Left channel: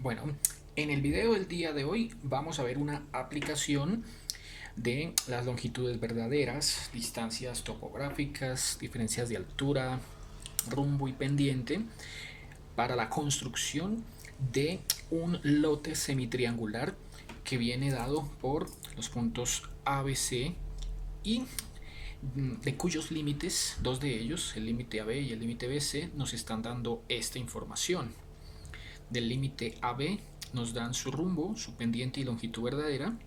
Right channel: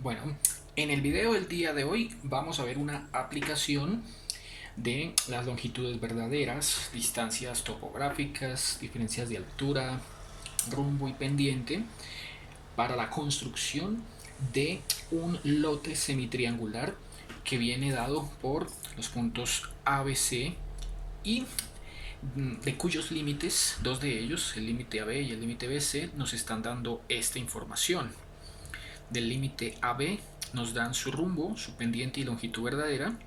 Bueno, en el video del día de hoy vamos a ver una aplicación de las longitudes verdaderas, distancias topográficas, diferencias de altura, rumbo y pendiente para la construcción de un lote semitriangular que viene dado por los puntos ABC y de cuyos límites, dos de ellos, el límite AB y el límite BC, nos están dando esta información. Del límite AB nos dan su rumbo, su pendiente y longitud verdadera,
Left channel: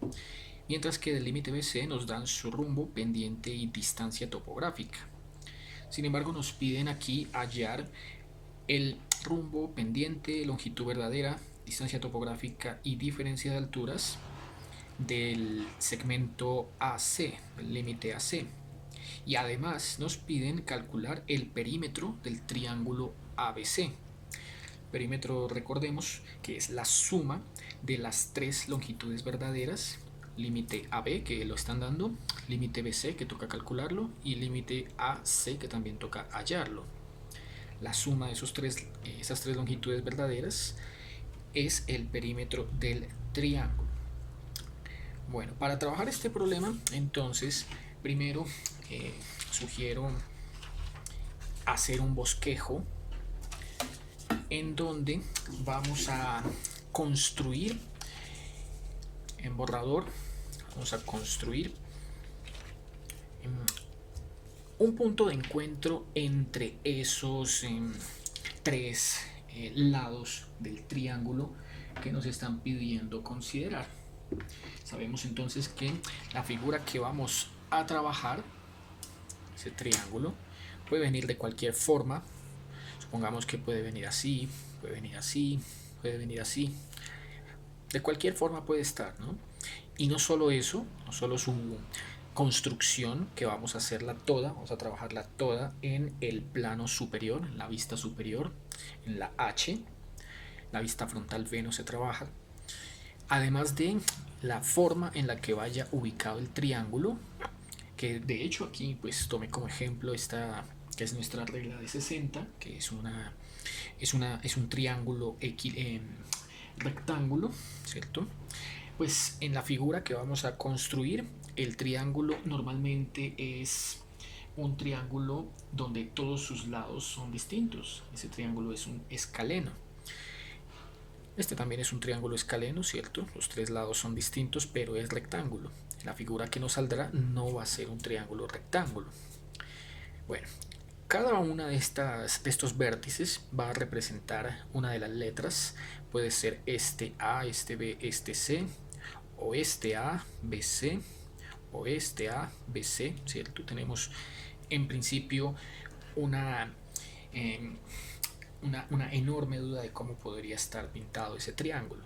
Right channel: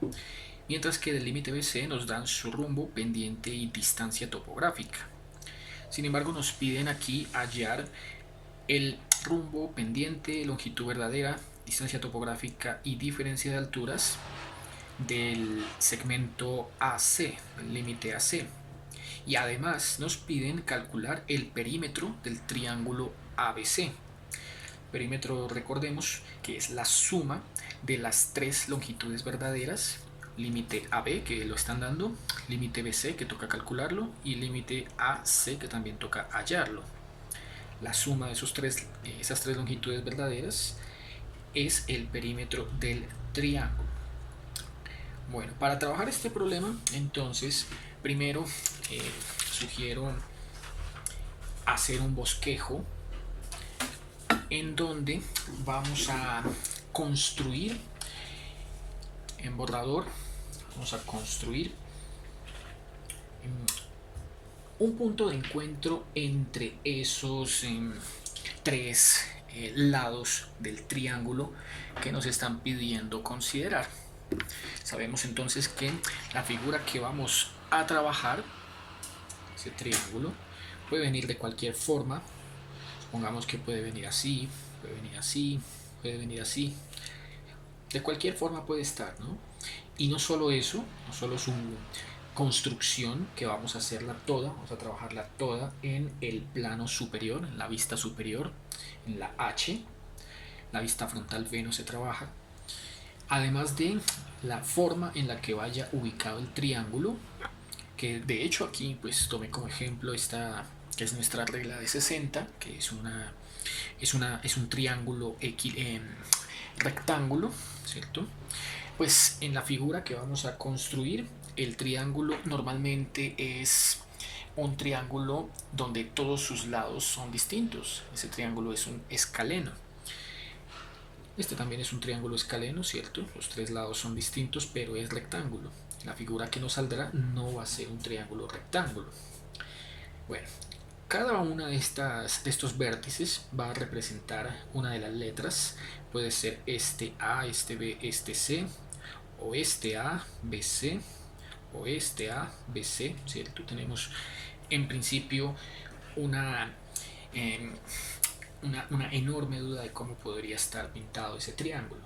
mientras que del límite BC nos dan su rumbo, pendiente y distancia topográfica. Sin embargo, nos piden aquí hallar el rumbo, pendiente, longitud verdadera, distancia topográfica y diferencia de alturas del segmento AC, el límite AC. Y además nos piden calcular el perímetro del triángulo ABC. Perímetro, recordemos que es la suma de las tres longitudes verdaderas, límite AB que lo están dando, límite BC que toca calcularlo y límite AC que también toca hallarlo. La suma de esas tres longitudes verdaderas es el perímetro del triángulo. Bueno, para trabajar este problema, entonces, primero sugiero hacer un bosquejo en donde vamos a construir en borrador, vamos a construir un punto de encuentro entre esos tres lados del triángulo que nos están pidiendo considerar. Sabemos entonces que la figura que vamos a trabajar, ese triángulo, puede venir de cualquier forma. Supongamos que puede venir así, puede venir así, puede venir así. De cualquier forma puede estar, ¿no? Y no solo eso, no solo su construcción, que vamos a hacerla toda, vamos a trabajarla toda en el plano superior, en la vista superior, en la H, la vista frontal V no se trabaja, además de la forma en la que vaya ubicado el triángulo, que de hecho aquí pues tomé como ejemplo esta, que es nuestra regla de 60, que es un triángulo rectángulo, ¿cierto? Pues en la figura que vamos a construir, el triángulo normalmente es un triángulo donde todos sus lados son distintos. Ese triángulo es un escaleno. Este también es un triángulo escaleno, ¿cierto? Los tres lados son distintos, pero es rectángulo. La figura que nos saldrá no va a ser un triángulo rectángulo. Bueno, cada una de estos vértices va a representar una de las letras. Puede ser este A, este B, este C, o este A, BC, o este A, BC, ¿cierto? Tenemos en principio una, eh, una enorme duda de cómo podría estar pintado ese triángulo.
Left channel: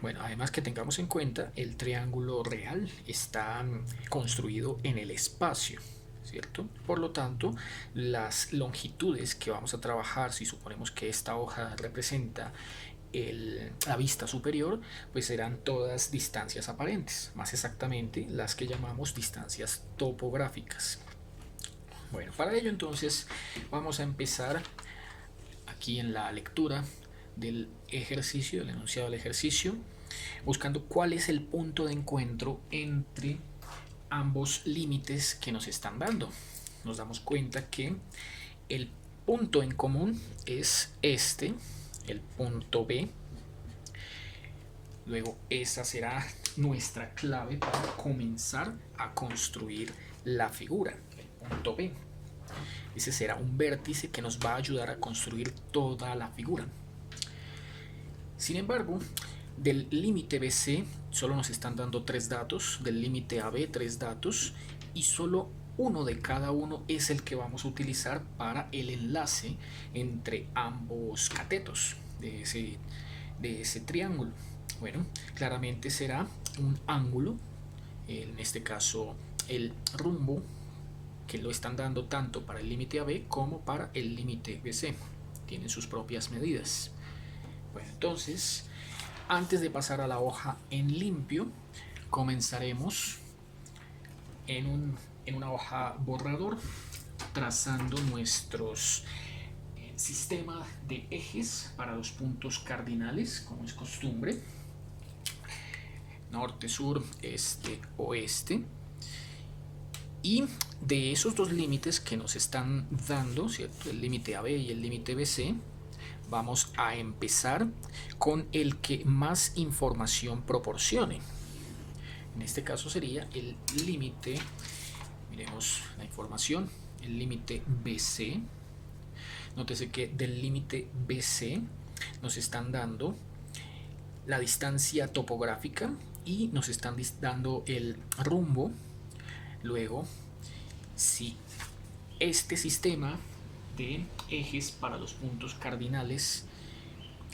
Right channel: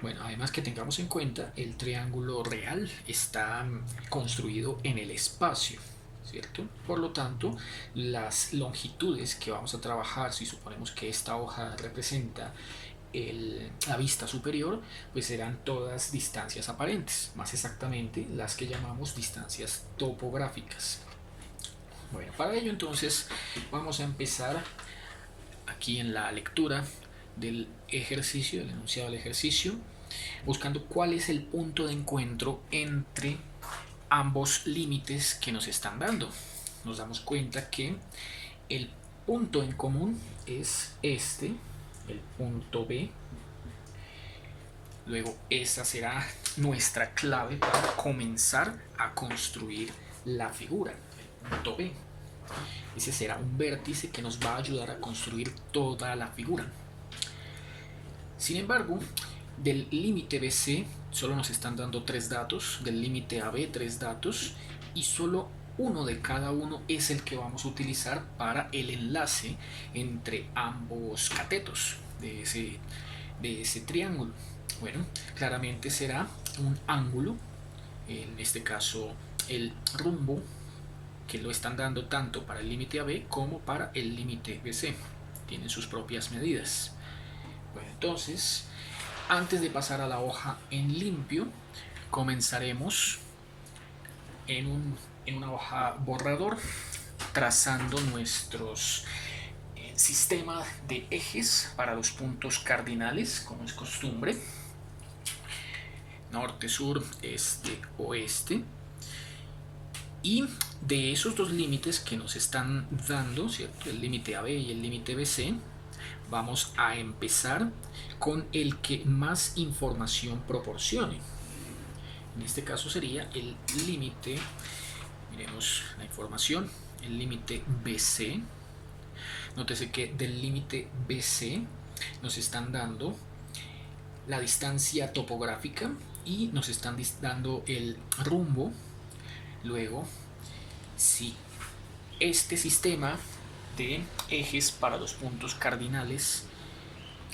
Bueno, además que tengamos en cuenta, el triángulo real está construido en el espacio, ¿cierto? Por lo tanto, las longitudes que vamos a trabajar, si suponemos que esta hoja representa la vista superior, pues serán todas distancias aparentes, más exactamente las que llamamos distancias topográficas. Bueno, para ello entonces vamos a empezar aquí en la lectura del ejercicio, del enunciado del ejercicio, buscando cuál es el punto de encuentro entre ambos límites que nos están dando. Nos damos cuenta que el punto en común es este, el punto B. Luego esa será nuestra clave para comenzar a construir la figura, el punto B. Ese será un vértice que nos va a ayudar a construir toda la figura. Sin embargo, del límite BC solo nos están dando tres datos, del límite AB tres datos, y solo uno de cada uno es el que vamos a utilizar para el enlace entre ambos catetos de ese triángulo. Bueno, claramente será un ángulo, en este caso el rumbo, que lo están dando tanto para el límite AB como para el límite BC. Tienen sus propias medidas. Bueno, entonces, antes de pasar a la hoja en limpio, comenzaremos en una hoja borrador trazando nuestros sistema de ejes para los puntos cardinales, como es costumbre: norte, sur, este, oeste. Y de esos dos límites que nos están dando, ¿cierto?, el límite AB y el límite BC, vamos a empezar con el que más información proporcione. En este caso sería el límite, miremos la información, el límite BC. Nótese que del límite BC nos están dando la distancia topográfica y nos están dando el rumbo. Luego, si este sistema de ejes para los puntos cardinales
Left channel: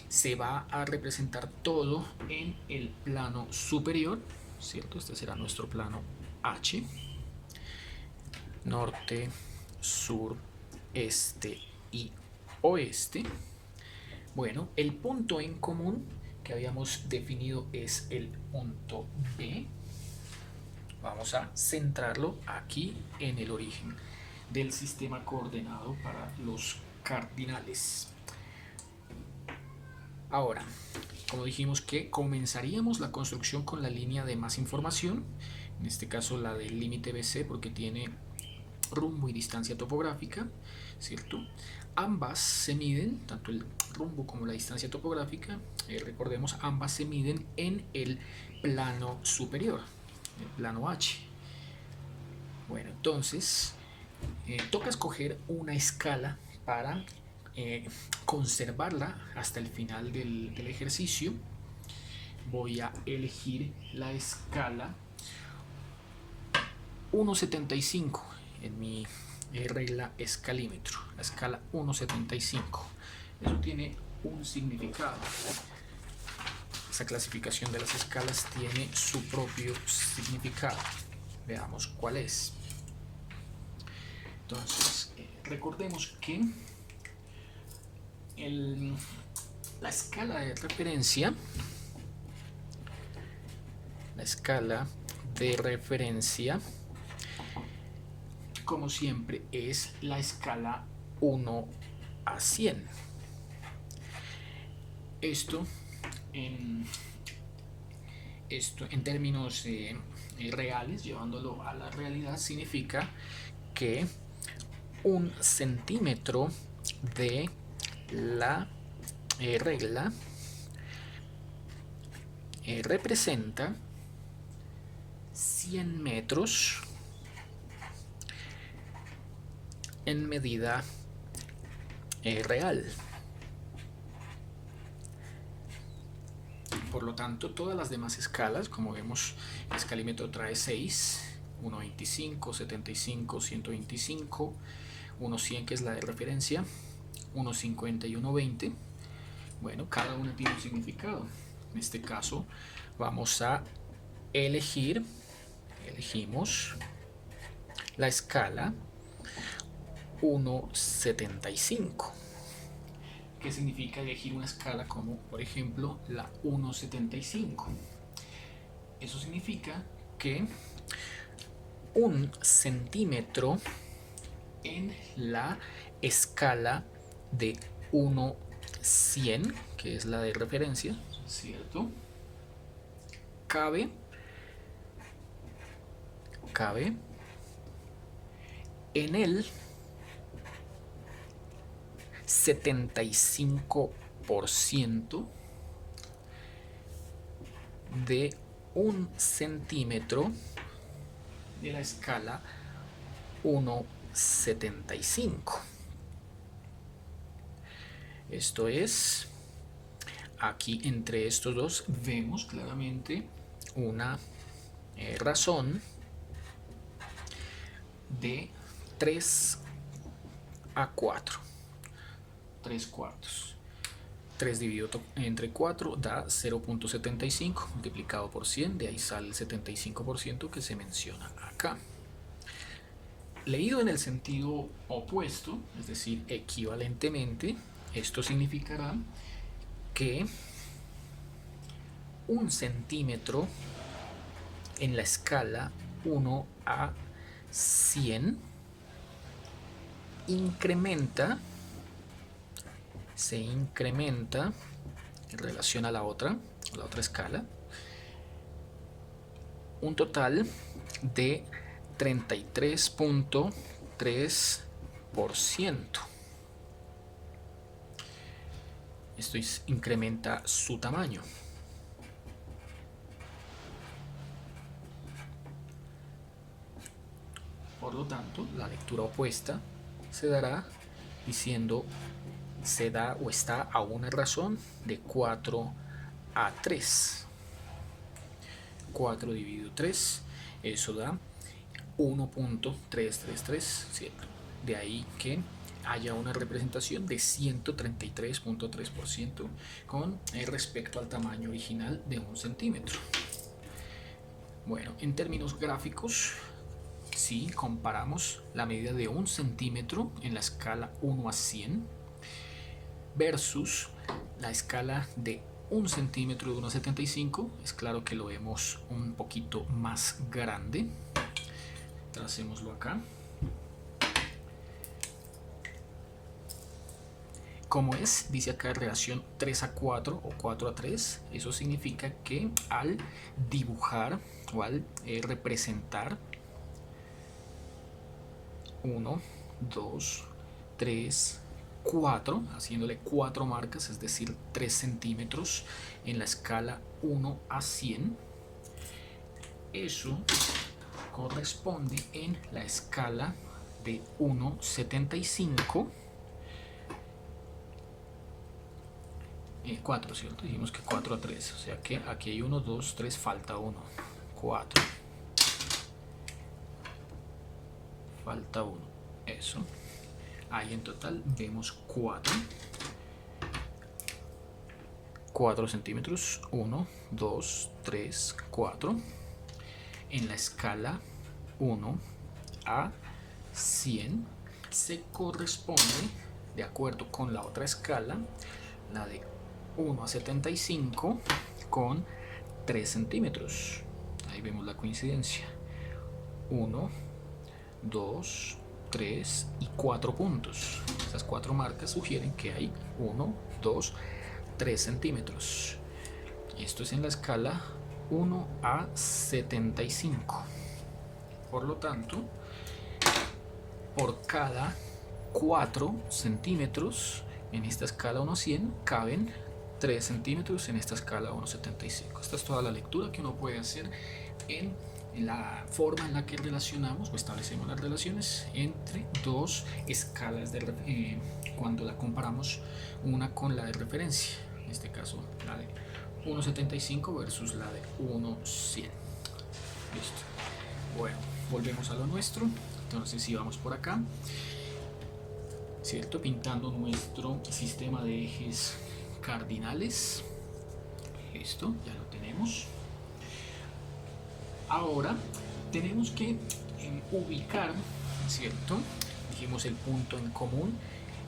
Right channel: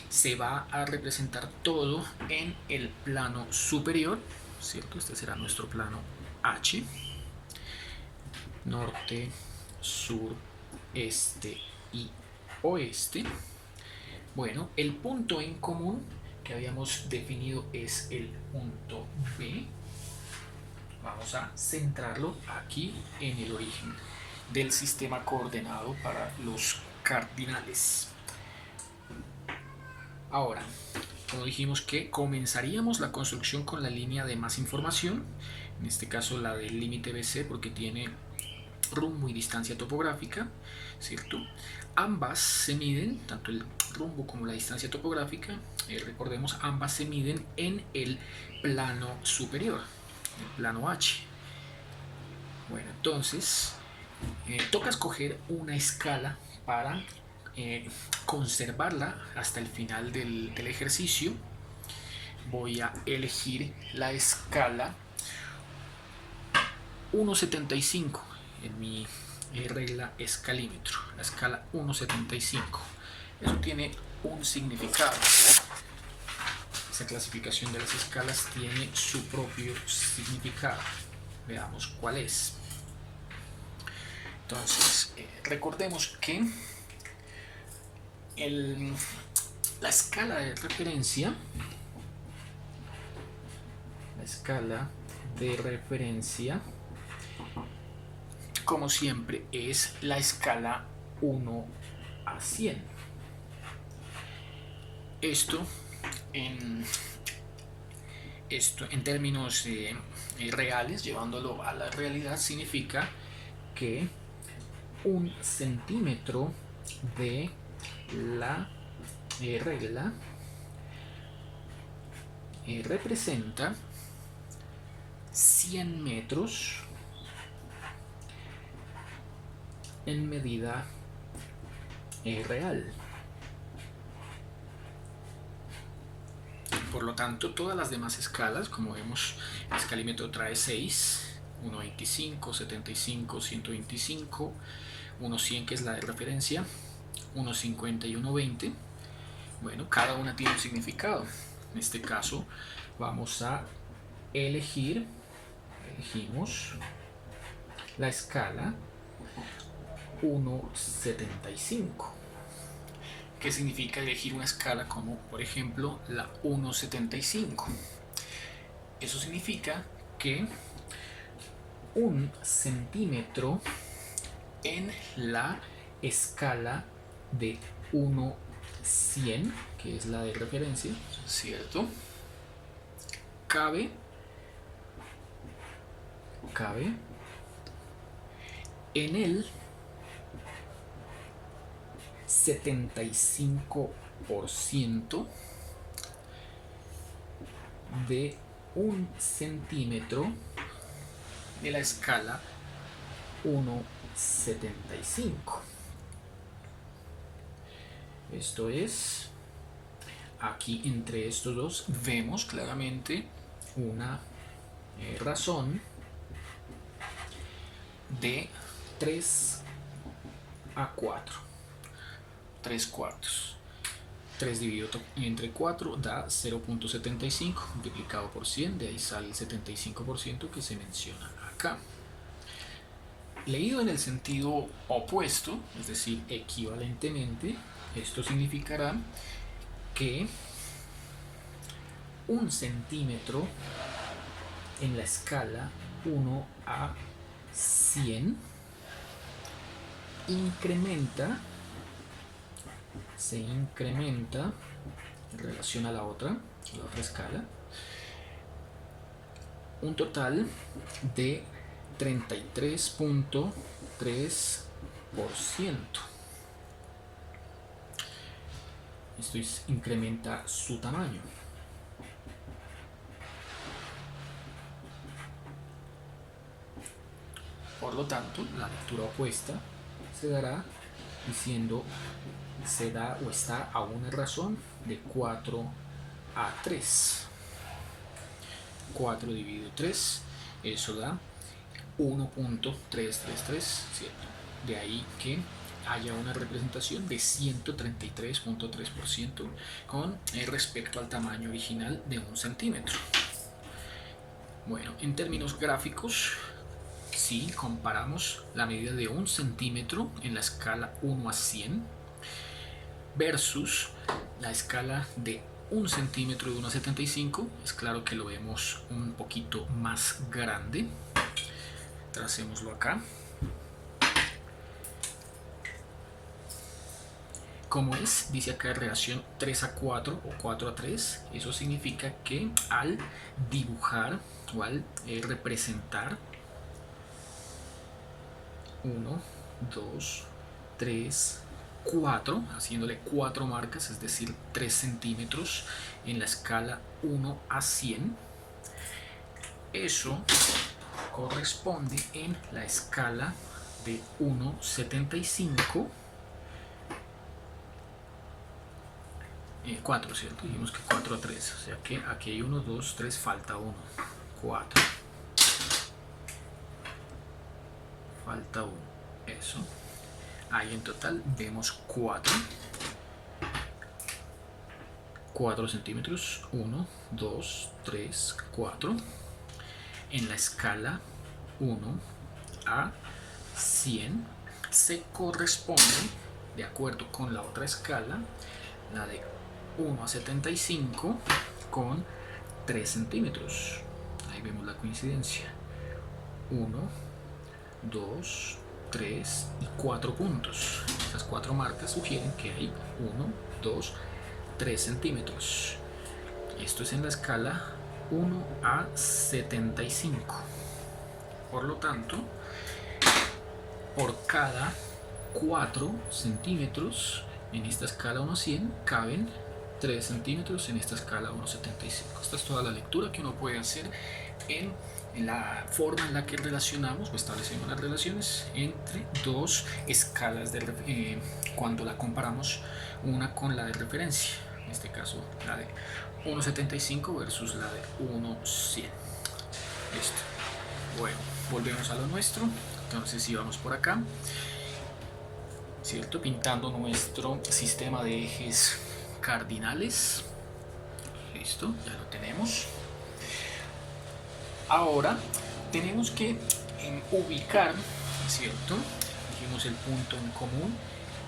se va a representar todo en el plano superior, ¿cierto? Este será nuestro plano H. Norte, sur, este y oeste. Bueno, el punto en común que habíamos definido es el punto B. Vamos a centrarlo aquí en el origen del sistema coordenado para los cardinales. Ahora, como dijimos que comenzaríamos la construcción con la línea de más información, en este caso la del límite BC, porque tiene rumbo y distancia topográfica, ¿cierto? Ambas se miden, tanto el rumbo como la distancia topográfica, recordemos, ambas se miden en el plano superior, el plano H. Bueno, entonces toca escoger una escala para conservarla hasta el final del ejercicio. Voy a elegir la escala 1.75 en mi regla escalímetro, la escala 1.75. Eso tiene un significado. Esa clasificación de las escalas tiene su propio significado. Veamos cuál es. Entonces, recordemos que la escala de referencia, como siempre, es la escala 1 a 100. Esto en términos reales, llevándolo a la realidad, significa que 1 centímetro de la regla representa 100 metros en medida real. Por lo tanto, todas las demás escalas, como vemos, el escalímetro trae 6, 1.25, 75, 125, 1.100, que es la de referencia, 1.50 y 1.20. Bueno, cada una tiene un significado. En este caso vamos a elegimos la escala 1.75. ¿Qué significa elegir una escala como, por ejemplo, la 1.75? Eso significa que 1 centímetro en la escala de 1.100, que es la de referencia, ¿cierto?, cabe en el 75% de 1 centímetro de la escala 1.75. Esto es, aquí entre estos dos vemos claramente una razón de 3 a 4. 3 cuartos. 3 dividido entre 4 da 0.75 multiplicado por 100, de ahí sale el 75% que se menciona acá. Leído en el sentido opuesto, es decir, equivalentemente, esto significará que 1 centímetro en la escala 1 a 100 incrementa se incrementa en relación a la otra escala, un total de 33.3%. Esto incrementa su tamaño. Por lo tanto, la lectura opuesta se dará diciendo se da o está a una razón de 4 a 3. 4 dividido 3, eso da 1.333, ¿cierto? De ahí que haya una representación de 133.3% con respecto al tamaño original de 1 centímetro. Bueno, en términos gráficos, si comparamos la medida de 1 centímetro en la escala 1 a 100 versus la escala de 1 centímetro de 1 a 75, es claro que lo vemos un poquito más grande. Tracémoslo acá. Como es, dice acá relación 3 a 4 o 4 a 3, eso significa que al dibujar o al representar 1, 2, 3, 4, haciéndole 4 marcas, es decir, 3 centímetros en la escala 1 a 100, eso corresponde en la escala de 1,75, 4, ¿cierto? Dijimos que 4 a 3, o sea que aquí hay 1, 2, 3, falta 1, 4, falta 1, eso. Ahí en total vemos 4 centímetros, 1, 2, 3, 4, en la escala 1 a 100 se corresponde, de acuerdo con la otra escala, la de 1 a 75 con 3 centímetros. Ahí vemos la coincidencia. 1, 2, 3 y 4 puntos. Esas 4 marcas sugieren que hay 1, 2, 3 centímetros. Y esto es en la escala 1 a 75. Por lo tanto, por cada 4 centímetros en esta escala 1 a 100 caben 3 centímetros en esta escala 1,75. Esta es toda la lectura que uno puede hacer en la forma en la que relacionamos o establecemos las relaciones entre dos escalas cuando la comparamos una con la de referencia, en este caso la de 1,75 versus la de 1,100. Listo. Bueno, volvemos a lo nuestro. Entonces si vamos por acá, ¿cierto? Pintando nuestro sistema de ejes cardinales. Listo, ya lo tenemos. Ahora tenemos que ubicar, ¿cierto? Dijimos el punto en común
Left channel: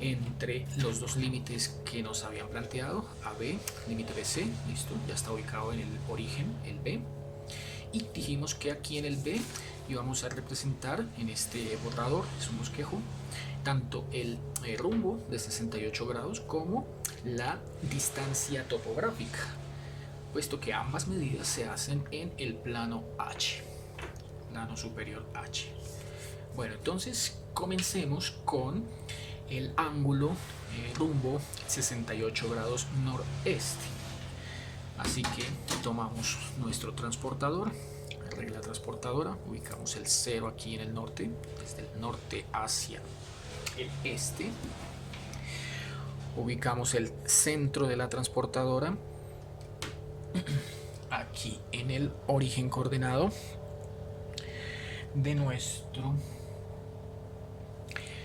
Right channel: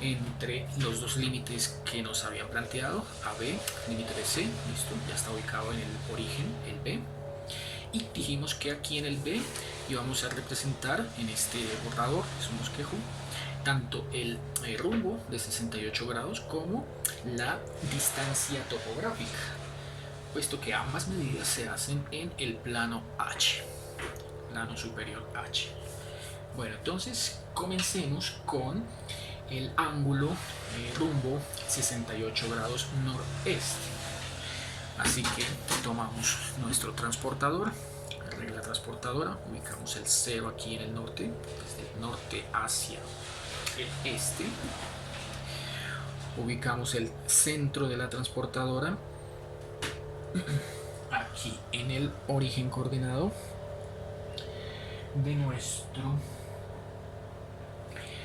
entre los dos límites que nos habían planteado, AB, límite BC, listo, ya está ubicado en el origen, el B. Y dijimos que aquí en el B íbamos a representar en este borrador, es un bosquejo, tanto el rumbo de 68 grados como la distancia topográfica, puesto que ambas medidas se hacen en el plano H, plano superior H. Bueno, entonces comencemos con el ángulo rumbo 68 grados noreste. Así que tomamos nuestro transportador, regla transportadora, ubicamos el 0 aquí en el norte, desde el norte hacia el este. Ubicamos el centro de la transportadora aquí en el origen coordenado de nuestro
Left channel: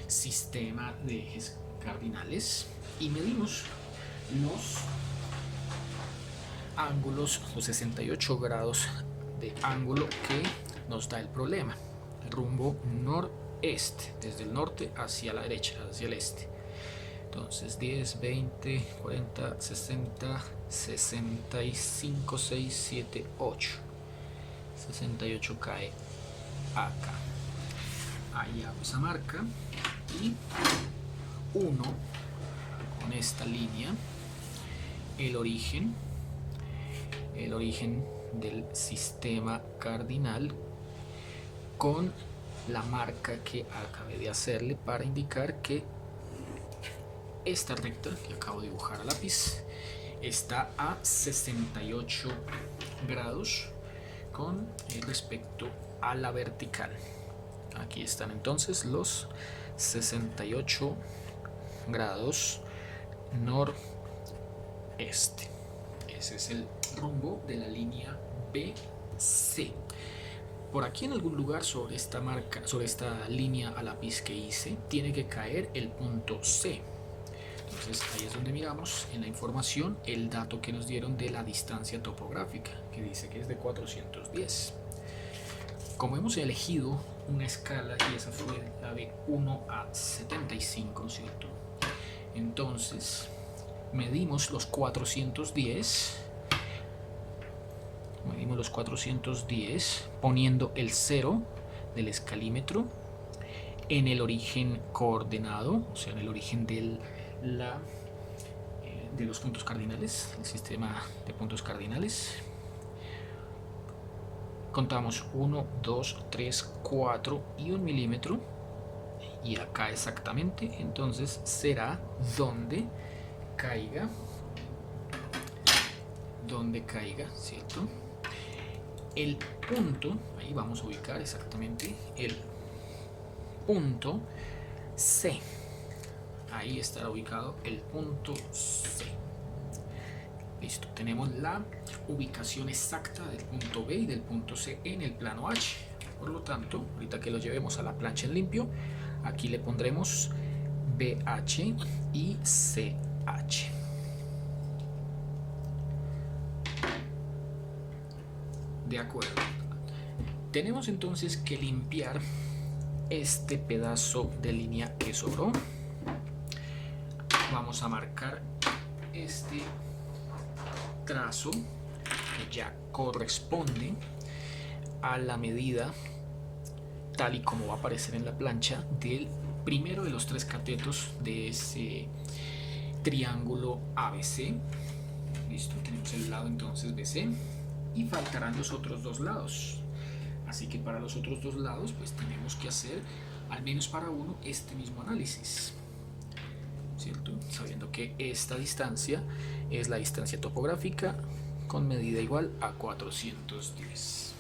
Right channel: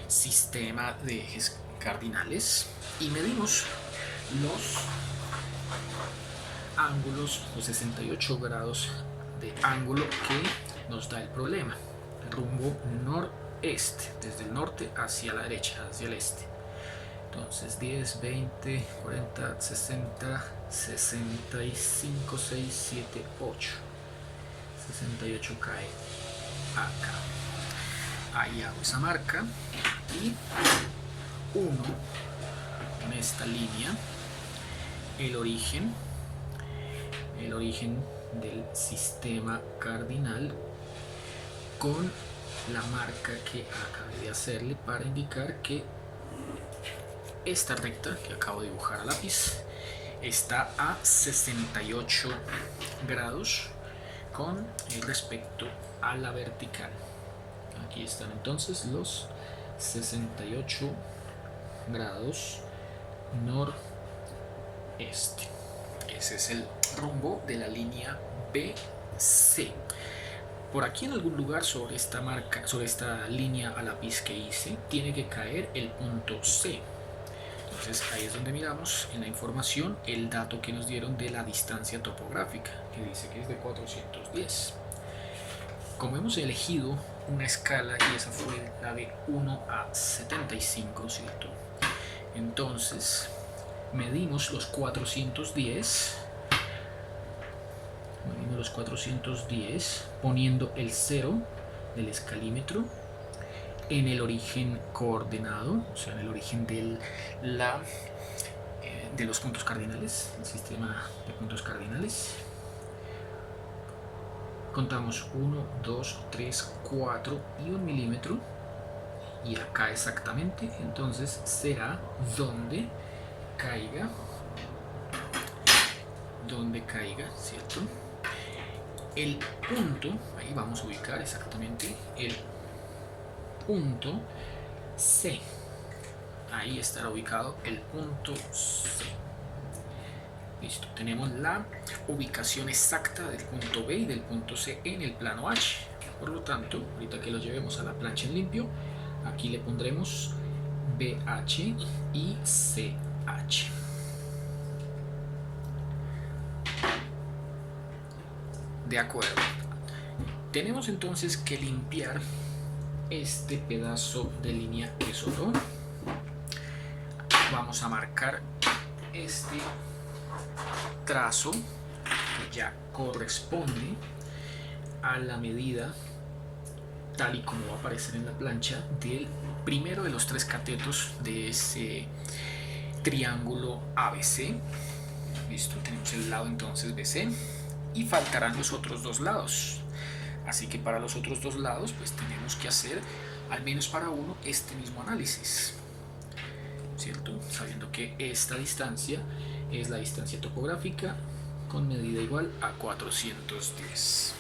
sistema de ejes cardinales y medimos los ángulos, los 68 grados de ángulo que nos da el problema, rumbo noreste, desde el norte hacia la derecha, hacia el este. Entonces 10, 20, 40, 60, 65, 6, 7, 8. 68 cae acá. Ahí hago esa marca y 1 con esta línea el origen del sistema cardinal con la marca que acabé de hacerle para indicar que esta recta que acabo de dibujar a lápiz está a 68 grados con respecto a la vertical. Aquí están entonces los 68 grados noreste. Ese es el rumbo de la línea BC. Por aquí en algún lugar sobre esta marca, sobre esta línea a lápiz que hice, tiene que caer el punto C. Entonces ahí es donde miramos en la información el dato que nos dieron de la distancia topográfica, que dice que es de 410. Como hemos elegido una escala y esa fue la de 1 a 75, ¿cierto? Entonces medimos los 410 poniendo el 0 del escalímetro en el origen coordenado, o sea, en el origen de los puntos cardinales, el sistema de puntos cardinales. Contamos 1, 2, 3, 4 y 1 milímetro, y acá exactamente entonces será donde caiga, ¿cierto? El punto, ahí vamos a ubicar exactamente el punto C. Ahí estará ubicado el punto C. Listo, tenemos la ubicación exacta del punto B y del punto C en el plano H. Por lo tanto, ahorita que lo llevemos a la plancha en limpio, aquí le pondremos BH y CH. De acuerdo. Tenemos entonces que limpiar este pedazo de línea que sobró. Vamos a marcar este trazo que ya corresponde a la medida, tal y como va a aparecer en la plancha, del primero de los 3 catetos de ese triángulo ABC. Listo, tenemos el lado entonces BC y faltarán los otros 2 lados. Así que para los otros 2 lados pues tenemos que hacer al menos para uno este mismo análisis, ¿cierto? Sabiendo que esta distancia es la distancia topográfica con medida igual a 410.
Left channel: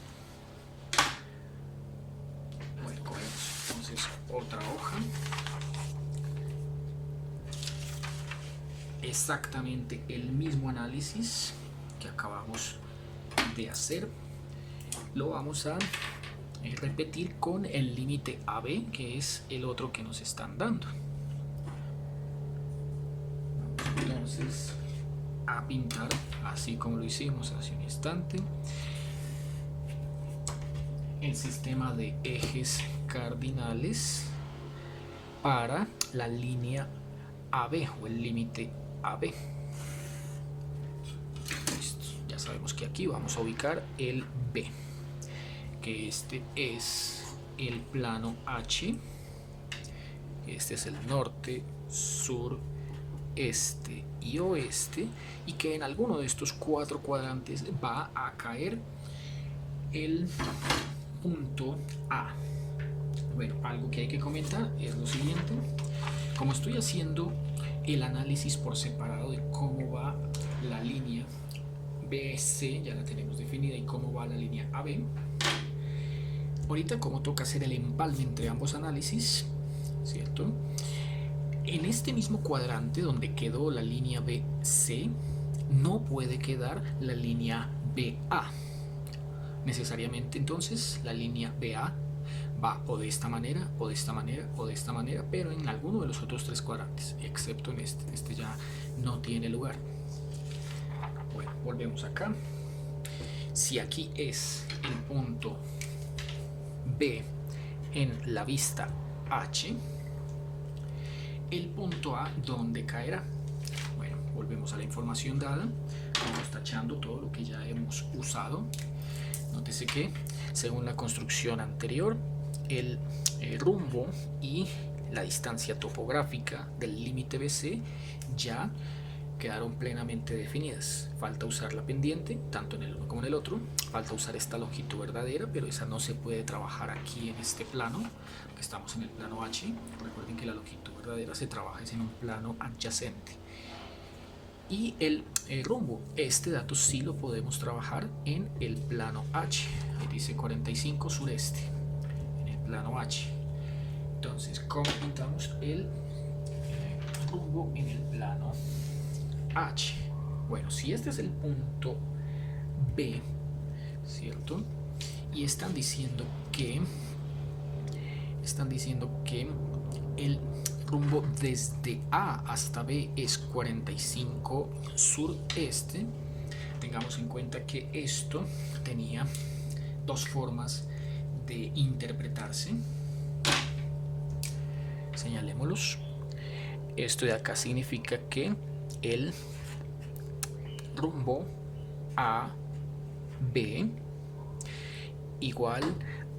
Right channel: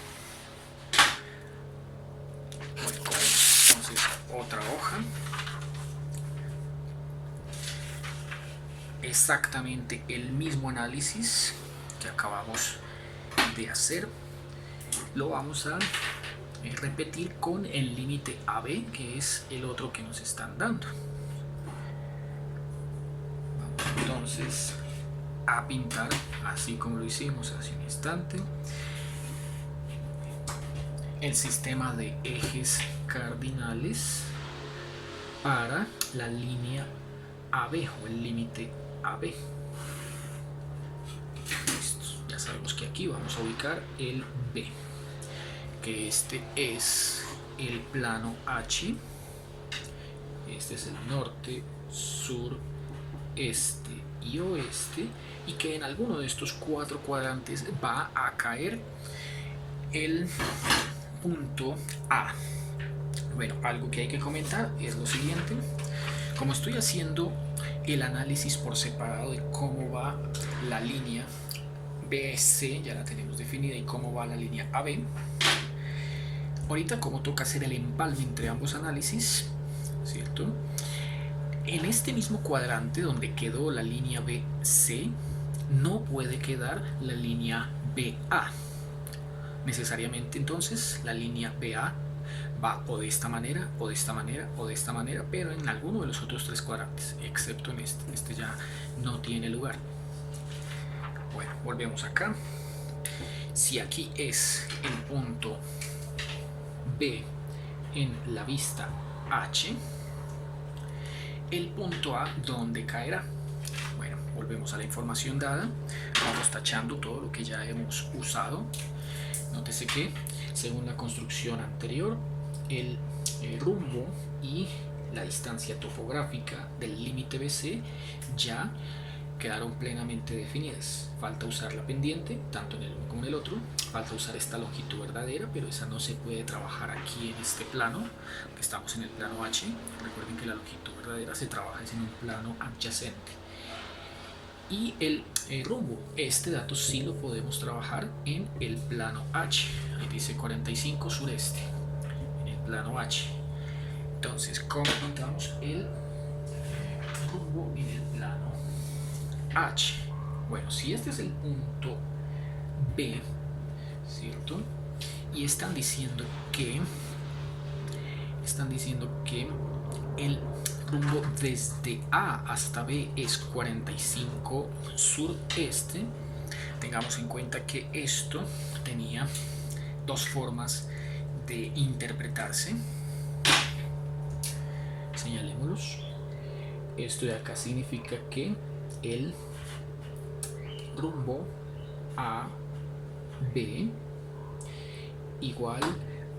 Voy a coger entonces otra hoja. Exactamente el mismo análisis que acabamos de hacer lo vamos a repetir con el límite AB, que es el otro que nos están dando. Vamos entonces a pintar así como lo hicimos hace un instante el sistema de ejes cardinales para la línea AB o el límite AB. Listo. Ya sabemos que aquí vamos a ubicar el B, que este es el plano H, este es el norte, sur, este y oeste, y que en alguno de estos 4 cuadrantes va a caer el punto A. Bueno, algo que hay que comentar es lo siguiente: como estoy haciendo el análisis por separado de cómo va la línea BC, ya la tenemos definida, y cómo va la línea AB, ahorita como toca hacer el empalme entre ambos análisis, ¿cierto? En este mismo cuadrante donde quedó la línea BC no puede quedar la línea BA. Necesariamente entonces la línea BA va o de esta manera, o de esta manera, o de esta manera, pero en alguno de los otros 3 cuadrantes, excepto en este. Este ya no tiene lugar. Bueno, volvemos acá. Si aquí es el punto B en la vista H, el punto A, ¿dónde caerá? Bueno, volvemos a la información dada. Vamos tachando todo lo que ya hemos usado. Nótese que, según la construcción anterior, el rumbo y la distancia topográfica del límite BC ya quedaron plenamente definidas. Falta usar la pendiente, tanto en el uno como en el otro. Falta usar esta longitud verdadera, pero esa no se puede trabajar aquí en este plano, que estamos en el plano H. Recuerden que la longitud verdadera se trabaja en un plano adyacente. Y el rumbo, este dato sí lo podemos trabajar en el plano H. Ahí dice 45 sureste, en el plano H. Entonces, ¿cómo pintamos el rumbo en el plano H? Bueno, si este es el punto B, ¿cierto? Y están diciendo que el rumbo desde A hasta B es 45 sureste. Tengamos en cuenta que esto tenía dos formas de interpretarse. Señalémoslos. Esto de acá significa que el rumbo A B igual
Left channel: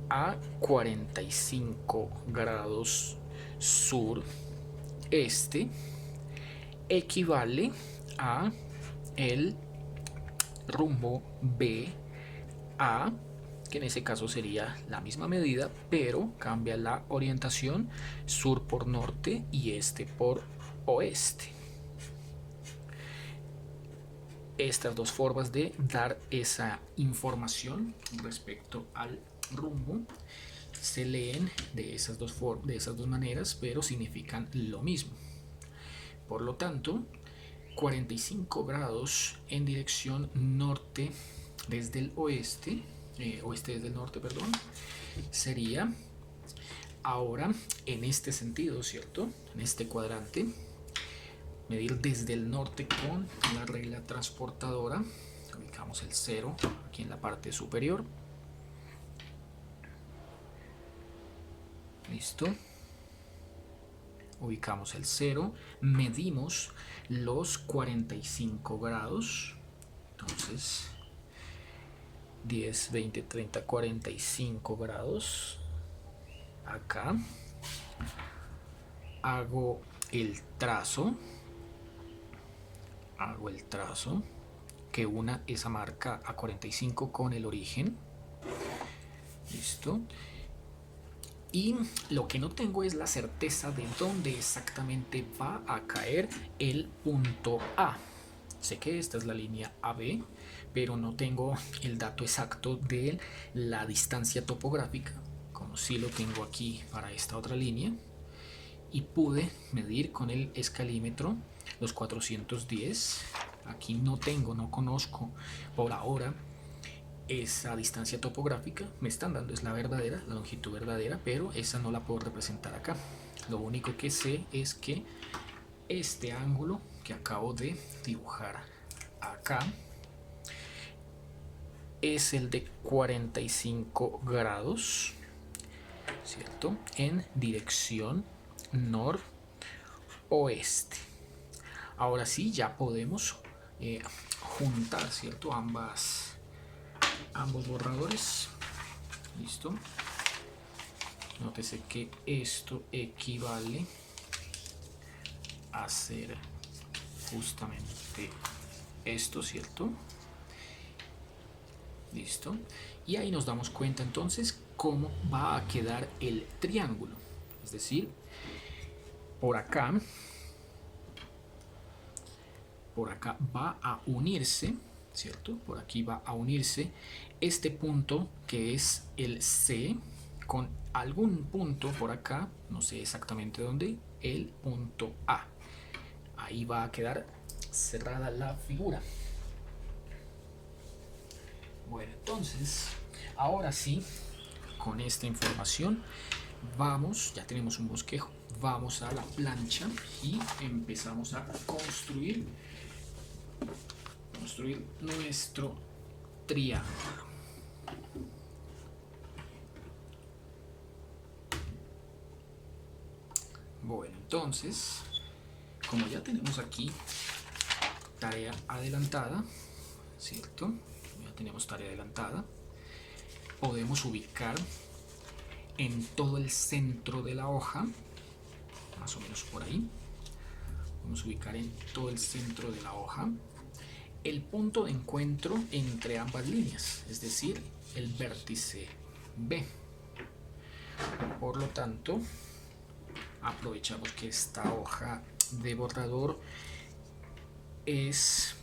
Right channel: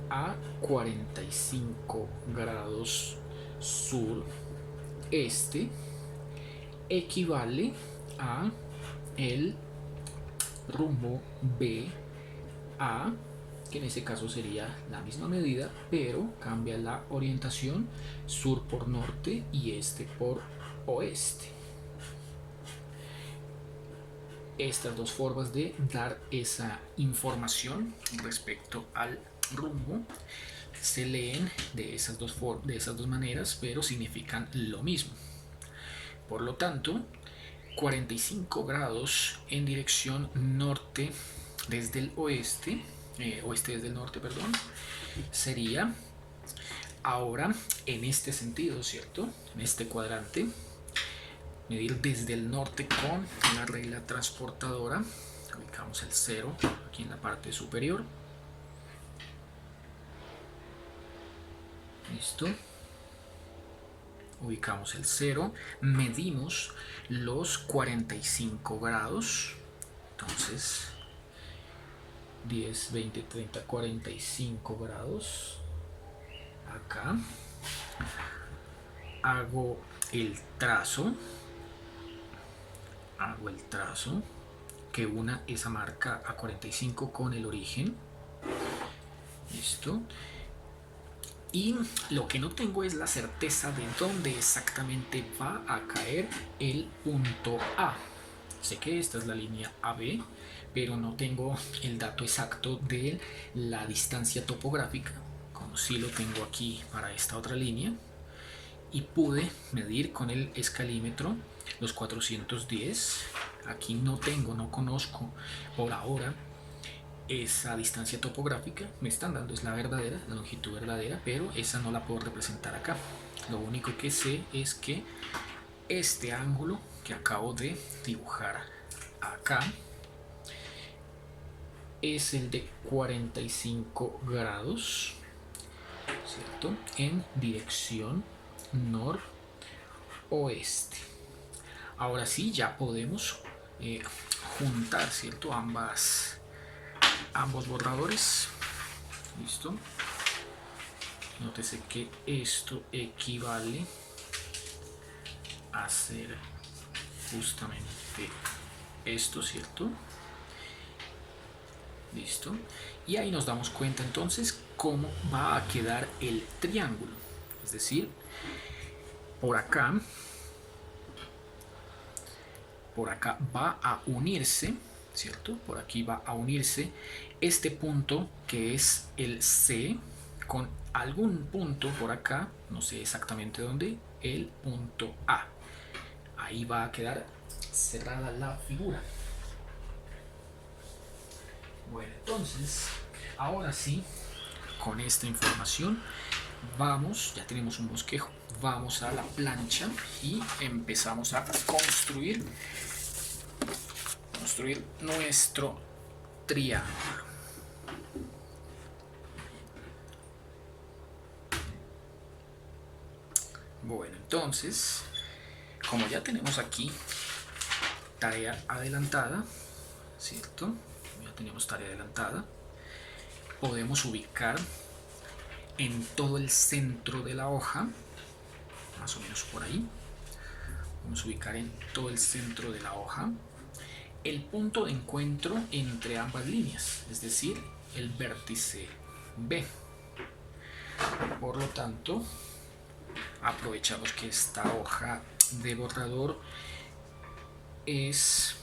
a 45 grados sur este equivale a el rumbo B A, que en ese caso sería la misma medida, pero cambia la orientación, sur por norte y este por oeste. Estas dos formas de dar esa información respecto al rumbo se leen de esas dos maneras, pero significan lo mismo. Por lo tanto, 45 grados en dirección norte desde el oeste, oeste desde el norte, perdón, sería ahora en este sentido, ¿cierto? En este cuadrante, medir desde el norte con la regla transportadora. Ubicamos el 0 aquí en la parte superior. Listo. Ubicamos el 0, medimos los 45 grados. Entonces, 10, 20, 30, 45 grados. Acá hago el trazo que una esa marca a 45 con el origen. Listo. Y lo que no tengo es la certeza de dónde exactamente va a caer el punto A. Sé que esta es la línea AB, pero no tengo el dato exacto de la distancia topográfica, como sí lo tengo aquí para esta otra línea. Y pude medir con el escalímetro los 410. Aquí no conozco por ahora esa distancia topográfica. Me están dando es la verdadera, la longitud verdadera, pero esa no la puedo representar acá. Lo único que sé es que este ángulo que acabo de dibujar acá es el de 45 grados, ¿cierto? En dirección noroeste. Ahora sí, ya podemos juntar, ¿cierto? Ambos borradores. Listo. Nótese que esto equivale a ser justamente esto, ¿cierto? Listo. Y ahí nos damos cuenta entonces cómo va a quedar el triángulo. Es decir, por acá va a unirse, ¿cierto? Por aquí va a unirse este punto que es el C con algún punto por acá, no sé exactamente dónde, el punto A. Ahí va a quedar cerrada la figura. Bueno, entonces, ahora sí, con esta información, ya tenemos un bosquejo, vamos a la plancha y empezamos a construir nuestro triángulo. Bueno, entonces, como ya tenemos aquí tarea adelantada, ¿cierto? Ya tenemos tarea adelantada, podemos ubicar en todo el centro de la hoja, más o menos por ahí, Vamos a ubicar en todo el centro de la hoja el punto de encuentro entre ambas líneas, es decir, el vértice B. Por lo tanto, aprovechamos que esta hoja de borrador es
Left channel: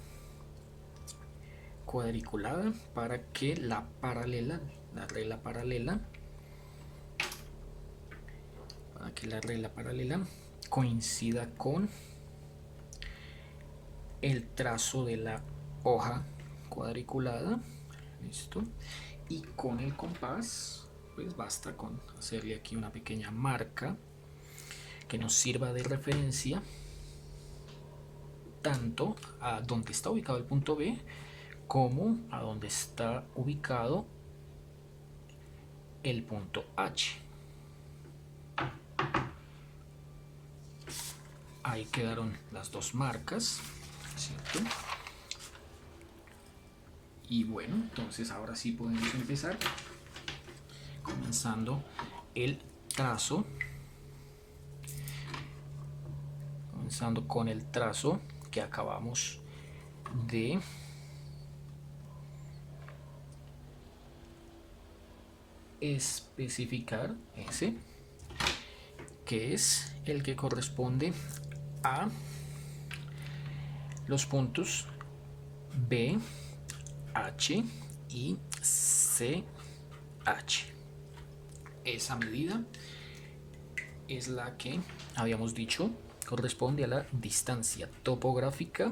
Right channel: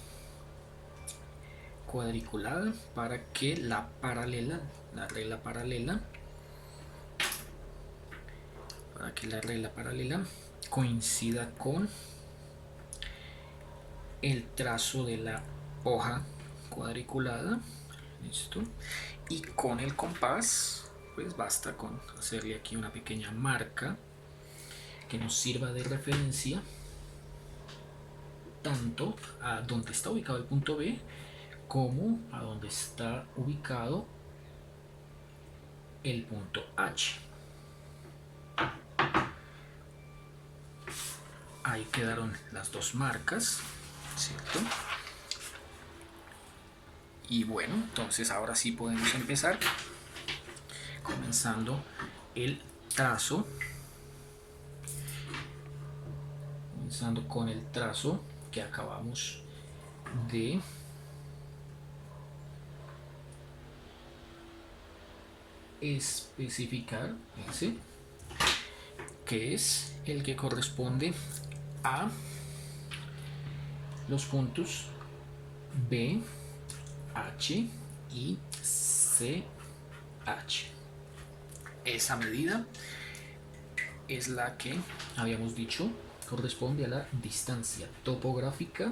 cuadriculada para que la regla paralela coincida con el trazo de la hoja cuadriculada. Listo. Y con el compás, pues basta con hacerle aquí una pequeña marca que nos sirva de referencia tanto a donde está ubicado el punto B como a donde está ubicado el punto H. Ahí quedaron las dos marcas, ¿cierto? Y bueno, entonces ahora sí podemos empezar comenzando el trazo, comenzando con el trazo que acabamos de especificar, ese que es el que corresponde a los puntos B, H y CH. Esa medida es la que habíamos dicho corresponde a la distancia topográfica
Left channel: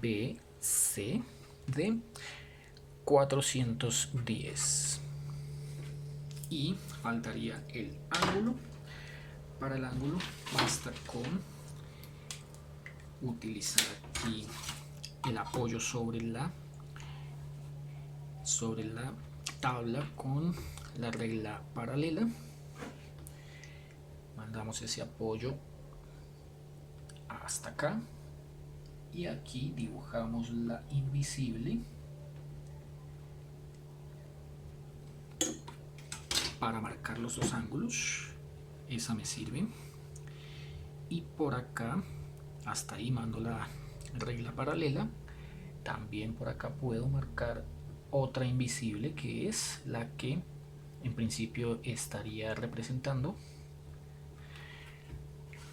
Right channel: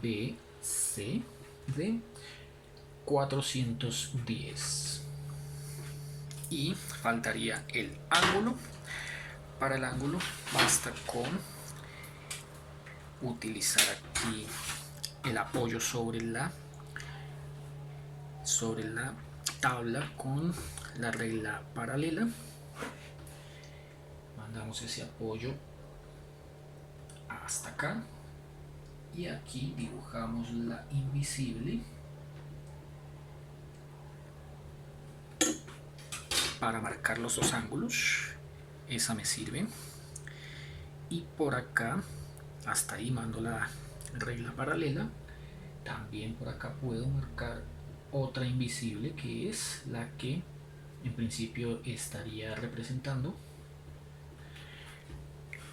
BC de 410. Y faltaría el ángulo. Para el ángulo basta con utilizar aquí el apoyo sobre la tabla con la regla paralela. Mandamos ese apoyo hasta acá y aquí dibujamos la invisible para marcar los dos ángulos. Esa me sirve. Y por acá, hasta ahí mando la regla paralela. También por acá puedo marcar otra invisible, que es la que en principio estaría representando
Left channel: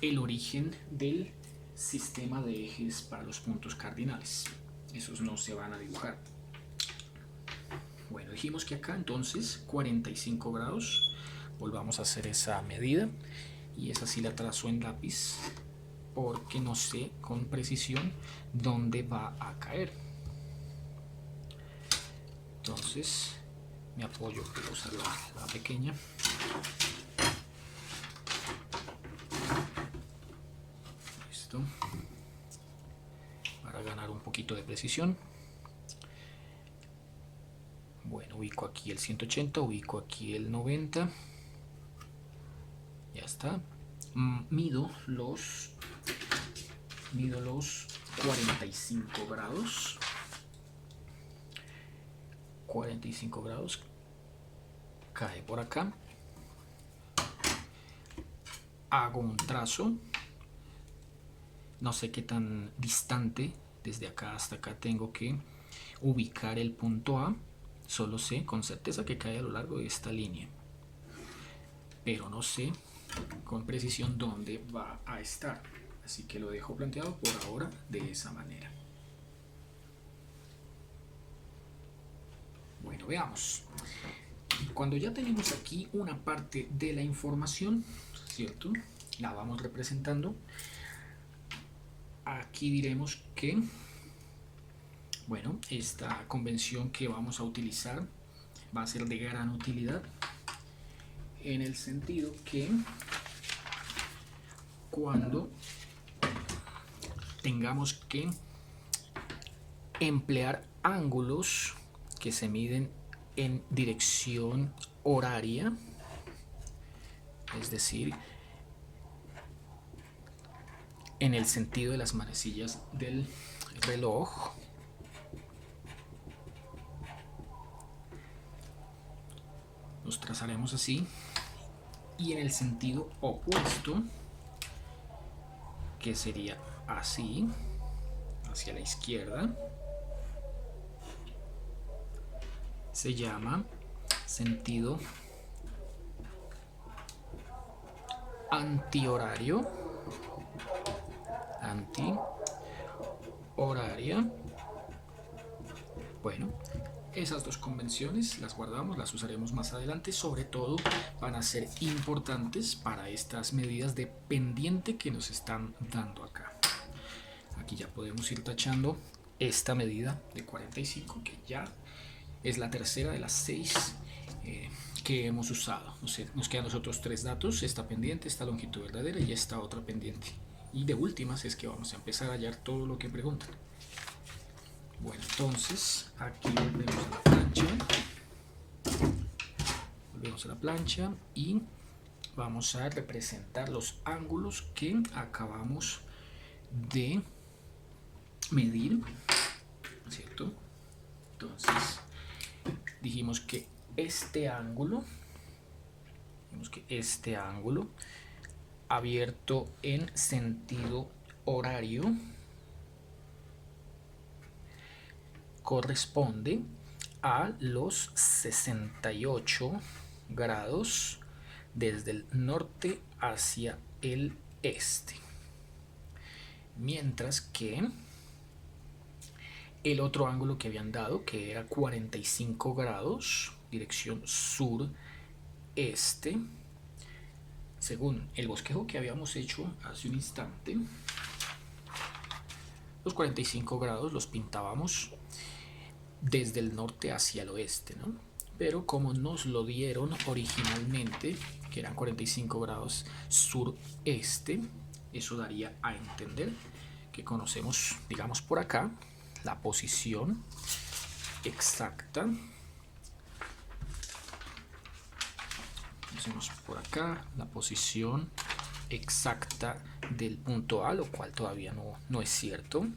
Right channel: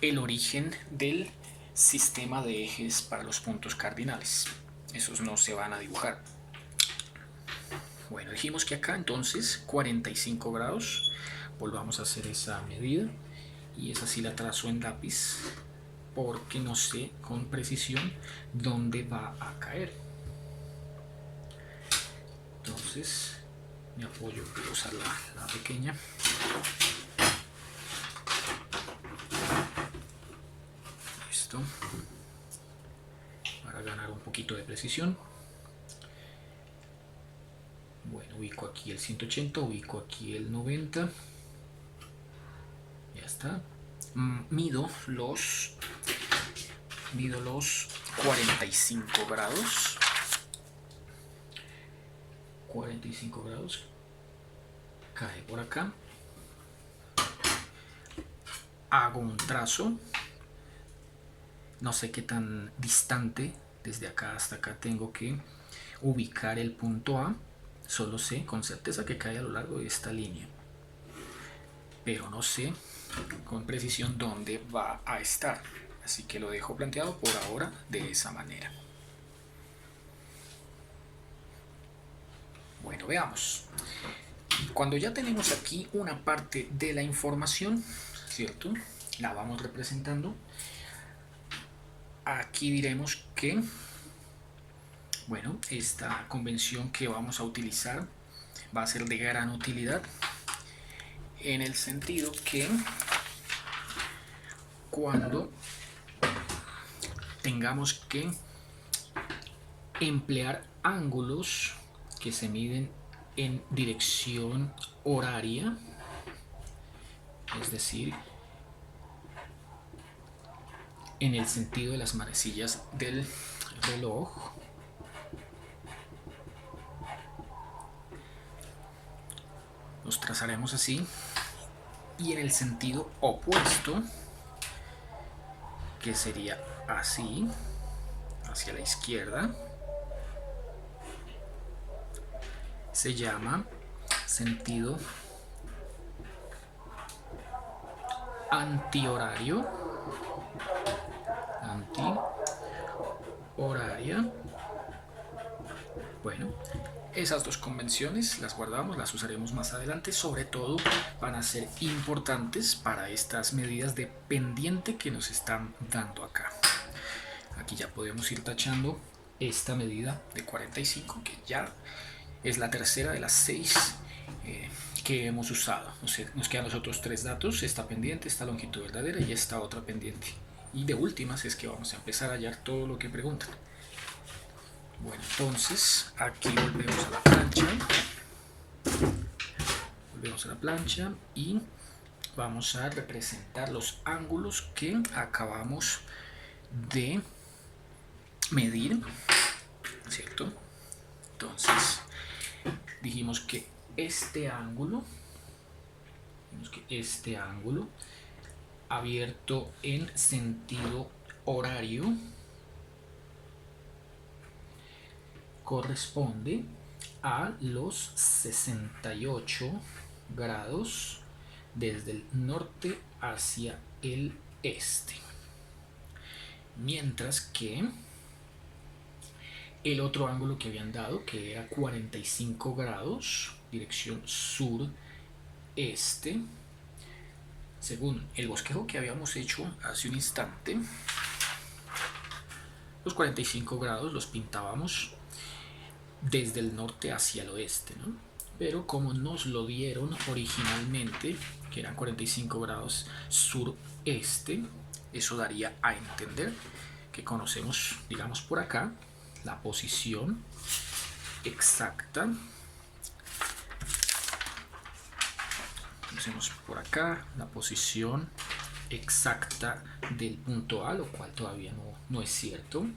el origen del sistema de ejes para los puntos cardinales. Esos no se van a dibujar. Bueno, dijimos que acá entonces 45 grados. Volvamos a hacer esa medida y esa sí la trazo en lápiz porque no sé con precisión dónde va a caer. Entonces me apoyo, voy a usar la pequeña. Listo. Para ganar un poquito de precisión. Bueno, ubico aquí el 180, ubico aquí el 90. Ya está. Mido los 45 grados. 45 grados. Cae por acá. Hago un trazo. No sé qué tan distante desde acá hasta acá tengo que ubicar el punto A. Solo sé con certeza que cae a lo largo de esta línea, pero no sé con precisión dónde va a estar, así que lo dejo planteado por ahora de esa manera. Bueno, veamos. Cuando ya tenemos aquí una parte de la información, ¿cierto? La vamos representando. Aquí diremos que, bueno, esta convención que vamos a utilizar va a ser de gran utilidad en el sentido que cuando tengamos que emplear ángulos que se miden en dirección horaria, es decir, en el sentido de las manecillas del reloj, los trazaremos así, y en el sentido opuesto que sería así, hacia la izquierda, se llama sentido antihorario, antihoraria. Bueno, esas dos convenciones las guardamos, las usaremos más adelante, sobre todo van a ser importantes para estas medidas de pendiente que nos están dando acá. Aquí ya podemos ir tachando esta medida de 45, que ya es la tercera de las 6 que hemos usado. O sea, nos quedan los otros 3 datos, esta pendiente, esta longitud verdadera y esta otra pendiente. Y de últimas es que vamos a empezar a hallar todo lo que preguntan. Bueno, entonces aquí volvemos a la plancha. Volvemos a la plancha y vamos a representar los ángulos que acabamos de medir, ¿cierto? Entonces dijimos que este ángulo abierto en sentido horario corresponde a los 68 grados desde el norte hacia el este, mientras que el otro ángulo que habían dado, que era 45 grados dirección sur-este, según el bosquejo que habíamos hecho hace un instante, los 45 grados los pintábamos desde el norte hacia el oeste, ¿no? Pero como nos lo dieron originalmente, que eran 45 grados sureste, eso daría a entender que conocemos, digamos por acá, la posición exacta. Conocemos por acá la posición exacta del punto A, lo cual todavía no es cierto.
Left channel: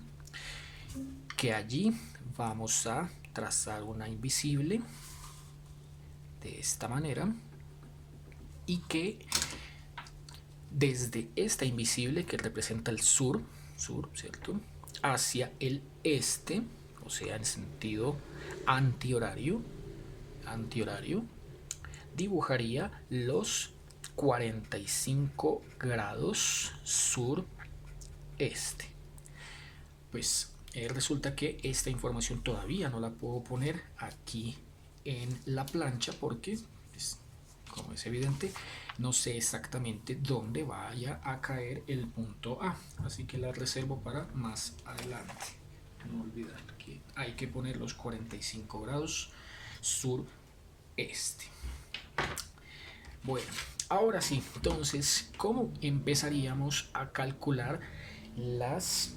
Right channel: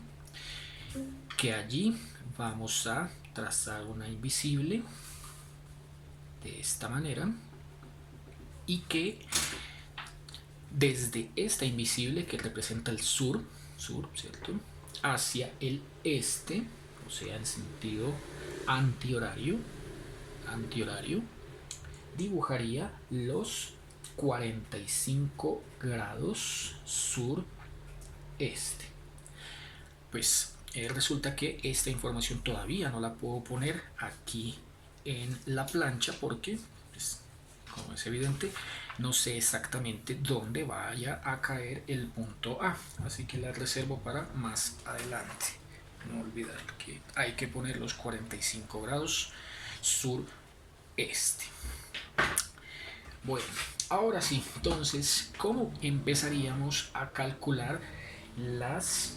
Que allí vamos a trazar una invisible de esta manera y que desde esta invisible que representa el sur, ¿cierto?, hacia el este, o sea, en sentido antihorario, dibujaría los 45 grados sureste. Pues resulta que esta información todavía no la puedo poner aquí en la plancha porque, pues, como es evidente, no sé exactamente dónde vaya a caer el punto A, así que la reservo para más adelante. No olvidar que hay que poner los 45 grados sureste. Bueno, ahora sí, entonces, ¿cómo empezaríamos a calcular las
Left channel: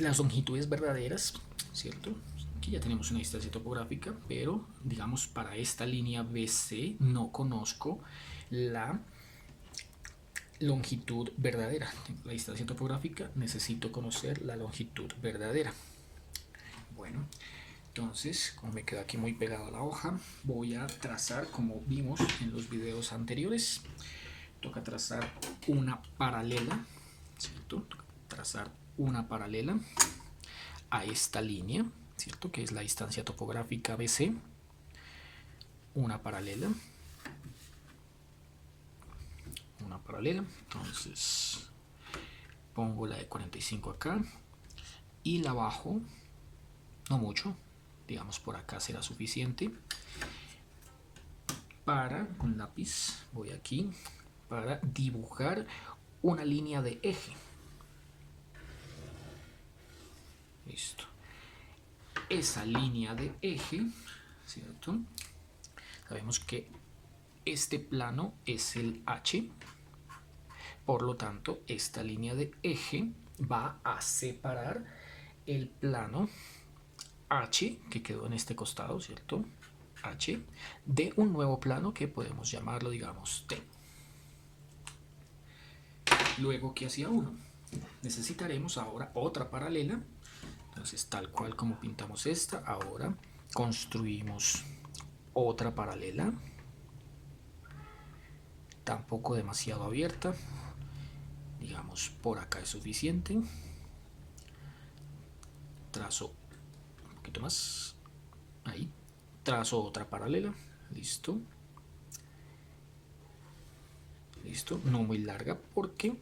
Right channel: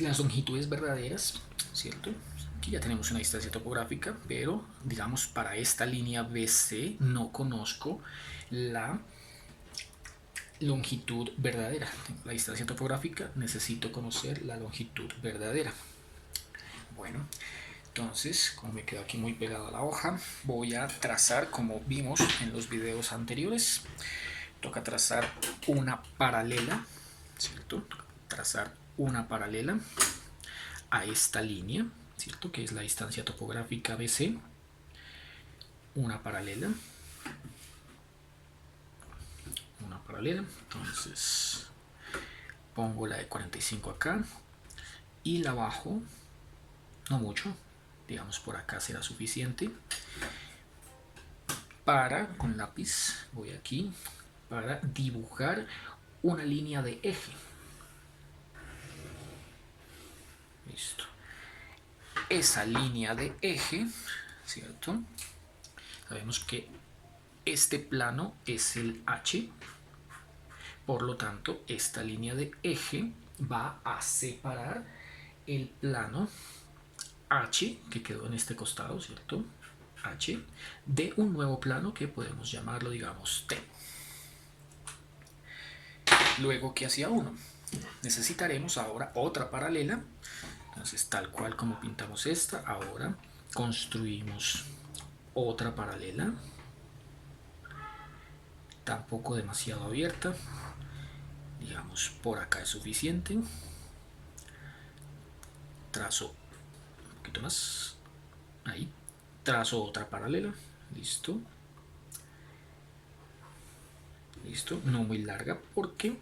longitudes verdaderas, ¿cierto? Aquí ya tenemos una distancia topográfica, pero digamos para esta línea BC no conozco la longitud verdadera. La distancia topográfica, necesito conocer la longitud verdadera. Bueno, entonces, como me quedo aquí muy pegado a la hoja, voy a trazar, como vimos en los videos anteriores, toca trazar una paralela, ¿cierto? Trazar una paralela a esta línea, ¿cierto?, que es la distancia topográfica BC, una paralela, entonces pongo la de 45 acá y la bajo, no mucho, digamos por acá será suficiente, con lápiz voy aquí, para dibujar una línea de eje. Listo. Esa línea de eje, ¿cierto? Sabemos que este plano es el H, por lo tanto, esta línea de eje va a separar el plano H, que quedó en este costado, ¿cierto?, H, de un nuevo plano que podemos llamarlo, digamos, T. Luego, ¿qué hacía uno? Necesitaremos ahora otra paralela. Entonces, tal cual como pintamos esta, ahora construimos otra paralela, tampoco demasiado abierta, Digamos, por acá es suficiente. Trazo un poquito más. Ahí. Trazo otra paralela. Listo. Listo. No muy larga porque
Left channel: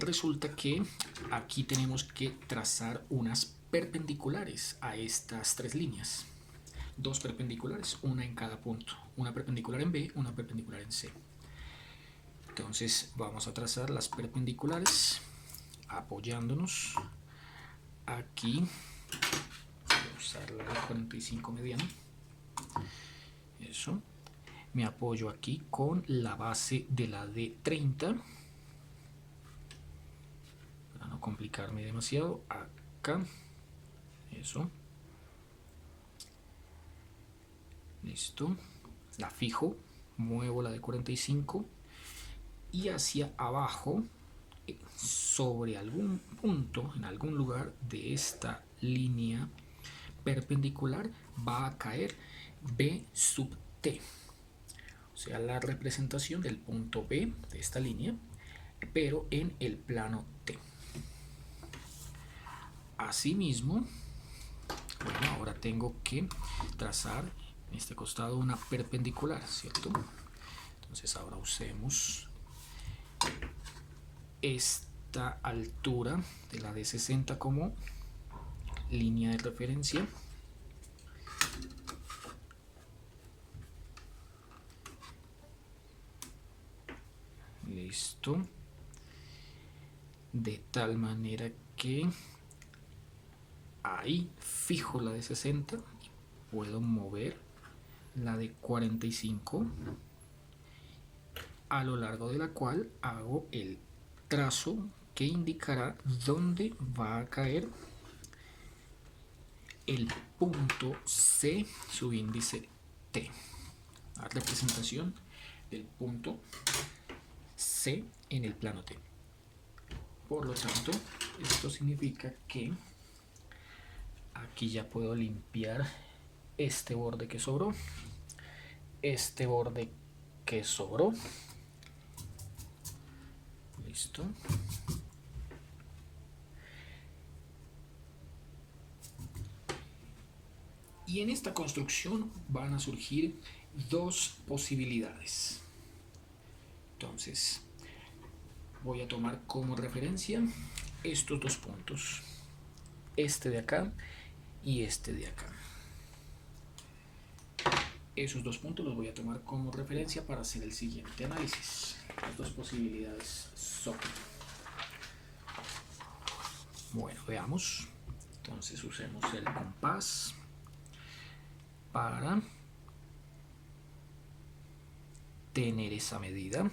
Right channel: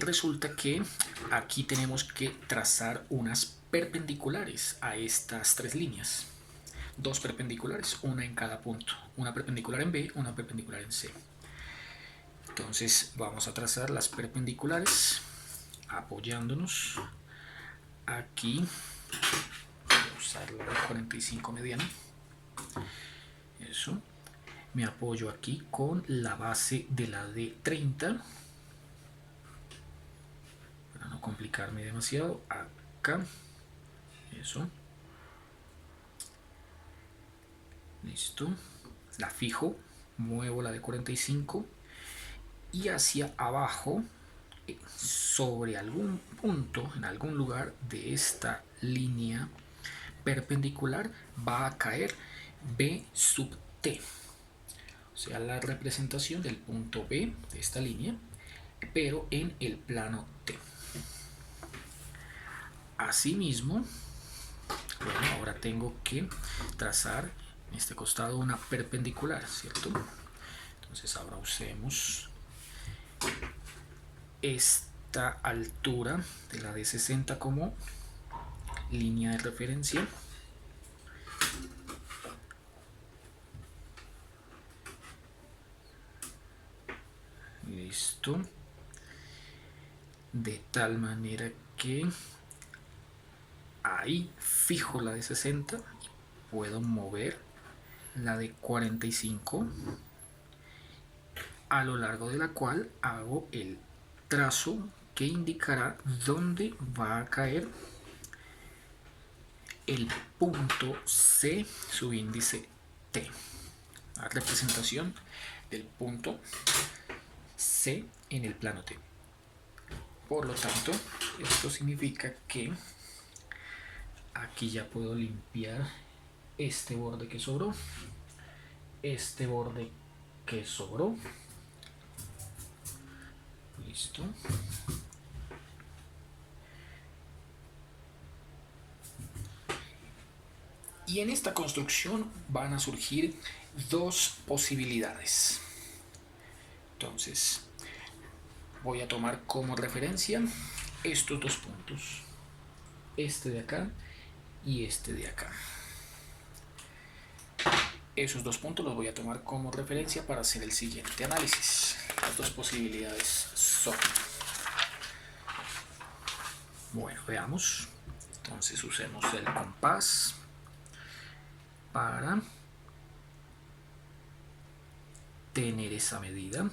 resulta que aquí tenemos que trazar unas perpendiculares a estas tres líneas. Dos perpendiculares, una en cada punto. Una perpendicular en B, una perpendicular en C. Entonces vamos a trazar las perpendiculares apoyándonos aquí. Voy a usar la de 45 mediana. Eso. Me apoyo aquí con la base de la de 30. Para no complicarme demasiado. Acá. Eso. Listo. La fijo. Muevo la de 45. Y hacia abajo, sobre algún punto, en algún lugar de esta línea perpendicular, va a caer B sub T. O sea, la representación del punto B de esta línea, pero en el plano T. Asimismo, bueno, ahora tengo que trazar en este costado una perpendicular, ¿cierto? Entonces ahora usemos esta altura de la de 60 como línea de referencia. Listo. De tal manera que ahí fijo la de 60 y puedo mover la de 45 a lo largo de la cual hago el trazo que indicará dónde va a caer el punto C subíndice T. La representación del punto C en el plano T. Por lo tanto, esto significa que aquí ya puedo limpiar este borde que sobró, este borde que sobró. Listo. Y en esta construcción van a surgir dos posibilidades. Entonces, voy a tomar como referencia estos dos puntos, este de acá y este de acá. Esos dos puntos los voy a tomar como referencia para hacer el siguiente análisis. Las dos posibilidades son, bueno, veamos. Entonces usemos el compás para tener esa medida.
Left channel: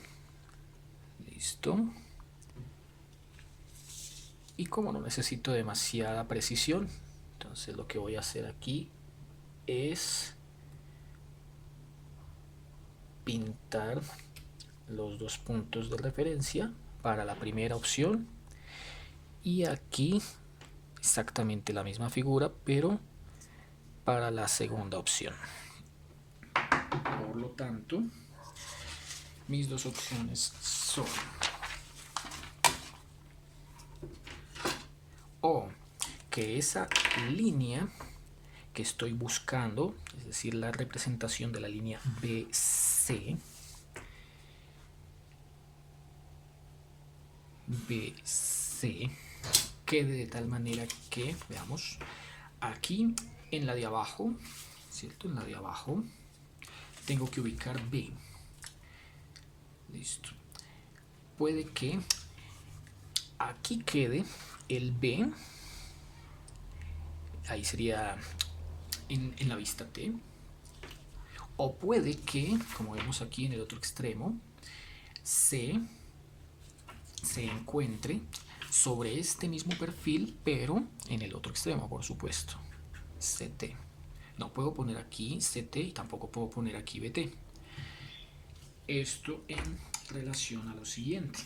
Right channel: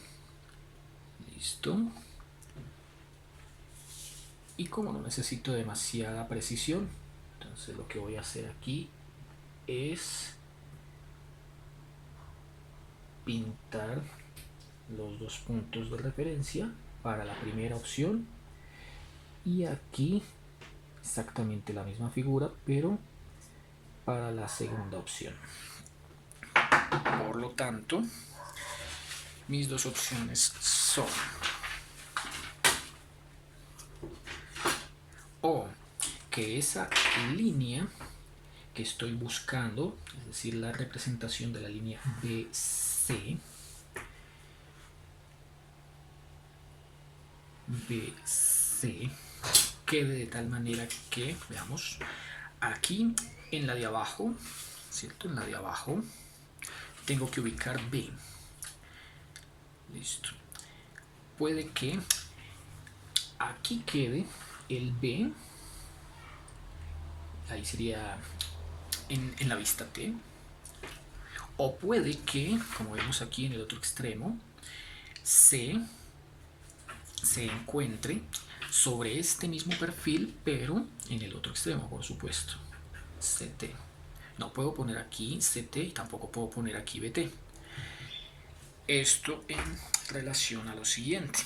Listo. Y como no necesito demasiada precisión, entonces lo que voy a hacer aquí es pintar los dos puntos de referencia para la primera opción y aquí exactamente la misma figura pero para la segunda opción. Por lo tanto, mis dos opciones son o que esa línea que estoy buscando, es decir, la representación de la línea BC, quede de tal manera que, veamos, aquí en la de abajo, ¿cierto? En la de abajo tengo que ubicar B. Listo. Puede que aquí quede el B, ahí sería en la vista T, o puede que, como vemos aquí en el otro extremo, C se encuentre sobre este mismo perfil, pero en el otro extremo, por supuesto, CT. No puedo poner aquí CT y tampoco puedo poner aquí BT. Esto en relación a lo siguiente.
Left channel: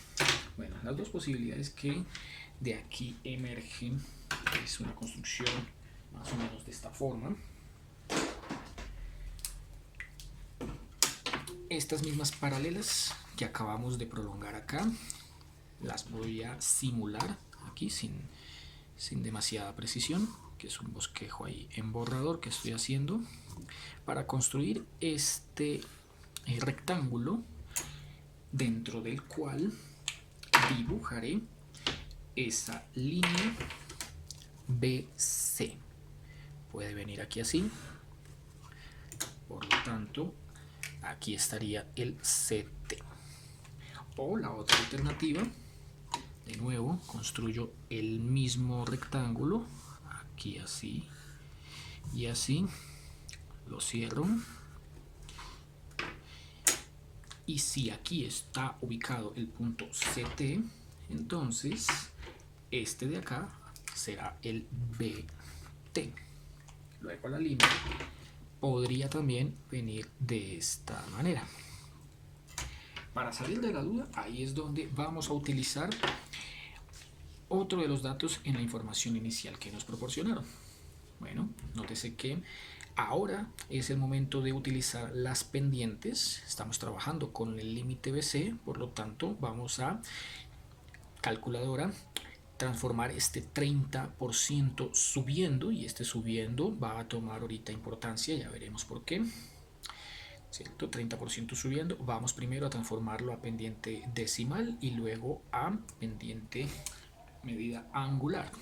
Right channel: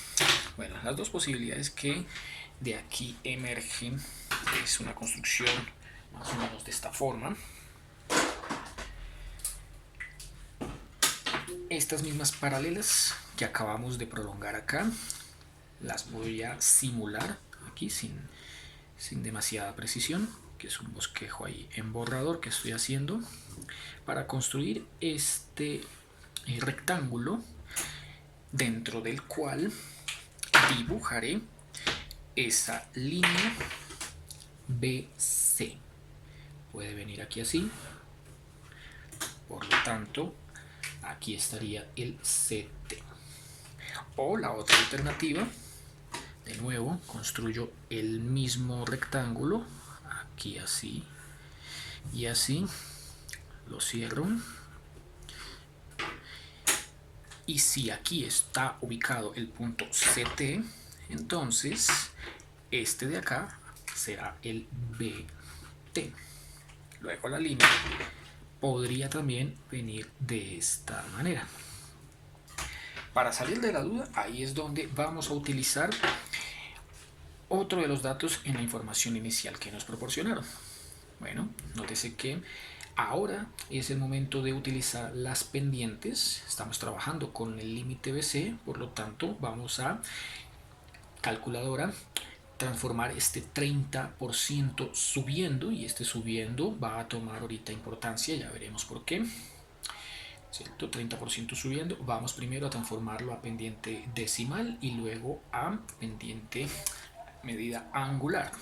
Bueno, las dos posibilidades que de aquí emergen es una construcción más o menos de esta forma. Estas mismas paralelas que acabamos de prolongar acá las voy a simular aquí sin demasiada precisión, que es un bosquejo ahí en borrador que estoy haciendo para construir este rectángulo dentro del cual dibujaré esa línea BC. Puede venir aquí así, por lo tanto aquí estaría el CT. O la otra alternativa, de nuevo construyo el mismo rectángulo aquí así y así, lo cierro, y si aquí está ubicado el punto CT, entonces este de acá será el BT. Luego la línea podría también venir de esta manera. Para salir de la duda, ahí es donde vamos a utilizar otro de los datos en la información inicial que nos proporcionaron. Bueno, nótese que ahora es el momento de utilizar las pendientes. Estamos trabajando con el límite BC, por lo tanto vamos a calculadora transformar este 30% subiendo, y este subiendo va a tomar ahorita importancia, ya veremos por qué. ¿Cierto? 30% subiendo, vamos primero a transformarlo a pendiente decimal y luego a pendiente medida angular.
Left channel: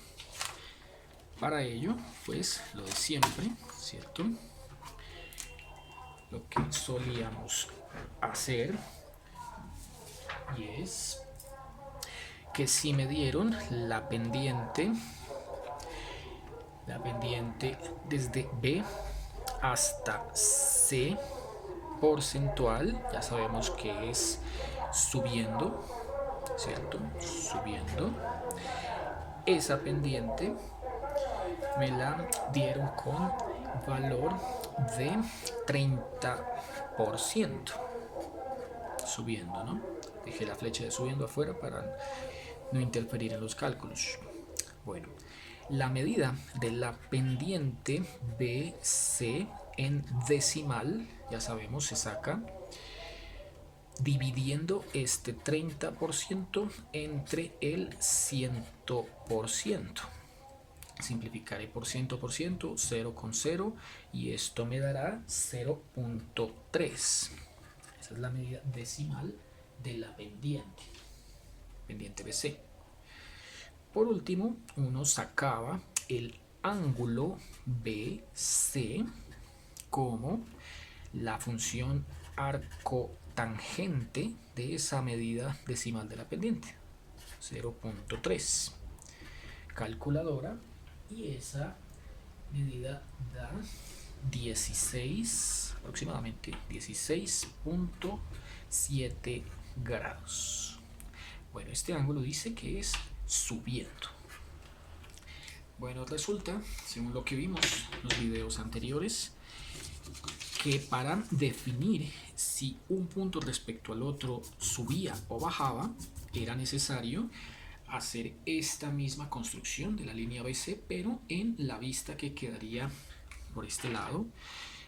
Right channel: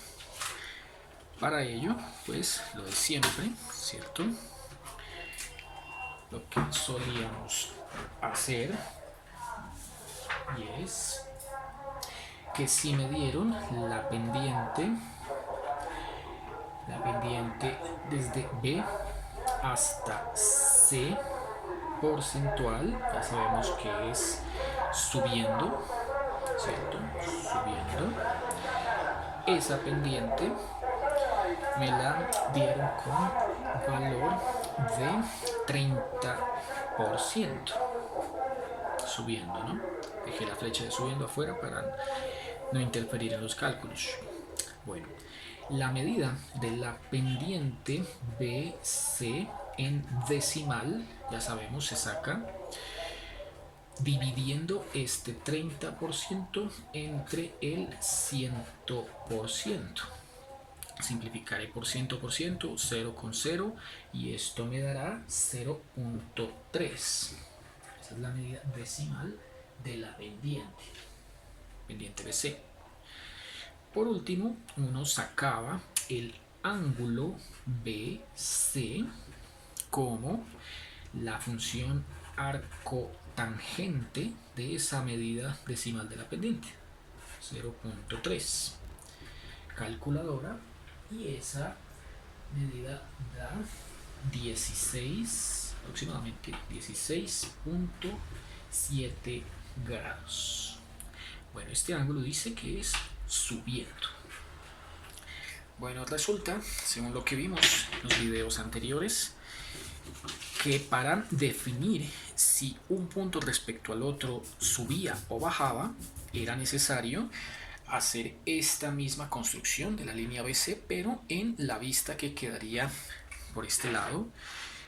Para ello, pues lo de siempre, ¿cierto? Lo que solíamos hacer, y es que si me dieron la pendiente desde B hasta C porcentual, ya sabemos que es subiendo, ¿cierto? Subiendo. Esa pendiente me la dieron con valor de 30%. Subiendo, ¿no? Dejé la flecha de subiendo afuera para no interferir en los cálculos. Bueno, la medida de la pendiente BC en decimal, ya sabemos, se saca dividiendo este 30% entre el 100%. Simplificaré por 100%, 0 con 0, y esto me dará 0.3. Esa es la medida decimal de la pendiente BC. Por último, uno sacaba el ángulo BC como la función arcotangente de esa medida decimal de la pendiente, 0.3. Calculadora, y esa medida da 16, aproximadamente 16.7 grados. Bueno, este ángulo dice que es subiendo. Bueno, resulta, según lo que vimos en los videos anteriores, que para definir si un punto respecto al otro subía o bajaba, era necesario hacer esta misma construcción de la línea BC, pero en la vista que quedaría por este lado,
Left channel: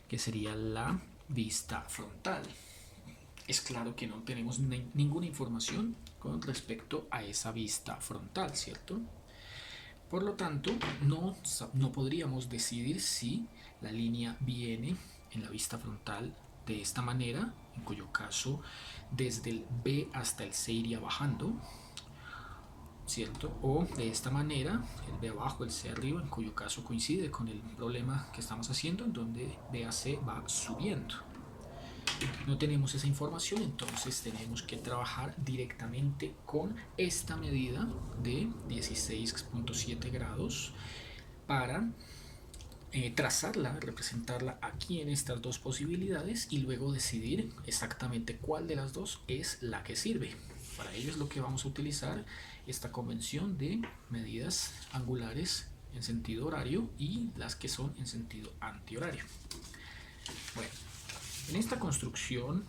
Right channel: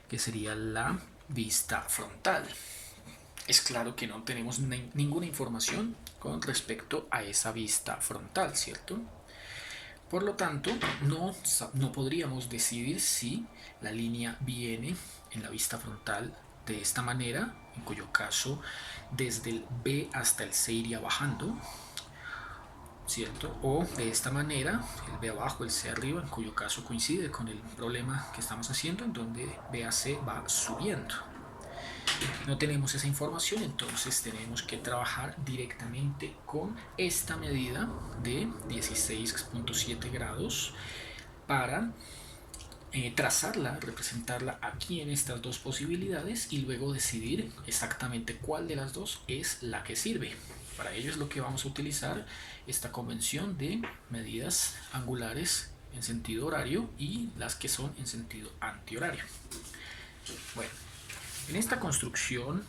que sería la vista frontal. Es claro que no tenemos ninguna información con respecto a esa vista frontal, ¿cierto? Por lo tanto, no podríamos decidir si la línea viene en la vista frontal de esta manera, en cuyo caso desde el B hasta el C iría bajando, ¿cierto? O de esta manera, el B abajo, el C arriba, en cuyo caso coincide con el problema que estamos haciendo, en donde B a C va subiendo. No tenemos esa información, entonces tenemos que trabajar directamente con esta medida de 16.7 grados para trazarla, representarla aquí en estas dos posibilidades y luego decidir exactamente cuál de las dos es la que sirve. Para ello es lo que vamos a utilizar esta convención de medidas angulares en sentido horario y las que son en sentido antihorario. Bueno, en esta construcción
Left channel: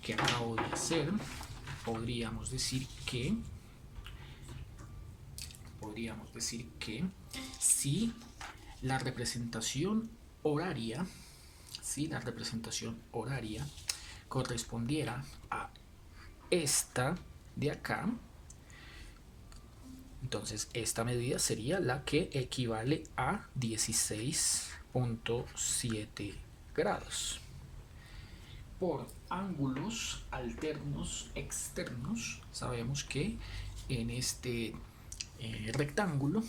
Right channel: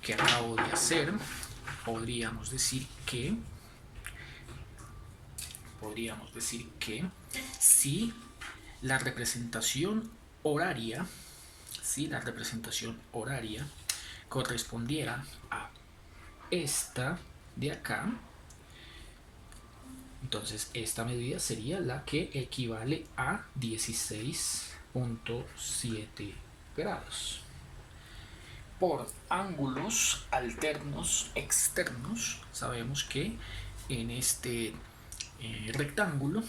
que acabo de hacer, podríamos decir que si la representación horaria, correspondiera a esta de acá, Entonces esta medida sería la que equivale a 16.7 grados. Por ángulos alternos externos, sabemos que en este rectángulo,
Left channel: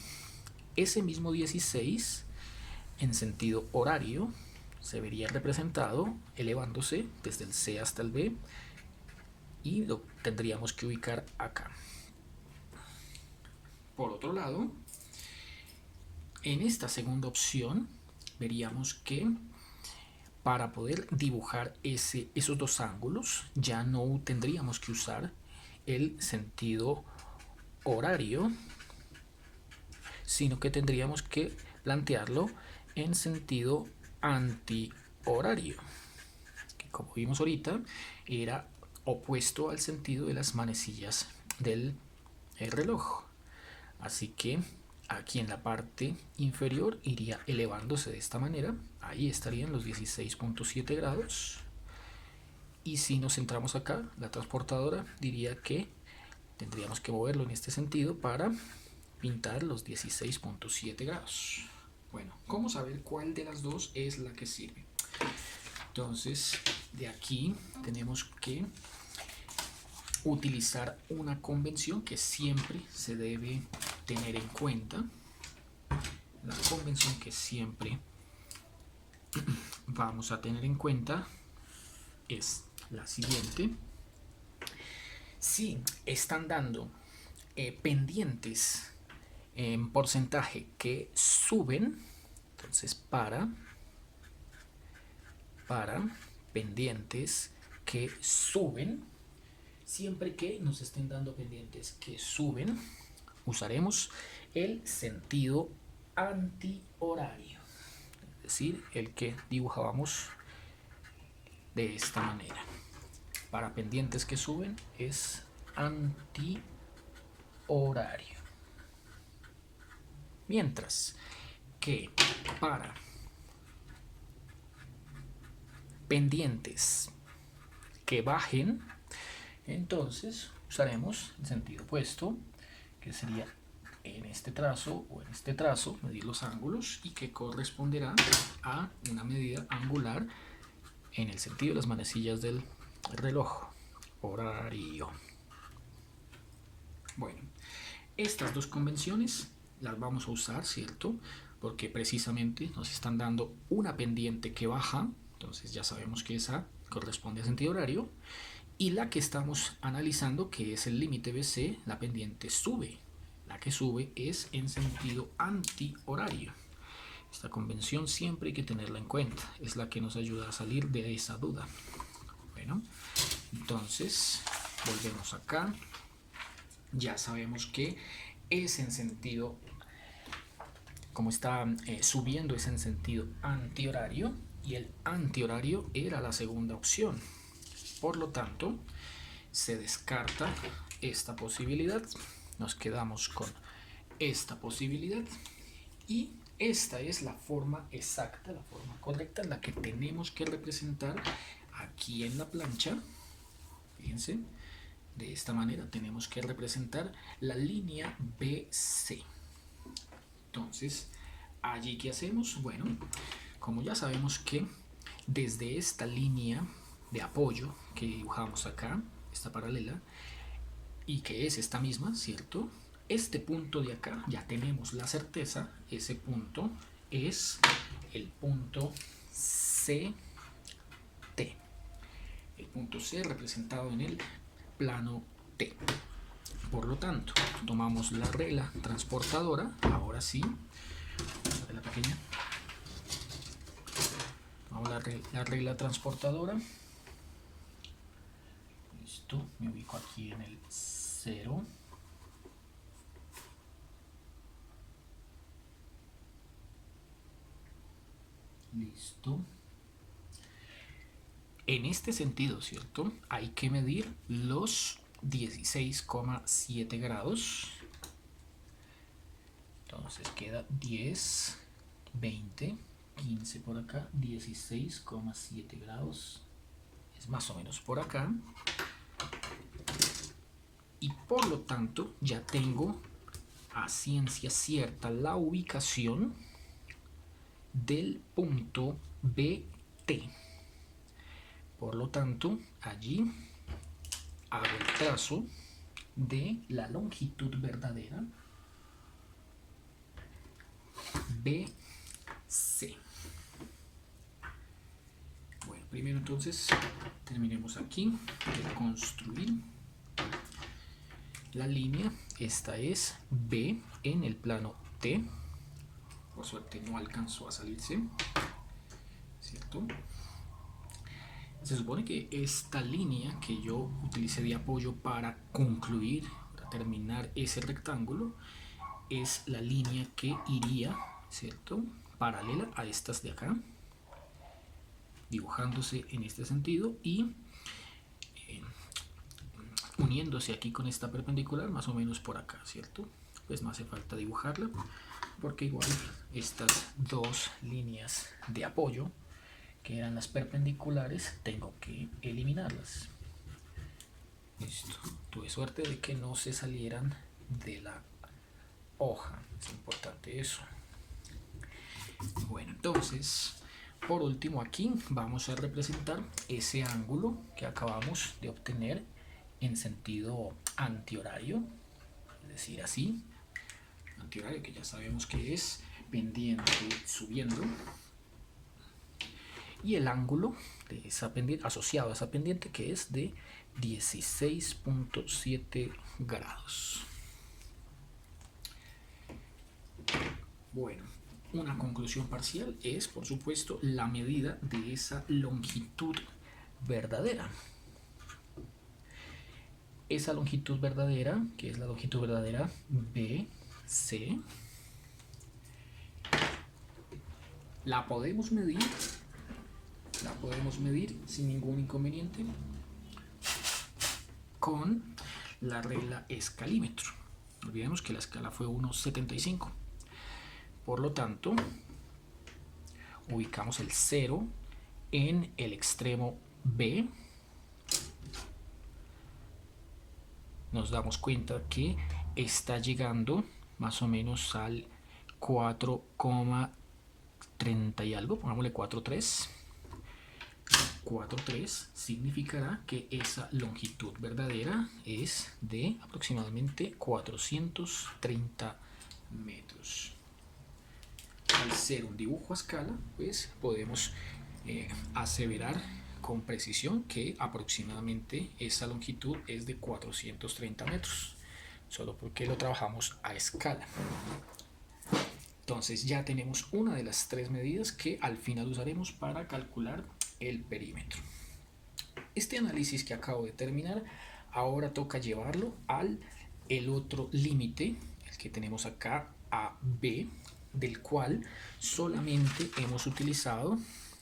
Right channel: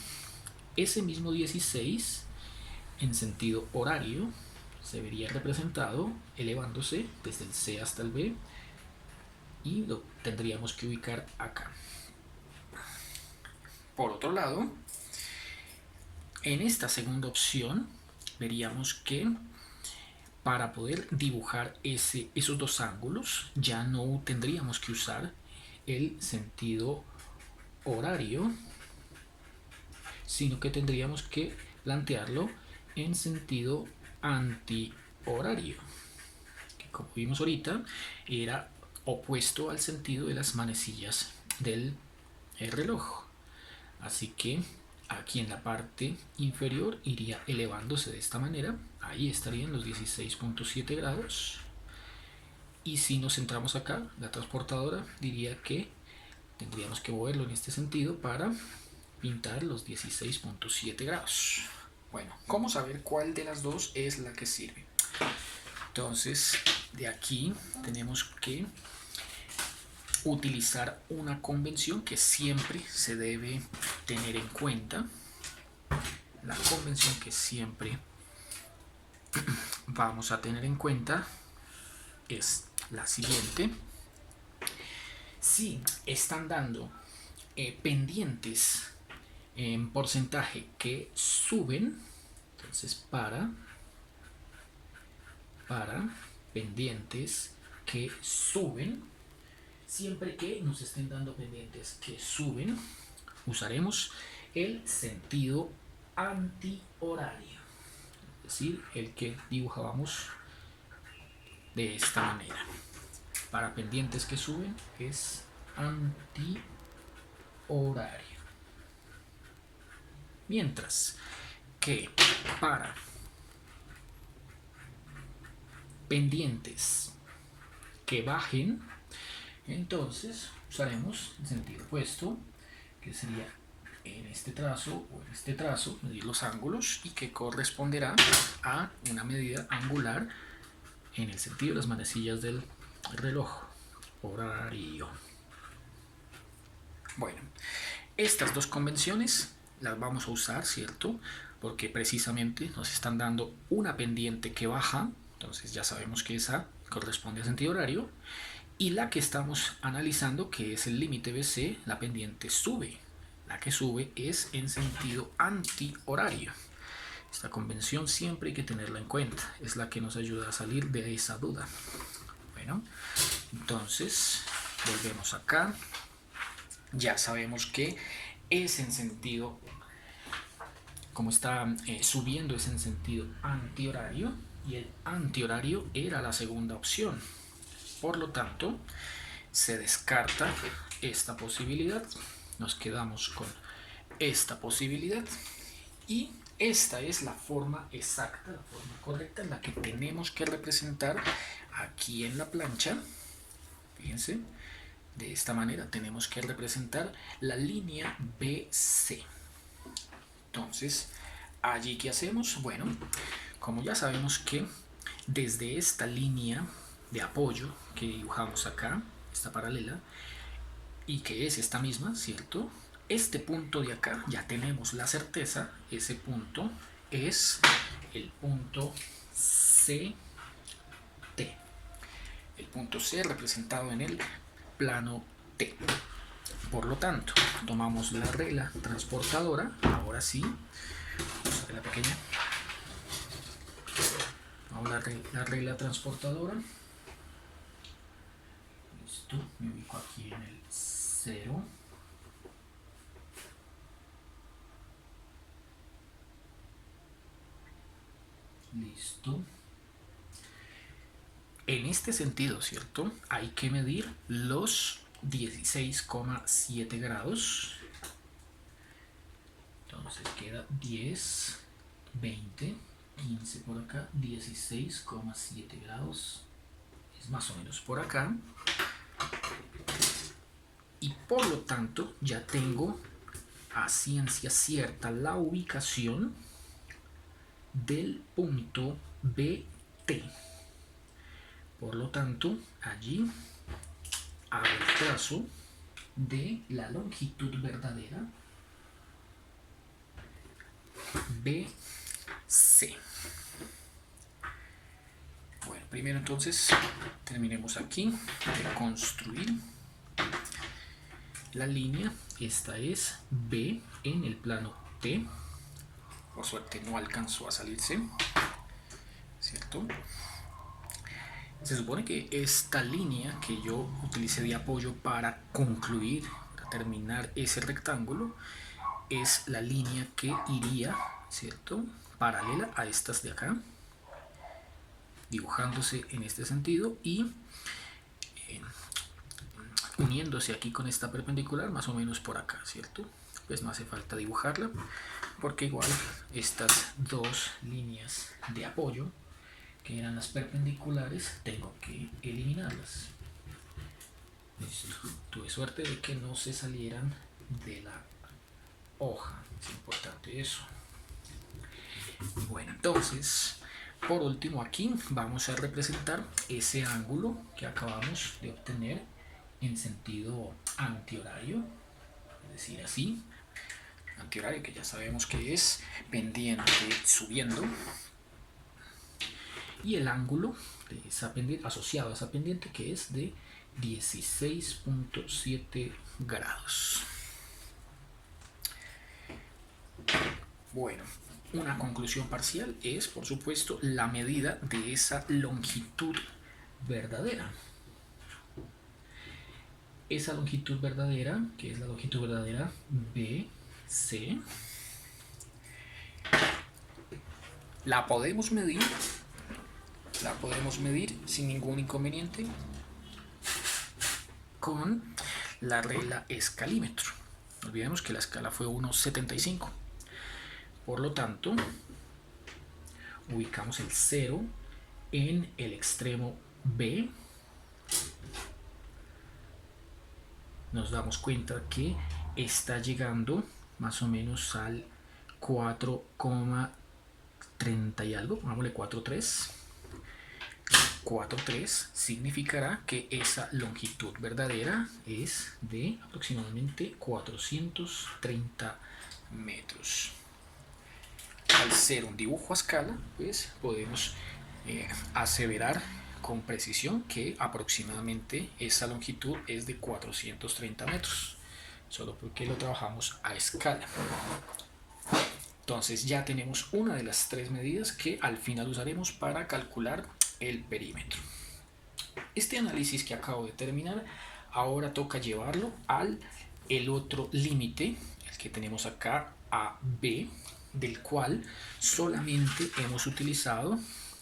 ese mismo 16 en sentido horario se vería representado elevándose desde el C hasta el B y lo tendríamos que ubicar acá. Por otro lado, en esta segunda opción veríamos que para poder dibujar esos dos ángulos ya no tendríamos que usar el sentido horario, sino que tendríamos que plantearlo en sentido antihorario, que como vimos ahorita era opuesto al sentido de las manecillas del reloj. Así que aquí en la parte inferior iría elevándose de esta manera, ahí estarían los 16.7 grados. Y si nos centramos acá, la transportadora diría que tendríamos que moverlo en este sentido para pintar los 16.7 grados. Bueno, ¿cómo saber cuál de las dos es la que sirve? Entonces, de aquí tenemos que utilizar una convención que siempre se debe tener en cuenta. La convención que siempre vamos a tener en cuenta es la siguiente. Si están dando pendientes en porcentaje que suben, entonces para pendientes que suben, siempre que nos estén dando pendientes que suben, usaremos el sentido antihorario, es decir, el que dibujábamos de esta manera. Para pendientes que suben es antihorario. Mientras que para pendientes que bajen, entonces usaremos el sentido opuesto, que sería en este trazo o en este trazo, medir los ángulos y que corresponderá a una medida angular en el sentido de las manecillas del reloj horario. Bueno, estas dos convenciones las vamos a usar, ¿cierto? Porque precisamente nos están dando una pendiente que baja, entonces ya sabemos que esa corresponde a sentido horario, y la que estamos analizando, que es el límite BC, la pendiente sube. La que sube es en sentido antihorario. Esta convención siempre hay que tenerla en cuenta, es la que nos ayuda a salir de esa duda. Bueno, entonces volvemos acá. Ya sabemos que es en sentido, como está subiendo, es en sentido antihorario, y el antihorario era la segunda opción. Por lo tanto, se descarta esta posibilidad, nos quedamos con esta posibilidad, y esta es la forma exacta, la forma correcta en la que tenemos que representar aquí en la plancha. Fíjense, de esta manera tenemos que representar la línea BC. Entonces, ¿allí qué hacemos? Bueno, como ya sabemos que desde esta línea de apoyo que dibujamos acá, esta paralela, y que es esta misma, ¿cierto? Este punto de acá ya tenemos la certeza, ese punto es el punto CT. El punto C representado en el plano T. Por lo tanto, tomamos la regla transportadora, ahora sí, vamos a ver la pequeña. Vamos a la regla transportadora. Listo, me ubico aquí en el 0. Listo. En este sentido, ¿cierto? Hay que medir los 16,7 grados. Entonces queda 10, 20, 15 por acá, 16,7 grados. Es más o menos por acá. Y por lo tanto ya tengo a ciencia cierta la ubicación del punto BT. Por lo tanto, allí hago el trazo de la longitud verdadera BC. Bueno, primero entonces terminemos aquí de construir la línea. Esta es B en el plano T. Por suerte no alcanzó a salirse, ¿cierto? Se supone que esta línea que yo utilicé de apoyo para concluir, para terminar ese rectángulo, es la línea que iría, ¿cierto?, paralela a estas de acá, dibujándose en este sentido y uniéndose aquí con esta perpendicular más o menos por acá, ¿cierto? Pues no hace falta dibujarla porque igual estas dos líneas de apoyo, que eran las perpendiculares, tengo que eliminarlas. Listo. Tuve suerte de que no se salieran de la hoja, es importante eso. Bueno, entonces, por último aquí vamos a representar ese ángulo que acabamos de obtener en sentido antihorario, es decir, así, antihorario, que ya sabemos que es pendiente subiendo, y el ángulo de esa pendiente, asociado a esa pendiente, que es de 16.7 grados. Bueno, una conclusión parcial es, por supuesto, la medida de esa longitud verdadera. Esa longitud verdadera, que es la longitud verdadera BC, la podemos medir sin ningún inconveniente con la regla escalímetro. No olvidemos que la escala fue 1,75. Por lo tanto, ubicamos el 0 en el extremo B. Nos damos cuenta que está llegando más o menos al 4,30 y algo, pongámosle 4,3. 4,3 significará que esa longitud verdadera es de aproximadamente 430 metros. Al ser un dibujo a escala, pues podemos aseverar con precisión que aproximadamente esa longitud es de 430 metros, solo porque lo trabajamos a escala. Entonces ya tenemos una de las tres medidas que al final usaremos para calcular el perímetro. Este análisis que acabo de terminar, ahora toca llevarlo al el otro límite, el que tenemos acá, AB, del cual solamente hemos utilizado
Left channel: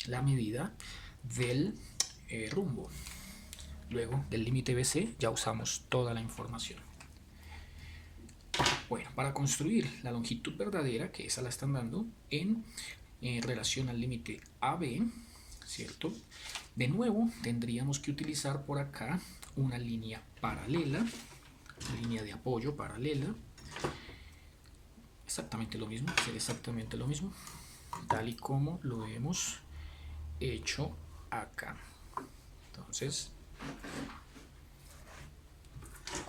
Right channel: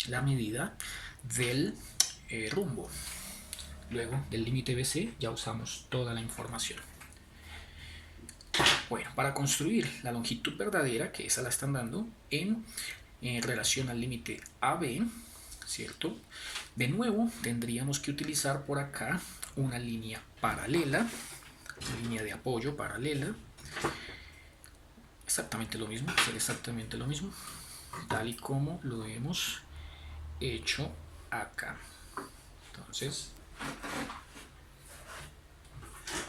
la medida del rumbo. Luego del límite BC ya usamos toda la información. Bueno, para construir la longitud verdadera, que esa la están dando en relación al límite AB, ¿cierto? De nuevo tendríamos que utilizar por acá una línea paralela, una línea de apoyo paralela. Exactamente lo mismo, hacer exactamente lo mismo, tal y como lo hemos hecho acá. Entonces,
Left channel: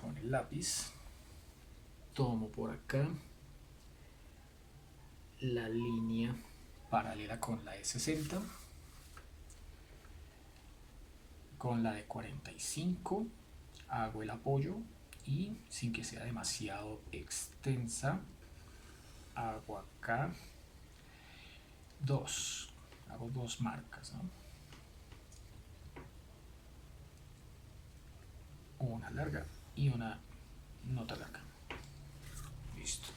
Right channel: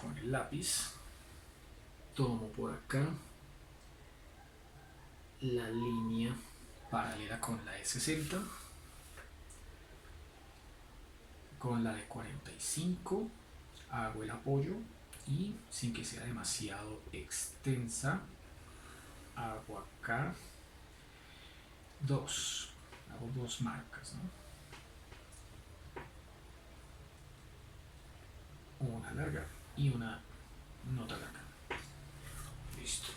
con el lápiz tomo por acá la línea paralela con la de 60, con la de 45 hago el apoyo y sin que sea demasiado extensa hago acá hago dos marcas, ¿no? Una larga y una no tan larga. Listo.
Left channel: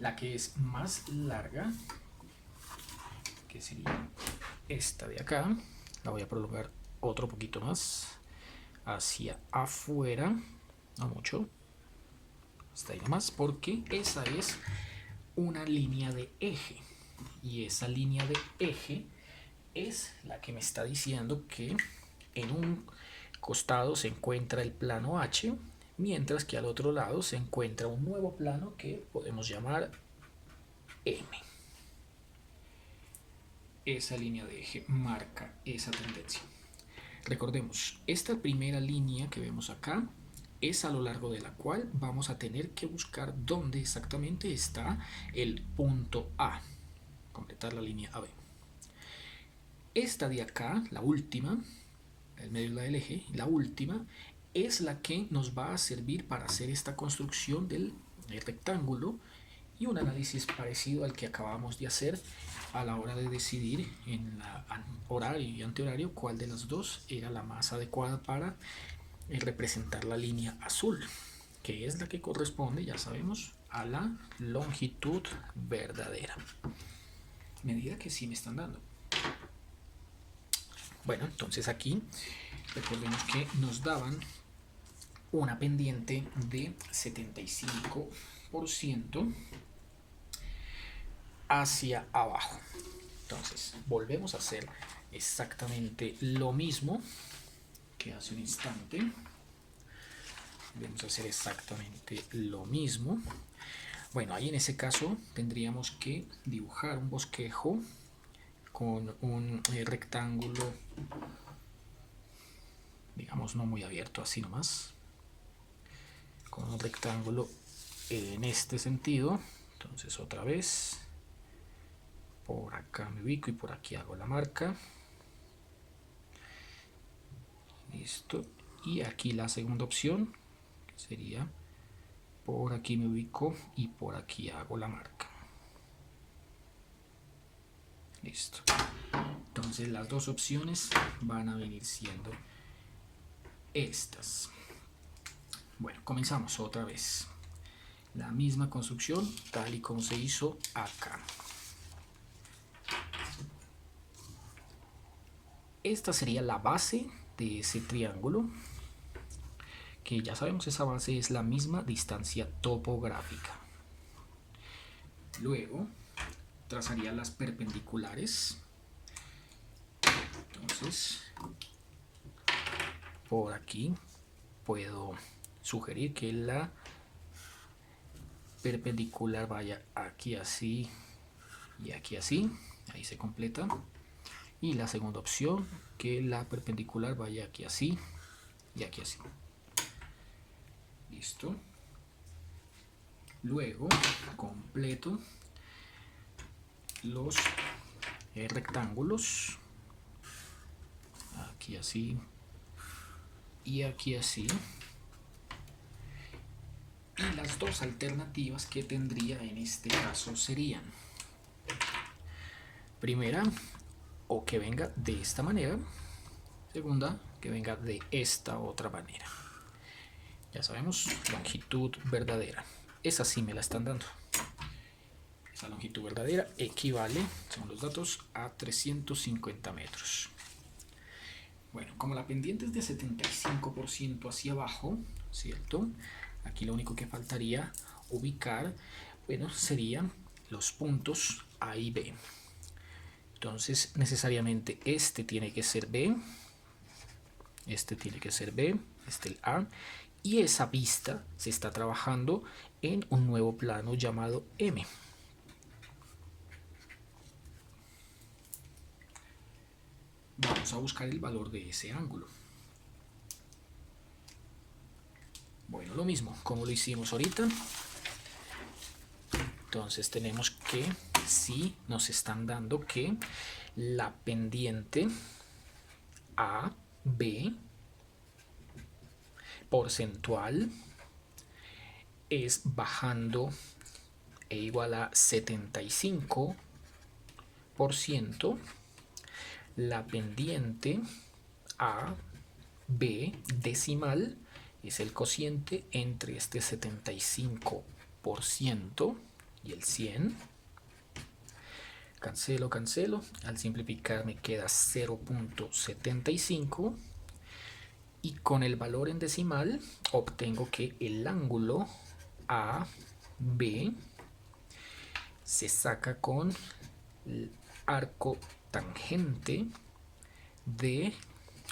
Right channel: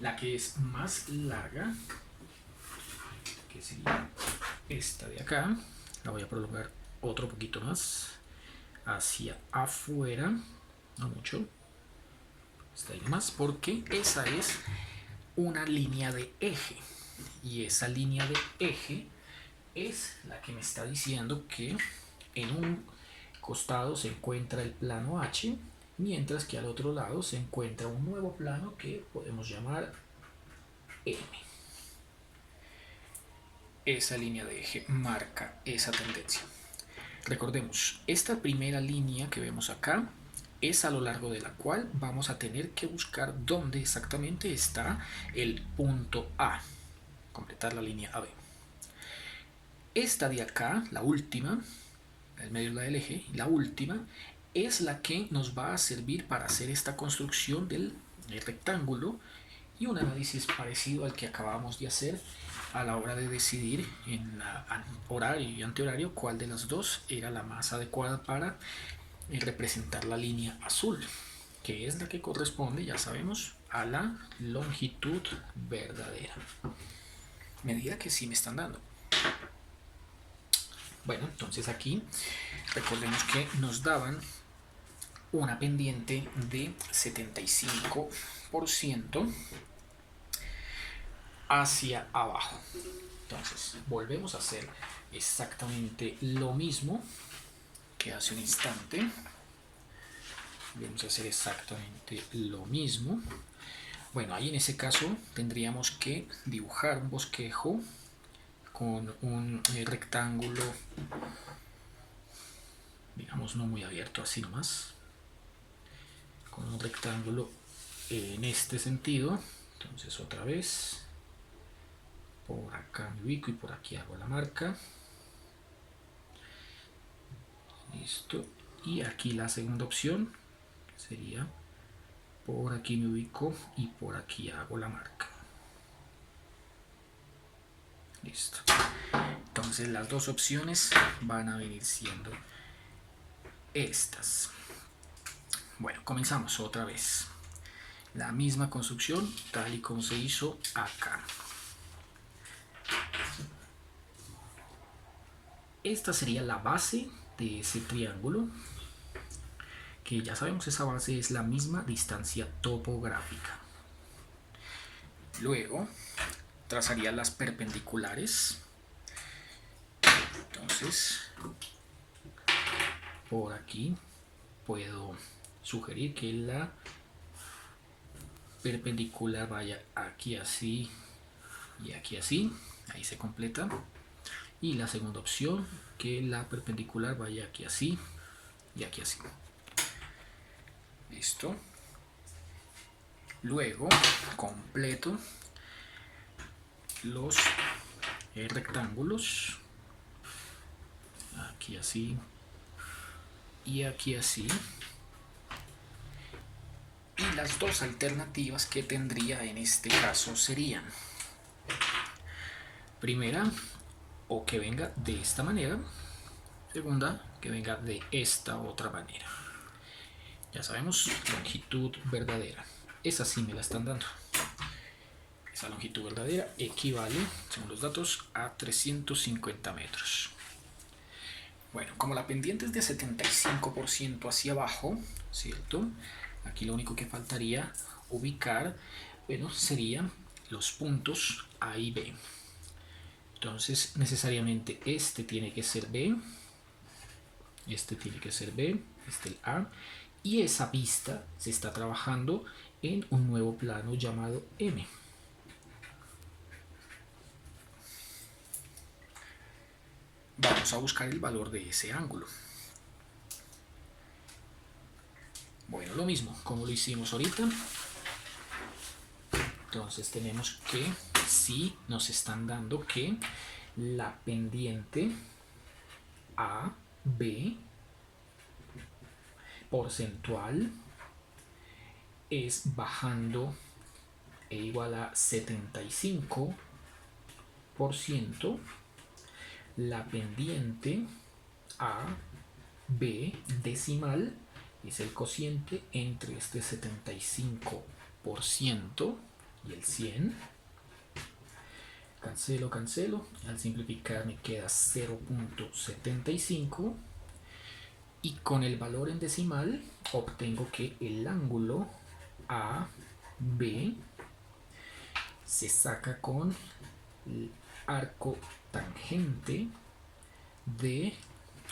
La que es más larga, que sería esta de acá, la voy a prolongar otro poquito más hacia afuera, no mucho, hasta ahí nomás, porque esa es una línea de eje y esa línea de eje es la que me está diciendo que en un costado se encuentra el plano H mientras que al otro lado se encuentra un nuevo plano que podemos llamar M. Esa línea de eje marca esa tendencia. Recordemos, esta primera línea que vemos acá es a lo largo de la cual vamos a tener que buscar dónde exactamente está el punto A, completar la línea AB. Esta de acá, la última, en medio de la del eje, la última, es la que nos va a servir para hacer esta construcción del rectángulo y un análisis parecido al que acabamos de hacer a la hora de decidir en horario y antihorario cuál de las dos era la más adecuada para representar la línea azul, que es la que corresponde, ya sabemos, a la longitud verdadera. Medida que sí me están dando. Bueno, entonces aquí recordemos que nos daban una pendiente de 75% hacia abajo. Entonces volvemos a hacer exactamente lo mismo que hace un instante. Vamos a hacer exactamente lo mismo. Bueno, ahí en ese caso tendríamos que dibujar un bosquejo con un rectángulo, digamos, no muy abierto, así nomás, con un rectángulo en este sentido. Entonces otra vez por acá me ubico y por aquí hago la marca. Listo. Y aquí la segunda opción sería por aquí me ubico y por aquí hago la marca. Listo. Entonces las dos opciones van a venir siendo estas. Bueno, comenzamos otra vez. La misma construcción tal y como se hizo acá. Esta sería la base de ese triángulo, que ya sabemos esa base es la misma distancia topográfica. Luego trazaría las perpendiculares. Entonces por aquí puedo sugerir que la perpendicular vaya aquí así y aquí así, ahí se completa. Y la segunda opción, que la perpendicular vaya aquí así y aquí así. Listo. Luego completo los rectángulos, aquí así y aquí así. Y las dos alternativas que tendría en este caso serían: primera, o que venga de esta manera; segunda, que venga de esta otra manera. Ya sabemos, longitud verdadera. Esa sí me la están dando. Esa longitud verdadera equivale, según los datos, a 350 metros. Bueno, como la pendiente es de 75% hacia abajo, ¿cierto? Aquí lo único que faltaría ubicar, bueno, serían los puntos A y B. Entonces, necesariamente este tiene que ser B, este tiene que ser B, este el A, y esa vista se está trabajando en un nuevo plano llamado M. Vamos a buscar el valor de ese ángulo. Bueno, lo mismo, como lo hicimos ahorita. Entonces tenemos que, si nos están dando que la pendiente AB porcentual es bajando e igual a 75%, la pendiente AB decimal es el cociente entre este 75% y el 100. Cancelo, cancelo. Al simplificar me queda 0.75. Y con el valor en decimal obtengo que el ángulo AB se saca con el arco tangente de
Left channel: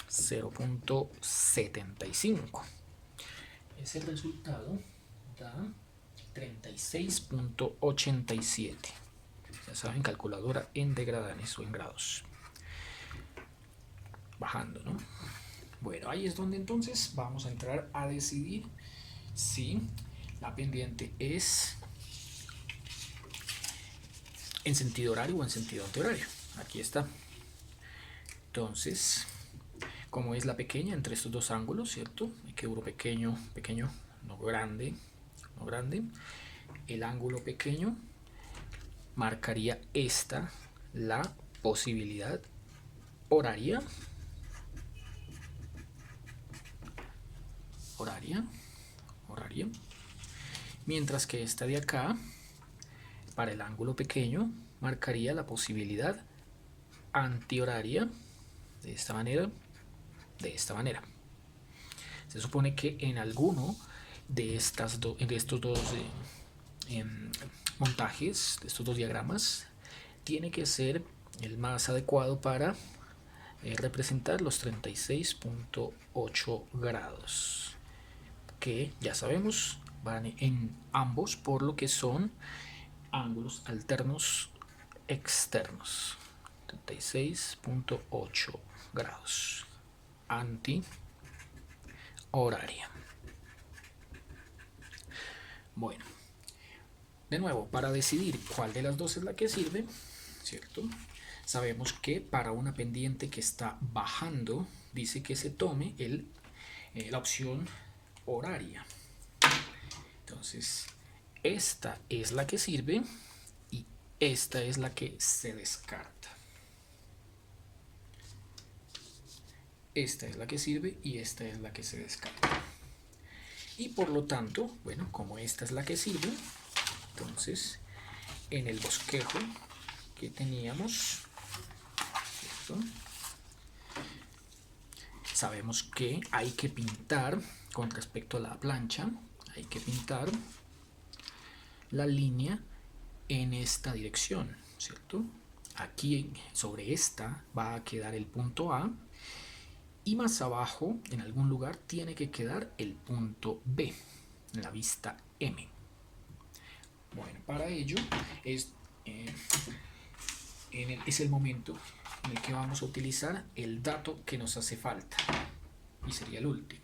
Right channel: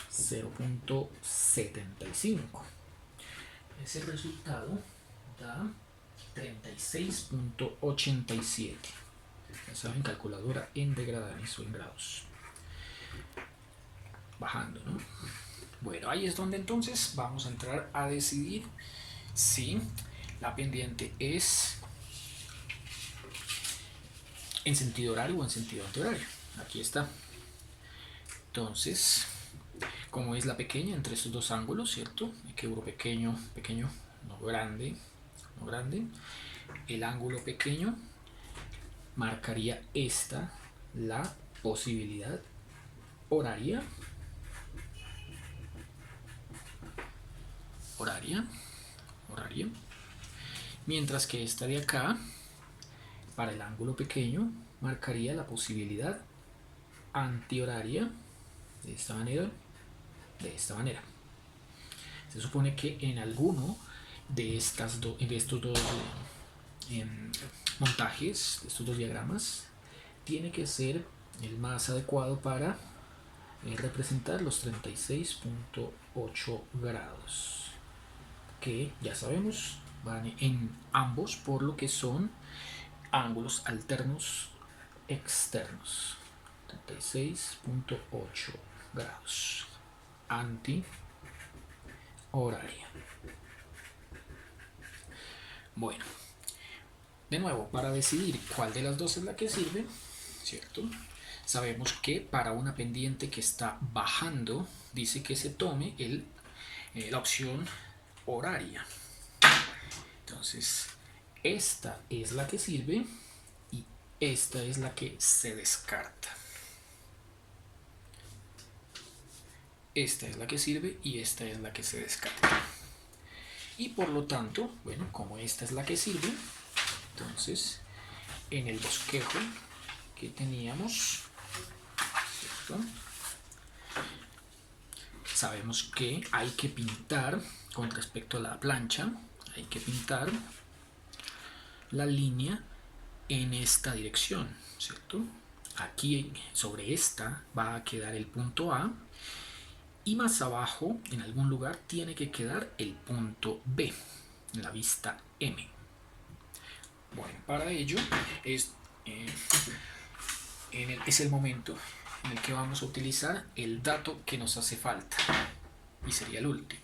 0.75. Ese resultado da 36.87. Ya saben, calculadora en degradados o en grados. Bajando, ¿no? Bueno, ahí es donde entonces vamos a entrar a decidir si la pendiente es en sentido horario o en sentido antihorario. Aquí está. Entonces, como es la pequeña entre estos dos ángulos, ¿cierto? Y que euro pequeño, pequeño, no grande, no grande. El ángulo pequeño marcaría esta la posibilidad horaria. Horaria. Mientras que esta de acá, para el ángulo pequeño, marcaría la posibilidad antihoraria de esta manera, Se supone que en alguno de estos dos montajes, de estos dos diagramas, tiene que ser el más adecuado para representar los 36.8 grados, que ya sabemos van en ambos por lo que son ángulos alternos externos. 36.8 grados anti-horaria. Bueno, de nuevo, para decidir cuál de las dos es la que sirve, ¿cierto? Sabemos que para una pendiente que está bajando, dice que se tome la opción horaria. Entonces, esta es la que sirve y esta es la que se descarta. Esta es la que sirve y esta es la que se descarta. Y por lo tanto, bueno, como esta es la que sirve, entonces en el bosquejo que teníamos, ¿cierto? Sabemos que hay que pintar con respecto a la plancha, hay que pintar la línea en esta dirección, ¿cierto? Aquí sobre esta va a quedar el punto A y más abajo en algún lugar tiene que quedar el punto B en la vista M. Bueno, para ello es el momento en el que vamos a utilizar el dato que nos hace falta y sería el último,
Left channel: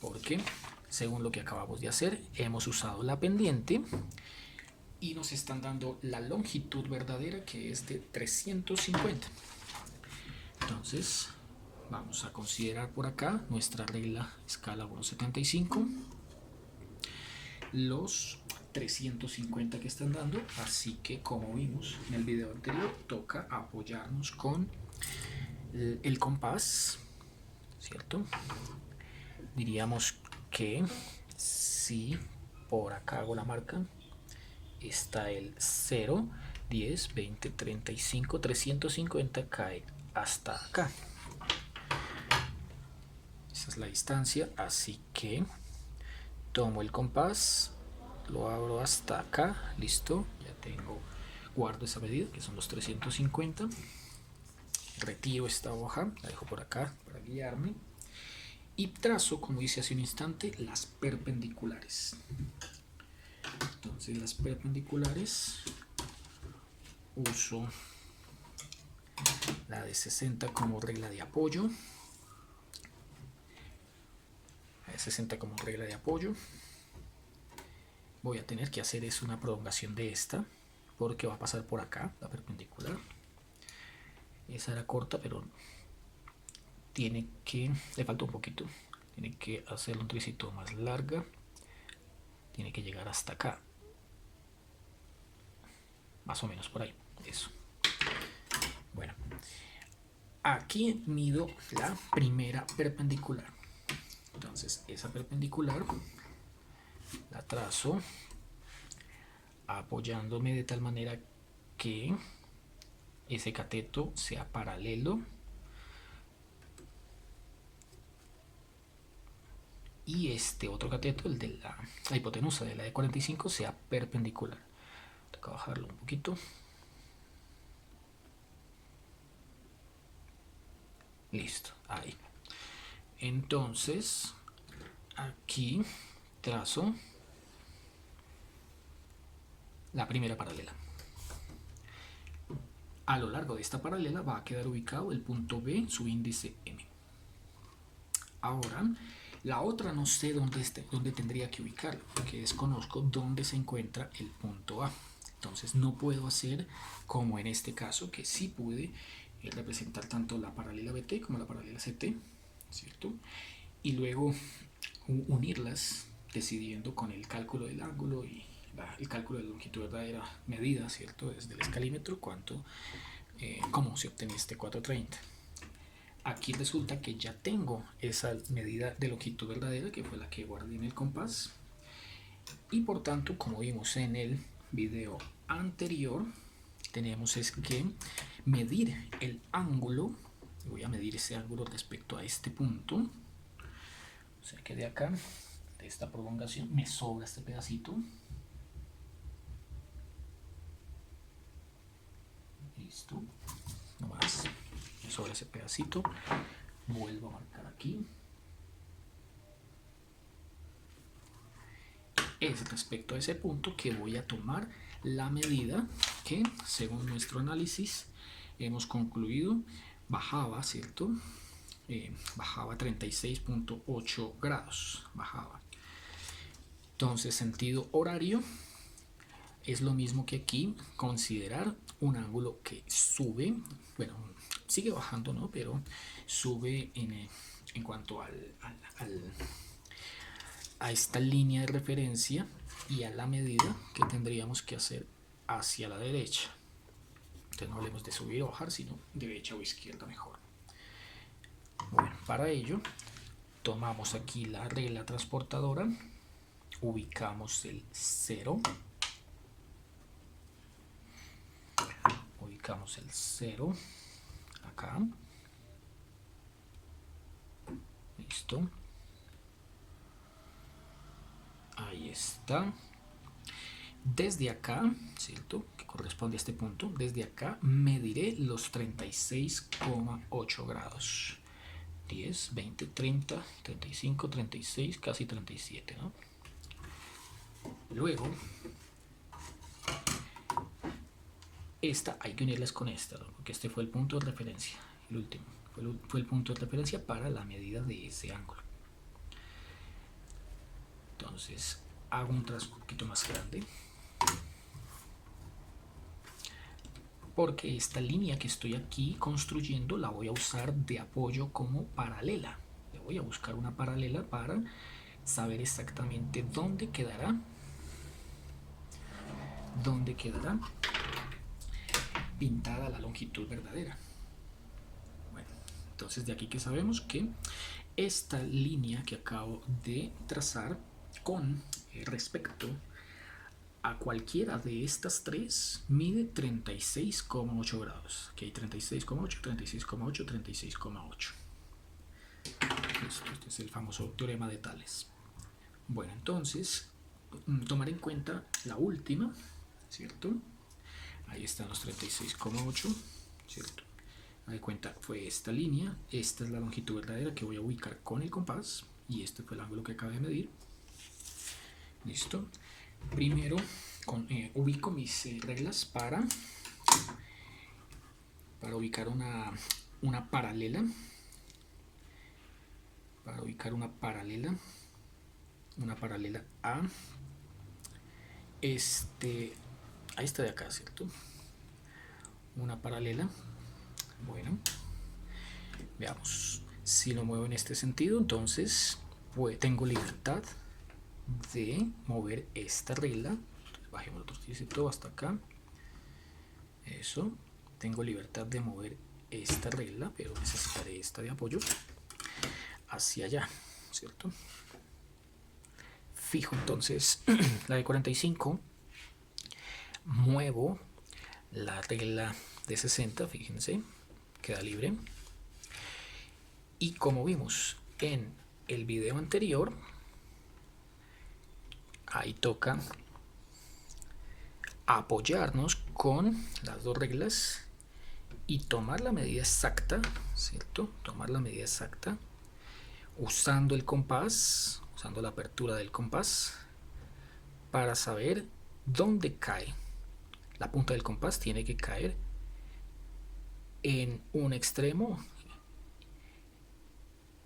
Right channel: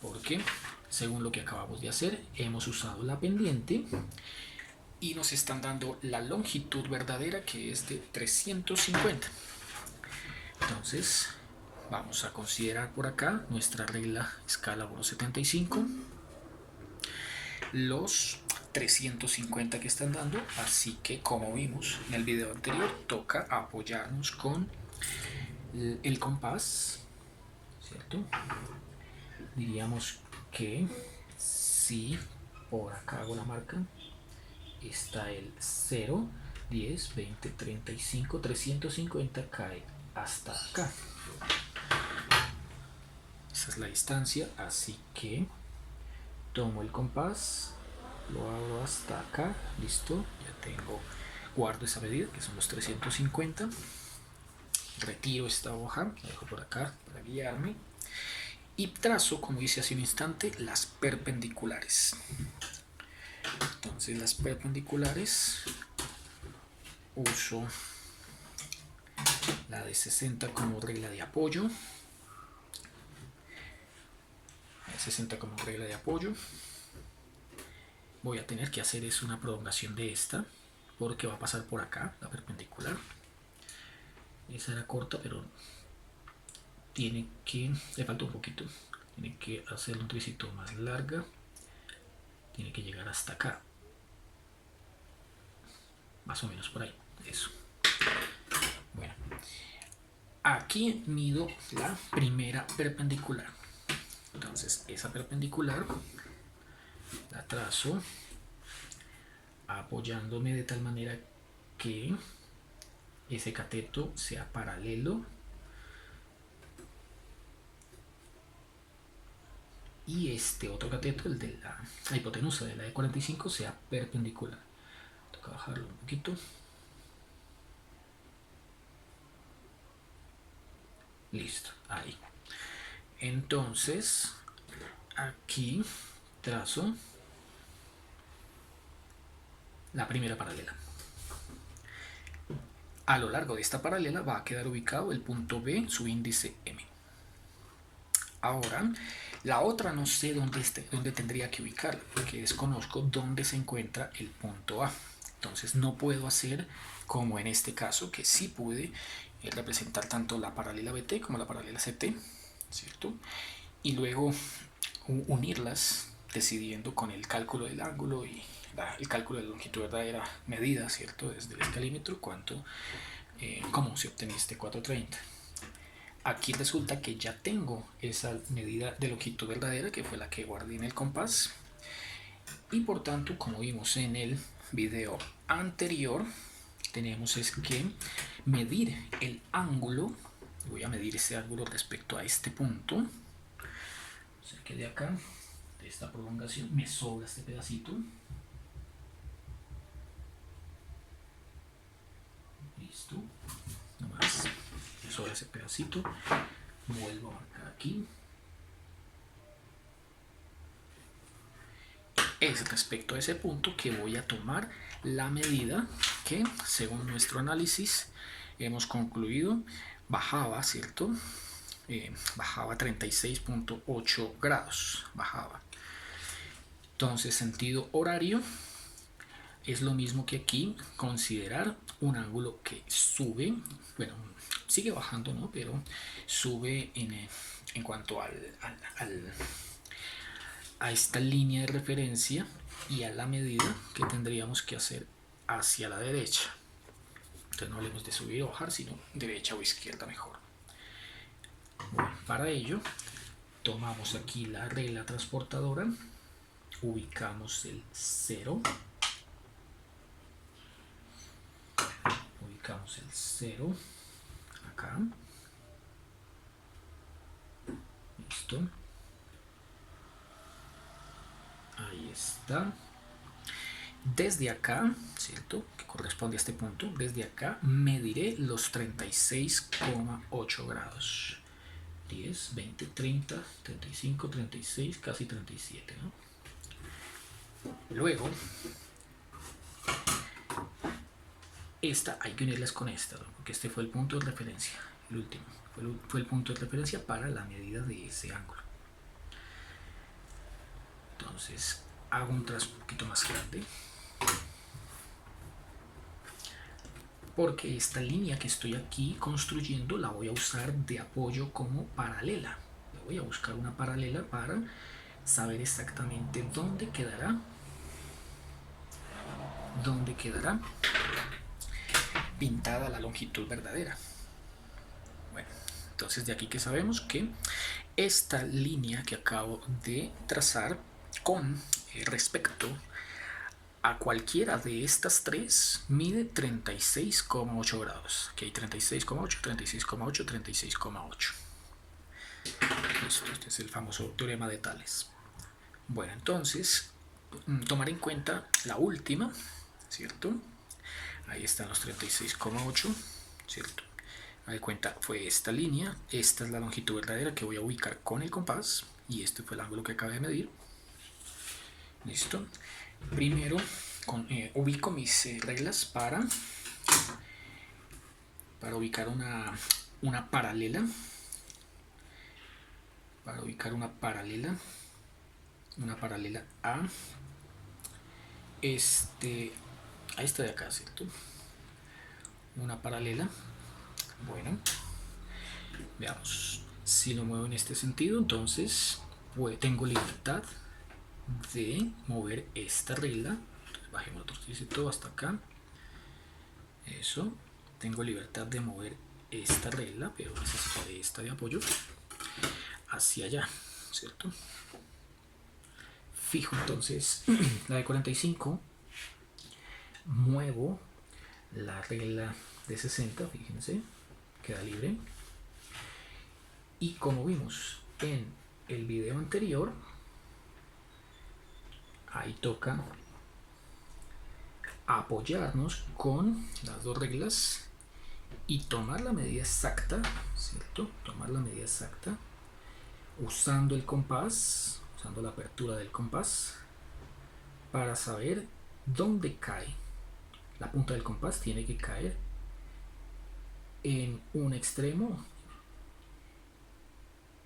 porque según lo que acabamos de hacer hemos usado la pendiente y nos están dando la longitud verdadera, que es de 350. Entonces vamos a considerar por acá nuestra regla escala 1.75, los 350 que están dando, así que como vimos en el video anterior, toca apoyarnos con el compás, ¿cierto? Diríamos que si por acá hago la marca, está el 0, 10, 20, 35, 350 cae hasta acá. Esa es la distancia, así que tomo el compás, lo abro hasta acá, listo, ya tengo, guardo esa medida que son los 350, retiro esta hoja, la dejo por acá para guiarme y trazo, como hice hace un instante, las perpendiculares. Entonces las perpendiculares uso la de 60 como regla de apoyo, voy a tener que hacer es una prolongación de esta porque va a pasar por acá la perpendicular. Esa era corta, pero le falta un poquito, tiene que hacer un tricito más larga, tiene que llegar hasta acá, más o menos por ahí, eso. Bueno, aquí mido la primera perpendicular, entonces esa perpendicular la trazo apoyándome de tal manera que ese cateto sea paralelo y este otro cateto, el de la hipotenusa de la de 45, sea perpendicular. Toca bajarlo un poquito. Listo, ahí. Entonces aquí trazo la primera paralela. A lo largo de esta paralela va a quedar ubicado el punto B, su índice M. Ahora, la otra no sé dónde tendría que ubicarla, porque desconozco dónde se encuentra el punto A. Entonces no puedo hacer como en este caso, que sí pude representar tanto la paralela BT como la paralela CT, ¿cierto? Y luego unirlas decidiendo con el cálculo del ángulo y el cálculo de la longitud verdadera medida, ¿cierto? Desde el escalímetro, cómo se obtenía este 430. Aquí resulta que ya tengo esa medida de longitud verdadera, que fue la que guardé en el compás, y por tanto, como vimos en el video anterior, tenemos es que medir el ángulo. Voy a medir ese ángulo respecto a este punto, o sea que de acá, de esta prolongación, me sobra este pedacito. Listo, nomás me sobra ese pedacito. Vuelvo a marcar aquí. Es respecto a ese punto que voy a tomar la medida que, según nuestro análisis, hemos concluido bajaba, ¿cierto? Bajaba 36.8 grados, bajaba. Entonces, sentido horario es lo mismo que aquí, considerar un ángulo que sube, bueno, sigue bajando, ¿no? Pero sube en cuanto a esta línea de referencia y a la medida que tendríamos que hacer hacia la derecha. Entonces no hablemos de subir o bajar, sino derecha o izquierda mejor. Bueno, para ello tomamos aquí la regla transportadora, ubicamos el 0, ubicamos el 0 acá, listo, ahí está. Desde acá, ¿cierto? Que corresponde a este punto, desde acá mediré los 36,8 grados. 10, 20, 30, 35, 36, casi 37, ¿no? Luego, esta hay que unirlas con esta, ¿no? Porque este fue el punto de referencia, el último. Fue el punto de referencia para la medida de ese ángulo. Entonces, hago un trazo un poquito más grande, porque esta línea que estoy aquí construyendo la voy a usar de apoyo como paralela. Le voy a buscar una paralela para saber exactamente dónde quedará pintada la longitud verdadera. Bueno, entonces de aquí que sabemos que esta línea que acabo de trazar con respecto a cualquiera de estas tres mide 36,8 grados. Aquí hay 36,8, 36,8, 36,8. Listo, este es el famoso teorema de Tales. Bueno, entonces, tomar en cuenta la última, ¿cierto? Ahí están los 36,8, ¿cierto? A de cuenta, fue esta línea, esta es la longitud verdadera que voy a ubicar con el compás, y este fue el ángulo que acabé de medir. Listo. Primero ubico mis reglas para ubicar una paralela. Para ubicar una paralela a esta de acá, ¿cierto? Una paralela. Bueno, veamos. Si lo muevo en este sentido, entonces tengo libertad de mover esta regla. Entonces, bajemos otro tricito hasta acá. Eso. Tengo libertad de mover esta regla, pero necesitaré esta de apoyo hacia allá, ¿cierto? Fijo entonces la de 45, muevo la regla de 60, fíjense, queda libre. Y como vimos en el video anterior, ahí toca apoyarnos con las dos reglas y tomar la medida exacta, ¿cierto? Tomar la medida exacta usando el compás usando la apertura del compás, para saber dónde cae. La punta del compás tiene que caer en un extremo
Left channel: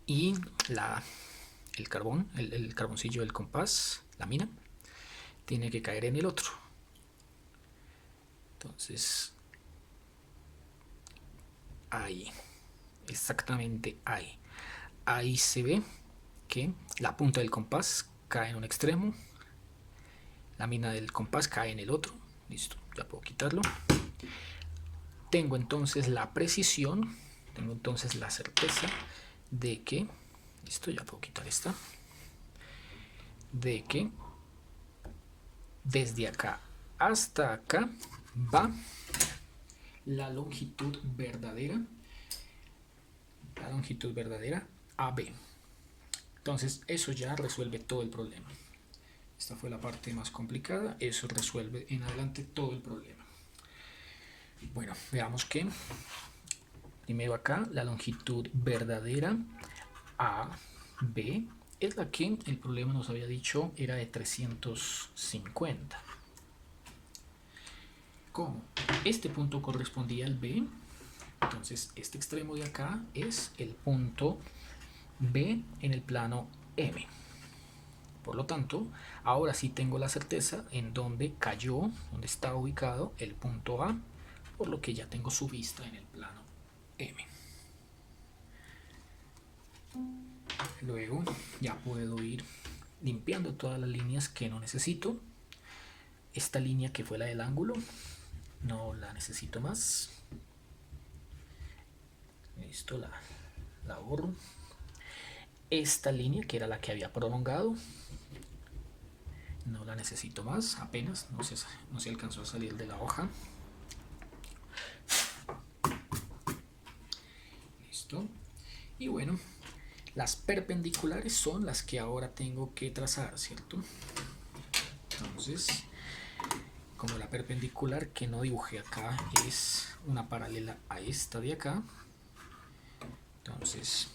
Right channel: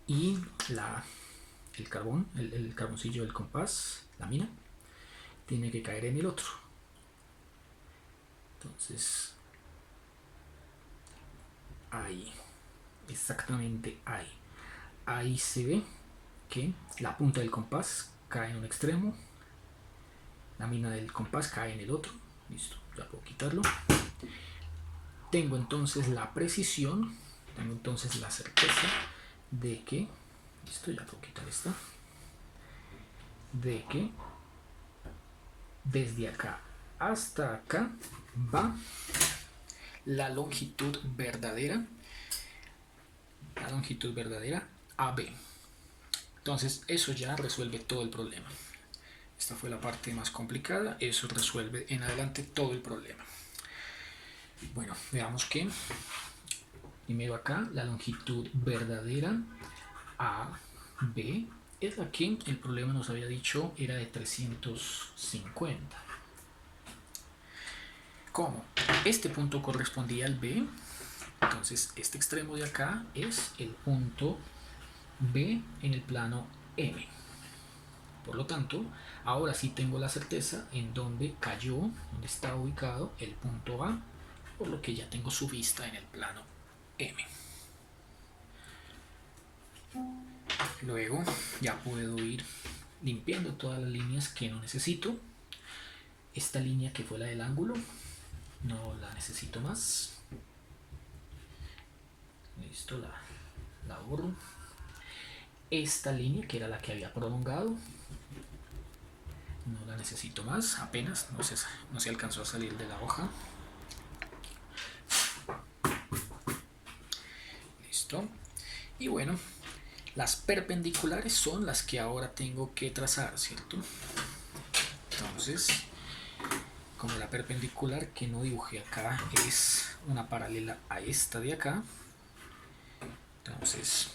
y el carbón, el carboncillo del compás, la mina, tiene que caer en el otro. Entonces, ahí, exactamente ahí. Ahí se ve que la punta del compás cae en un extremo, la mina del compás cae en el otro. Listo, ya puedo quitarlo. Tengo entonces la precisión, tengo entonces la certeza de que, listo, ya puedo quitar esta, de que desde acá hasta acá va la longitud verdadera AB. Entonces eso ya resuelve todo el problema. Esta fue la parte más complicada, eso resuelve en adelante todo el problema. Bueno, veamos que primero acá la longitud verdadera AB es la que el problema nos había dicho era de 350. ¿Cómo? Este punto correspondía al B, entonces este extremo de acá es el punto B en el plano M. Por lo tanto, ahora sí tengo la certeza en dónde cayó, dónde está ubicado el punto A, por lo que ya tengo su vista en el plano M. Luego ya puedo ir limpiando todas las líneas que no necesito. Esta línea que fue la del ángulo no la necesito más. Listo, la borro. Esta línea que era la que había prolongado no la necesito más, apenas no se alcanzó a salir de la hoja. Listo. Y bueno, las perpendiculares son las que ahora tengo que trazar, ¿cierto? Entonces, como la perpendicular que no dibujé acá es una paralela a esta de acá, entonces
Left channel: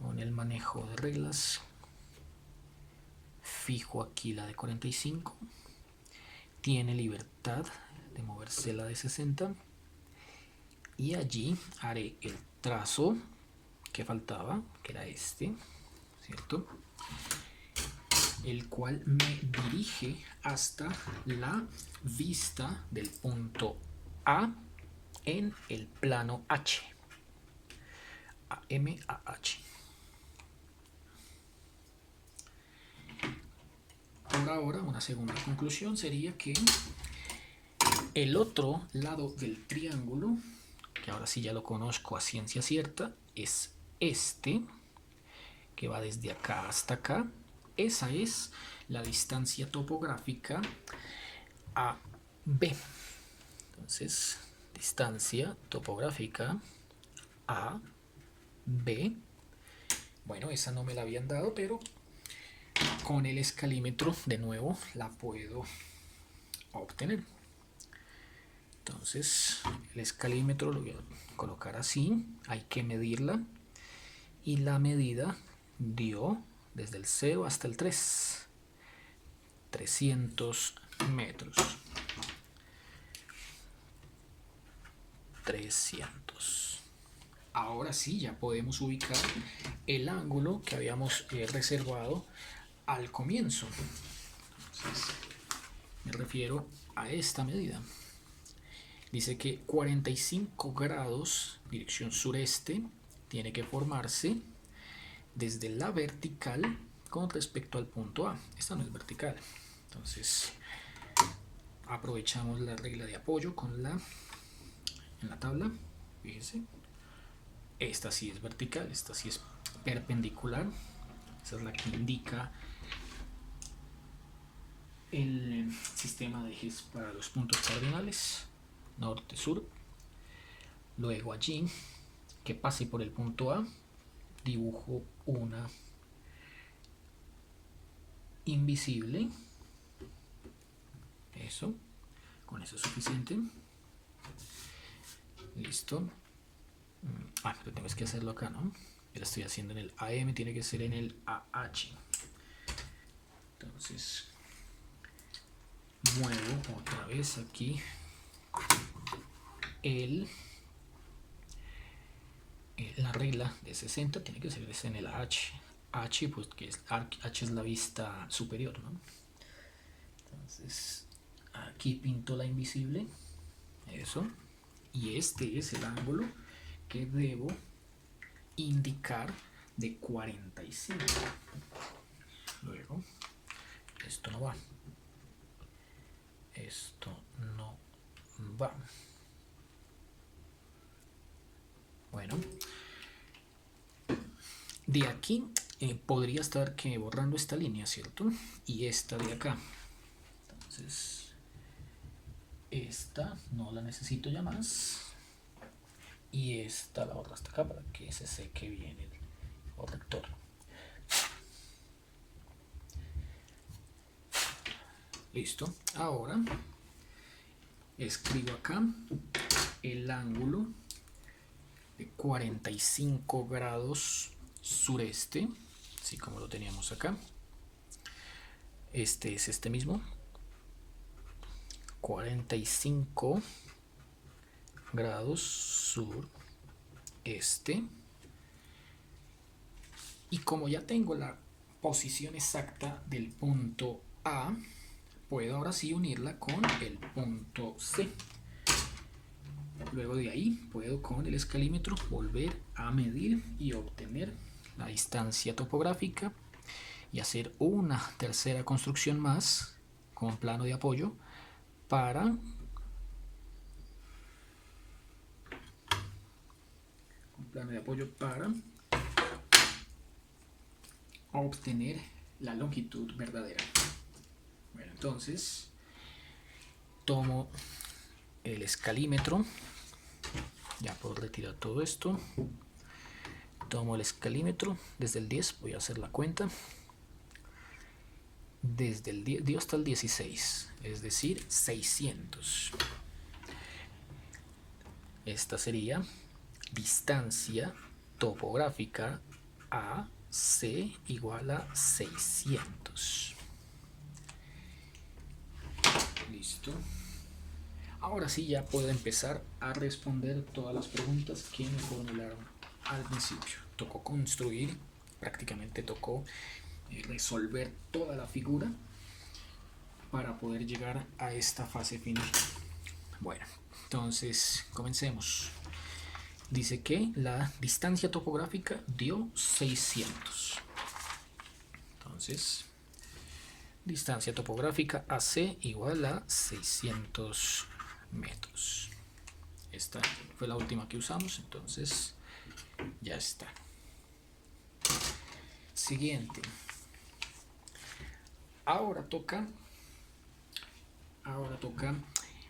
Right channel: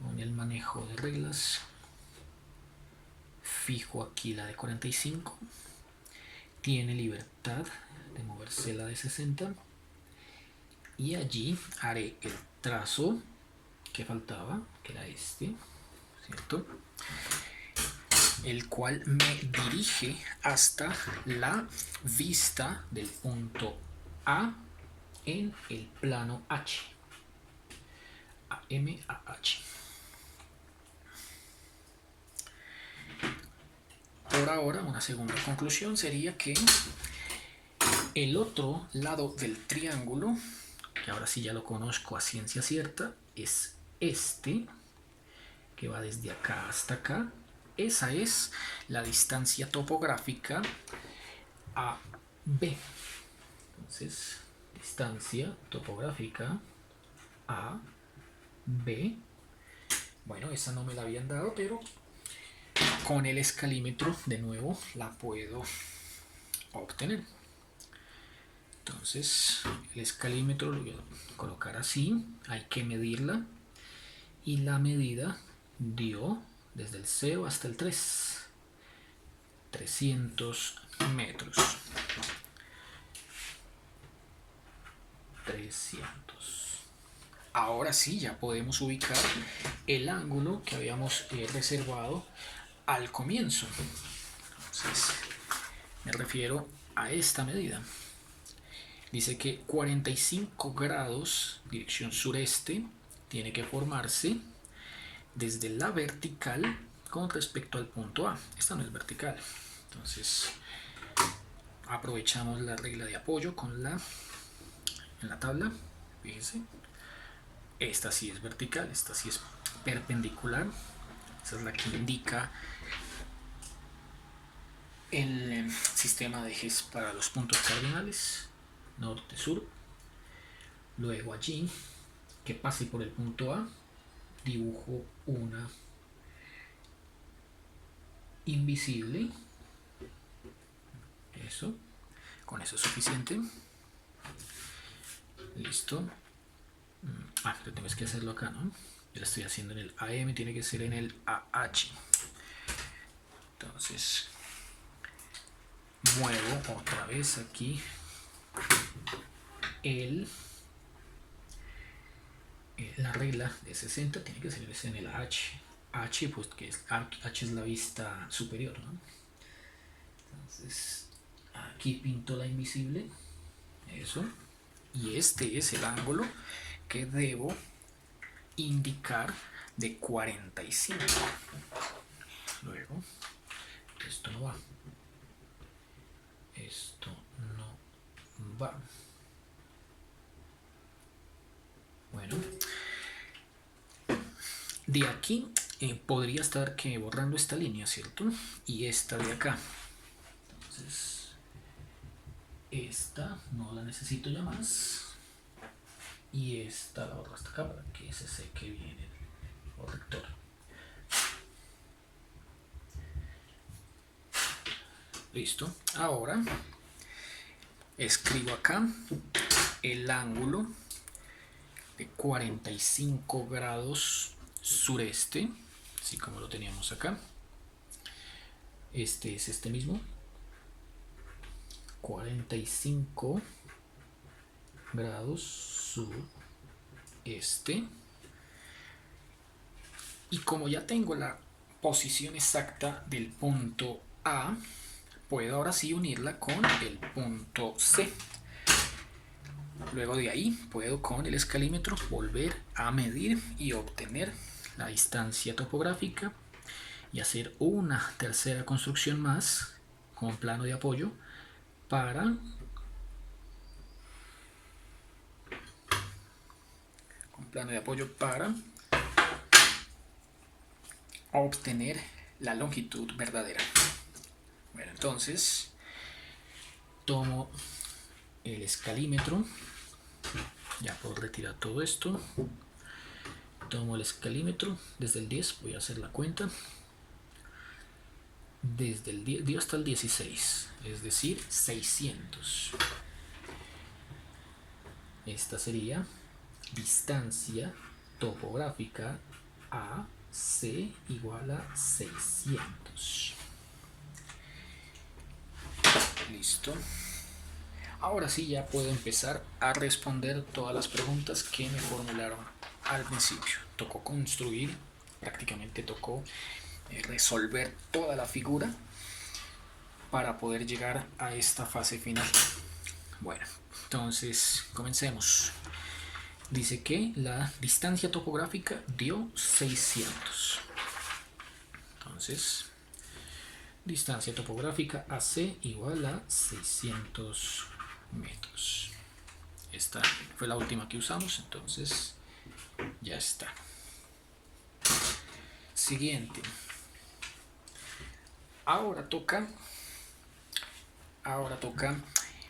con el manejo de reglas fijo aquí la de 45, tiene libertad de moverse la de 60 y allí haré el trazo que faltaba, que era este, ¿cierto? El cual me dirige hasta la vista del punto A en el plano H. AM a H. Por ahora, una segunda conclusión sería que el otro lado del triángulo, que ahora sí ya lo conozco a ciencia cierta, es este, que va desde acá hasta acá. Esa es la distancia topográfica AB. Entonces, distancia topográfica AB. Bueno, esa no me la habían dado, pero con el escalímetro de nuevo la puedo obtener. Entonces, el escalímetro lo voy a colocar así, hay que medirla y la medida dio desde el 0 hasta el 300 metros. 300. Ahora sí, ya podemos ubicar el ángulo que habíamos reservado al comienzo. Entonces, me refiero a esta medida. Dice que 45 grados, dirección sureste, tiene que formarse desde la vertical con respecto al punto A. Esta no es vertical. Entonces, aprovechamos la regla de apoyo en la tabla. Fíjense. Esta sí es vertical, esta sí es perpendicular. Esa es la que indica el sistema de ejes para los puntos cardinales, norte-sur. Luego allí, que pase por el punto A, dibujo una invisible. Eso, con eso es suficiente. Listo. Pero tengo que hacerlo acá, ¿no? Yo lo estoy haciendo en el AM, tiene que ser en el AH. Entonces muevo otra vez aquí la regla de 60 tiene que ser en el H. H, pues que es, H es la vista superior, ¿no? Entonces aquí pinto la invisible, eso, y este es el ángulo que debo indicar de 45. Luego, esto no va, esto no va. Bueno, de aquí podría estar que borrando esta línea, ¿cierto? Y esta de acá. Entonces, esta no la necesito ya más. Y esta la borro hasta acá para que se seque bien el corrector. Listo. Ahora escribo acá el ángulo de 45 grados sureste, así como lo teníamos acá. Este es este mismo, 45 grados sureste. Y como ya tengo la posición exacta del punto A, puedo ahora sí unirla con el punto C. Luego de ahí puedo con el escalímetro volver a medir y obtener la distancia topográfica y hacer una tercera construcción más con plano de apoyo para obtener la longitud verdadera. Bueno, entonces tomo el escalímetro, ya puedo retirar todo esto, tomo el escalímetro desde el 10, voy a hacer la cuenta, desde el 10 hasta el 16, es decir, 600. Esta sería distancia topográfica AC igual a 600. Listo. Ahora sí ya puedo empezar a responder todas las preguntas que me formularon al principio. Tocó construir, prácticamente tocó resolver toda la figura para poder llegar a esta fase final. Bueno, entonces comencemos. Dice que la distancia topográfica dio 600. Entonces, distancia topográfica AC igual a 600 metros. Esta fue la última que usamos, entonces ya está. Siguiente. Ahora toca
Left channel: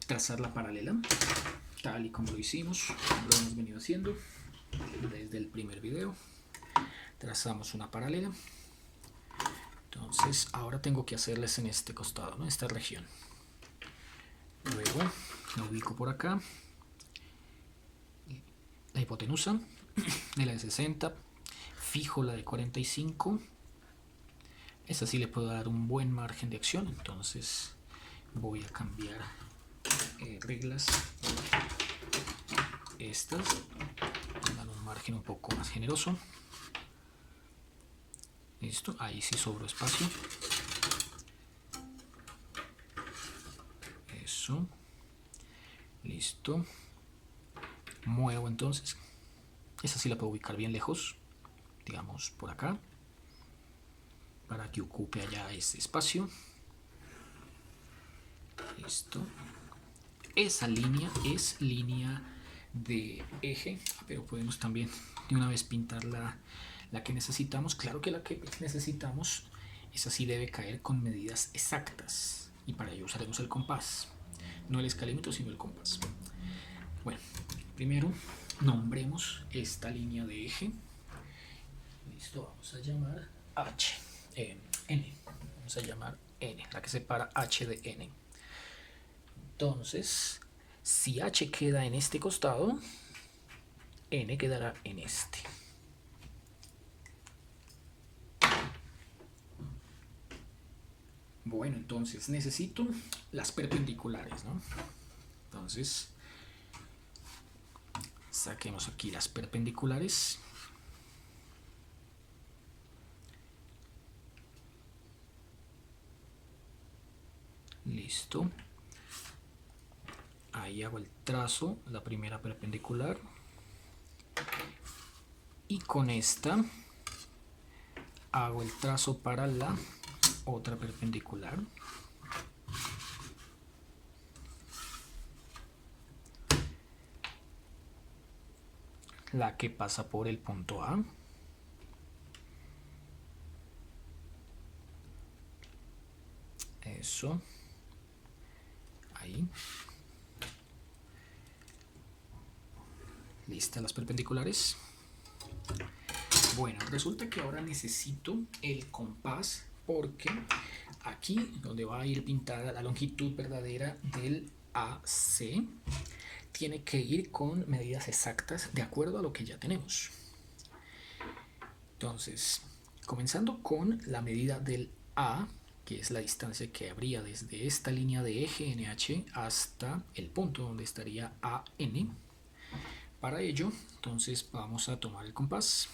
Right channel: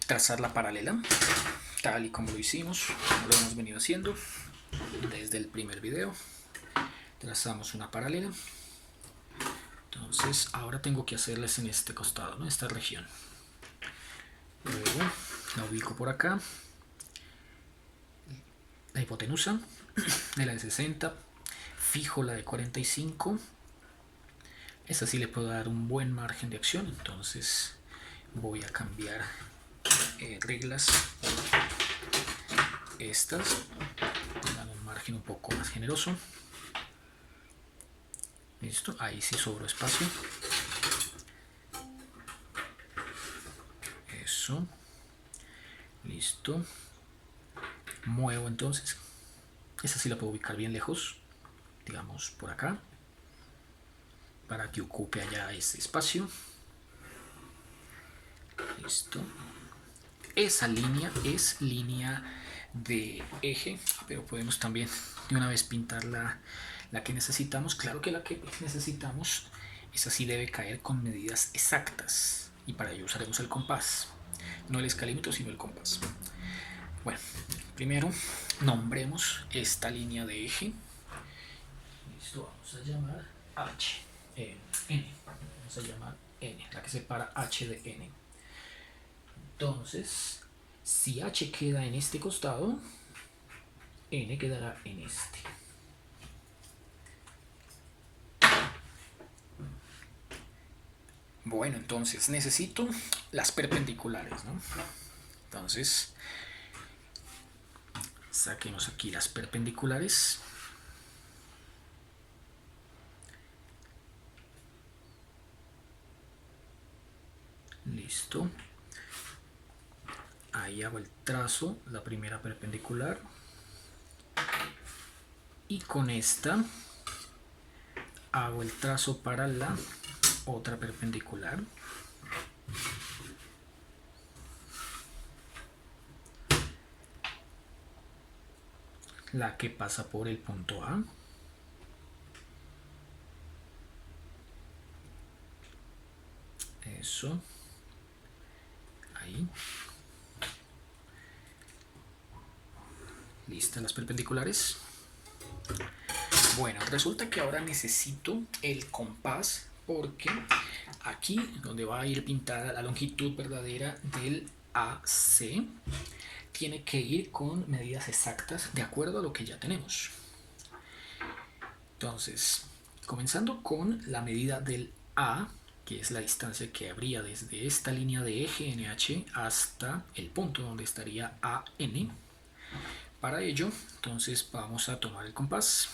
trazar la paralela, tal y como lo hicimos, como lo hemos venido haciendo desde el primer video. Trazamos una paralela. Entonces ahora tengo que hacerles en este costado, ¿no? Esta región. Luego la ubico por acá. La hipotenusa de la de 60. Fijo la de 45. Esa sí le puedo dar un buen margen de acción. Entonces voy a cambiar reglas por estas. Dan un margen un poco más generoso. Listo, ahí sí sobró espacio. Eso. Listo. Muevo entonces. Esa sí la puedo ubicar bien lejos. Digamos por acá. Para que ocupe allá ese espacio. Listo. Esa línea es línea de eje, pero podemos también de una vez pintar la que necesitamos. Claro que la que necesitamos, esa sí debe caer con medidas exactas, y para ello usaremos el compás, no el escalímetro sino el compás. Bueno, primero nombremos esta línea de eje. Listo, vamos a llamar N. Vamos a llamar N, la que separa H de N. Entonces, si H queda en este costado, N quedará en este. Bueno, entonces necesito las perpendiculares, ¿no? Entonces, saquemos aquí las perpendiculares. Listo. Ahí hago el trazo, la primera perpendicular. Y con esta hago el trazo para la otra perpendicular. La que pasa por el punto A. Eso. Ahí. Listas las perpendiculares. Bueno, resulta que ahora necesito el compás porque aquí donde va a ir pintada la longitud verdadera del AC tiene que ir con medidas exactas de acuerdo a lo que ya tenemos. Entonces, comenzando con la medida del A, que es la distancia que habría desde esta línea de eje NH hasta el punto donde estaría AN. Para ello, entonces vamos a tomar el compás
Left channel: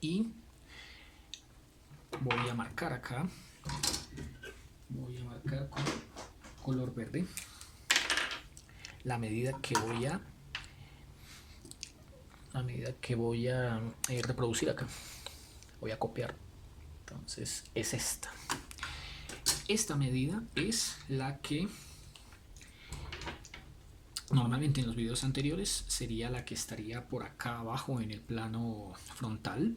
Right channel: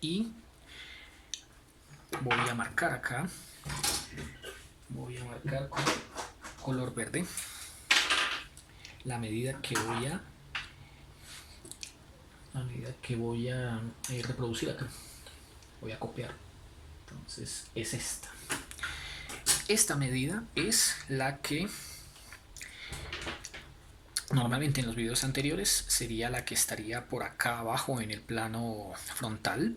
y voy a marcar acá, voy a marcar con color verde la medida que voy a reproducir acá, voy a copiar. Entonces es esta medida es la que normalmente en los videos anteriores sería la que estaría por acá abajo en el plano frontal,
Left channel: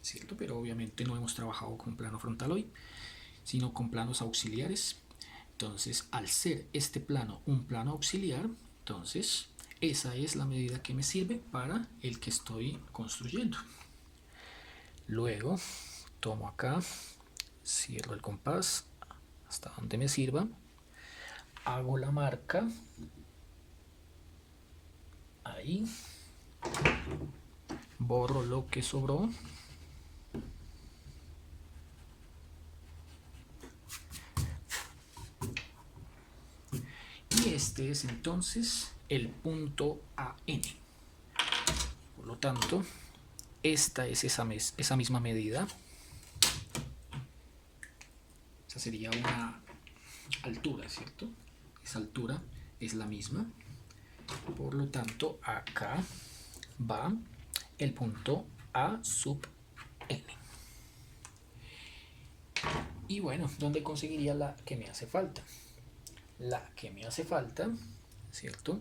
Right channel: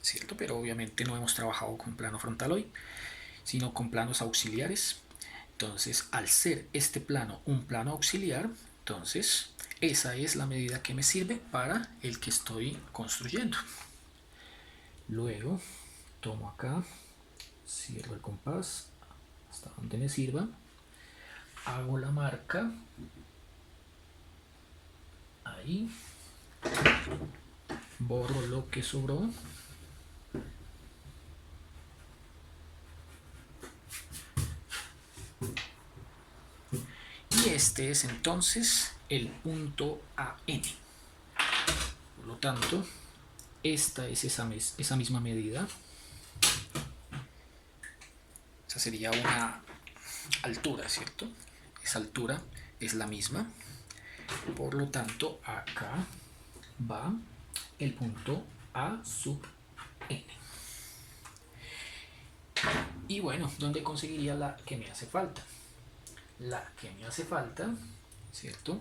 ¿cierto? Pero obviamente no hemos trabajado con plano frontal hoy, sino con planos auxiliares. Entonces, al ser este plano un plano auxiliar, entonces esa es la medida que me sirve para el que estoy construyendo. Luego tomo acá, cierro el compás hasta donde me sirva, hago la marca ahí, borro lo que sobró y este es entonces el punto AN. Por lo tanto, esta es esa misma medida. Esa sería una altura, ¿cierto? Esa altura es la misma. Por lo tanto, acá va el punto A sub N. Y bueno, ¿dónde conseguiría la que me hace falta? La que me hace falta, ¿cierto?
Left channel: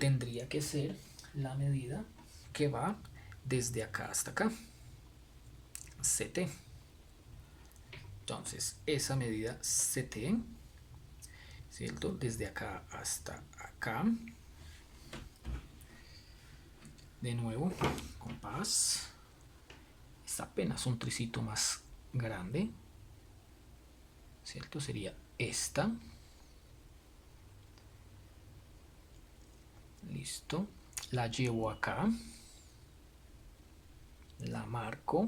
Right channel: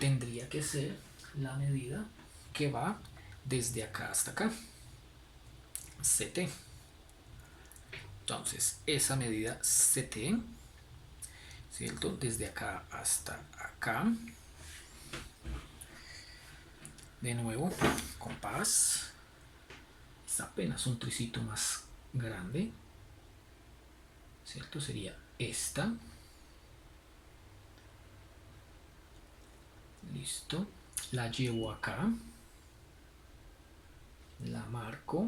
Tendría que ser la medida que va desde acá hasta acá, CT. Entonces, esa medida CT, ¿cierto? Desde acá hasta acá. De nuevo, compás. Es apenas un tricito más grande, ¿cierto? Sería esta. Listo. La llevo acá. La marco.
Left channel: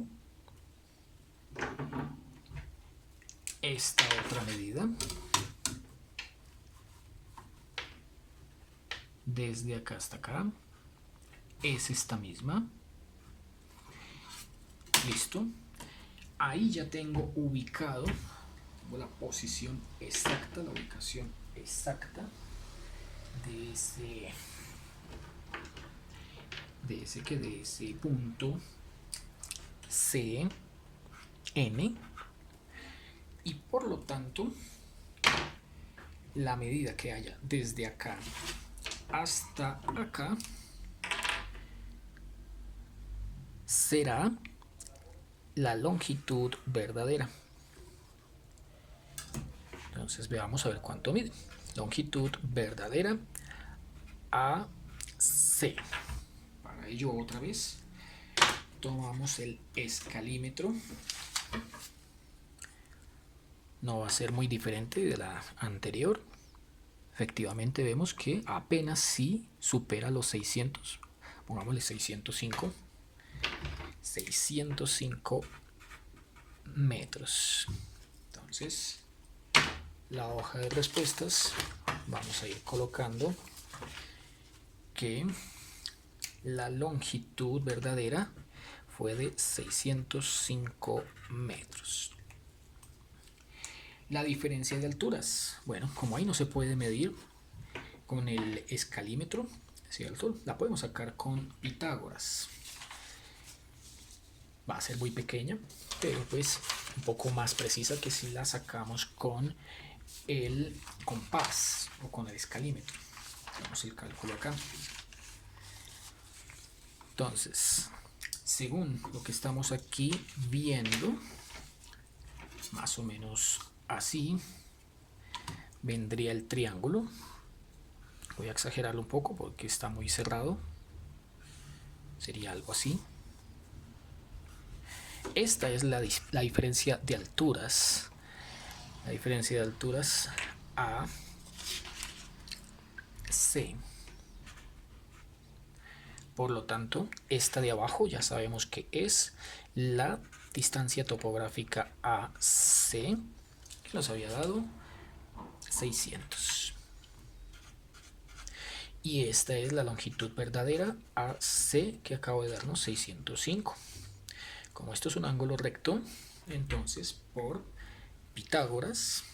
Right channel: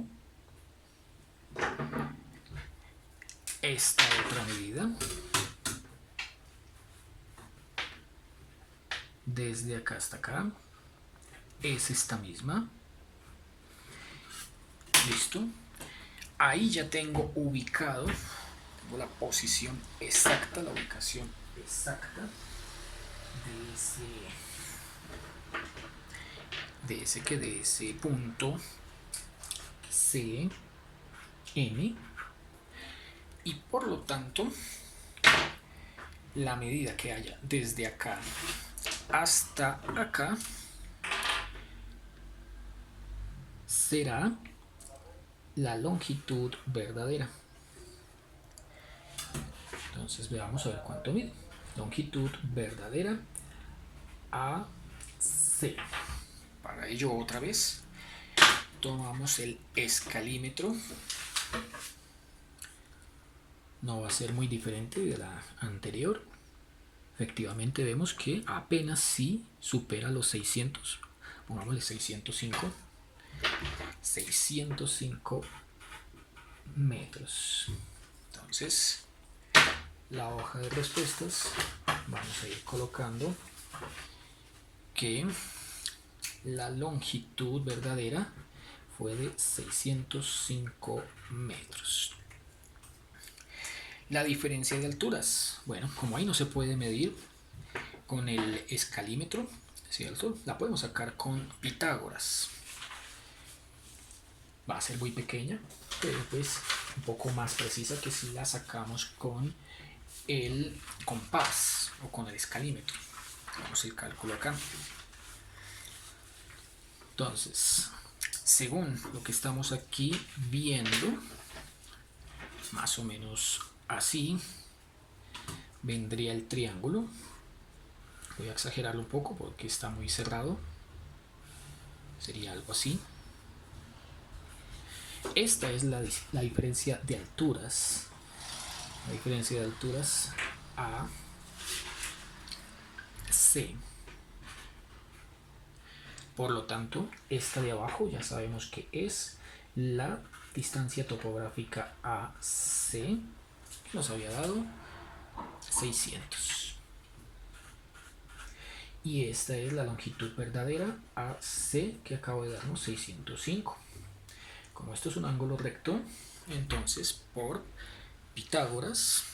Esta otra medida. Desde acá hasta acá. Es esta misma. Listo. Ahí ya tengo ubicado, tengo la posición exacta, la ubicación exacta de ese punto C, N, y por lo tanto la medida que haya desde acá hasta acá será la longitud verdadera. Entonces veamos a ver cuánto mide. Longitud verdadera AC. Para ello otra vez tomamos el escalímetro. No va a ser muy diferente de la anterior. Efectivamente vemos que apenas sí supera los 600. Pongámosle 605. 605 metros. Entonces, la hoja de respuestas vamos a ir colocando que la longitud verdadera fue de 605 metros. La diferencia de alturas, bueno, como ahí no se puede medir con el escalímetro, ¿cierto? La podemos sacar con Pitágoras. Va a ser muy pequeña, pero pues un poco más precisa que si la sacamos con el compás o con el escalímetro. Hacemos el cálculo acá. Entonces, según lo que estamos aquí viendo, más o menos así vendría el triángulo. Voy a exagerarlo un poco porque está muy cerrado. Sería algo así. Esta es la diferencia de alturas. La diferencia de alturas A, C. Por lo tanto, esta de abajo ya sabemos que es la distancia topográfica AC, que nos había dado 600. Y esta es la longitud verdadera AC, que acabo de darnos 605. Como esto es un ángulo recto, entonces por Pitágoras,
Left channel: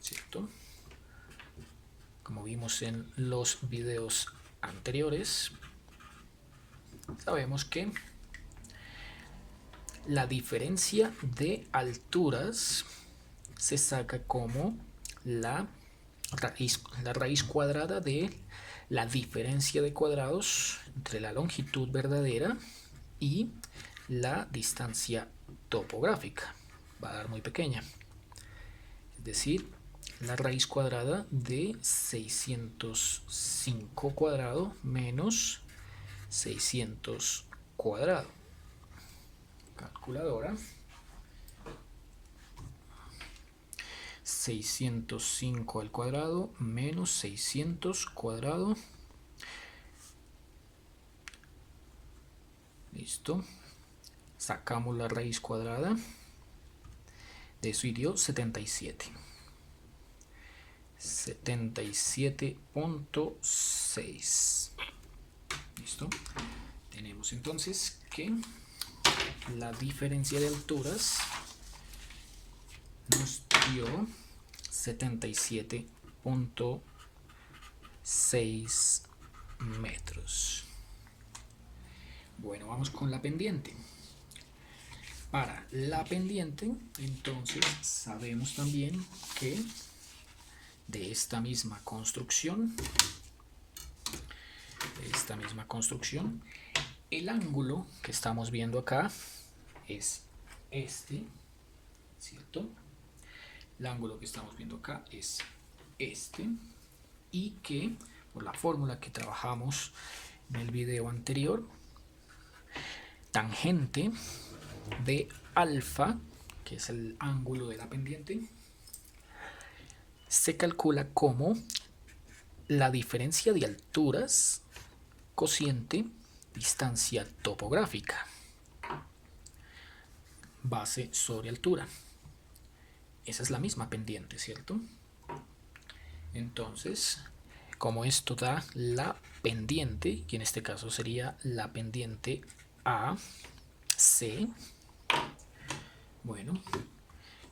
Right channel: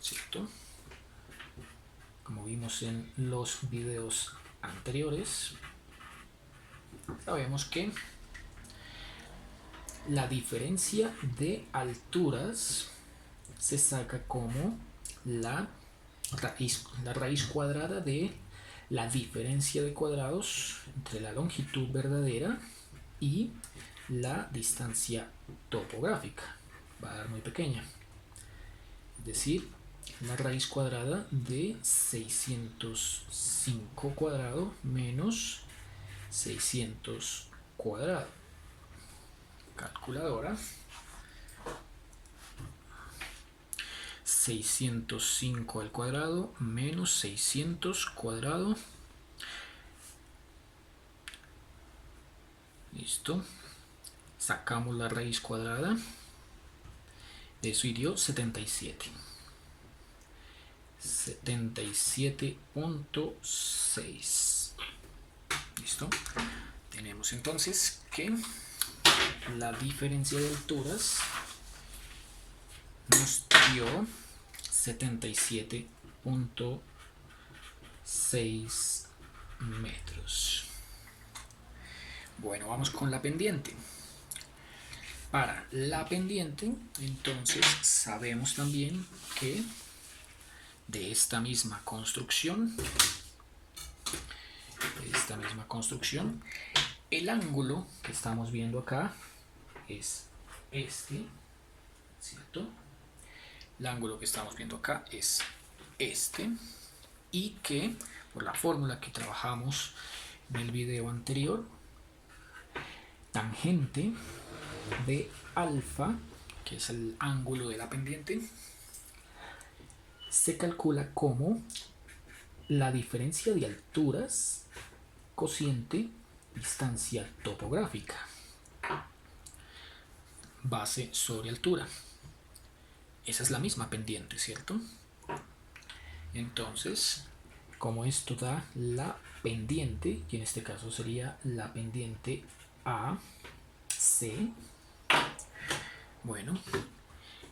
¿cierto? Como vimos en los videos anteriores, sabemos que la diferencia de alturas se saca como la raíz cuadrada de la diferencia de cuadrados entre la longitud verdadera y la distancia topográfica. Va a dar muy pequeña. Es decir, la raíz cuadrada de 605 cuadrado menos 600 cuadrado. Calculadora. 605 al cuadrado menos 600 cuadrado. Listo. Sacamos la raíz cuadrada. De eso dio 77. 77.6. Listo. Tenemos entonces que la diferencia de alturas nos dio 77.6 metros. Bueno, vamos con la pendiente. Para la pendiente, entonces sabemos también que de esta misma construcción, el ángulo que estamos viendo acá es este, ¿cierto? El ángulo que estamos viendo acá es este, y que por la fórmula que trabajamos en el video anterior, tangente de alfa, que es el ángulo de la pendiente, se calcula como la diferencia de alturas cociente distancia topográfica, base sobre altura. Esa es la misma pendiente, ¿cierto? Entonces, como esto da la pendiente, que en este caso sería la pendiente AC, bueno,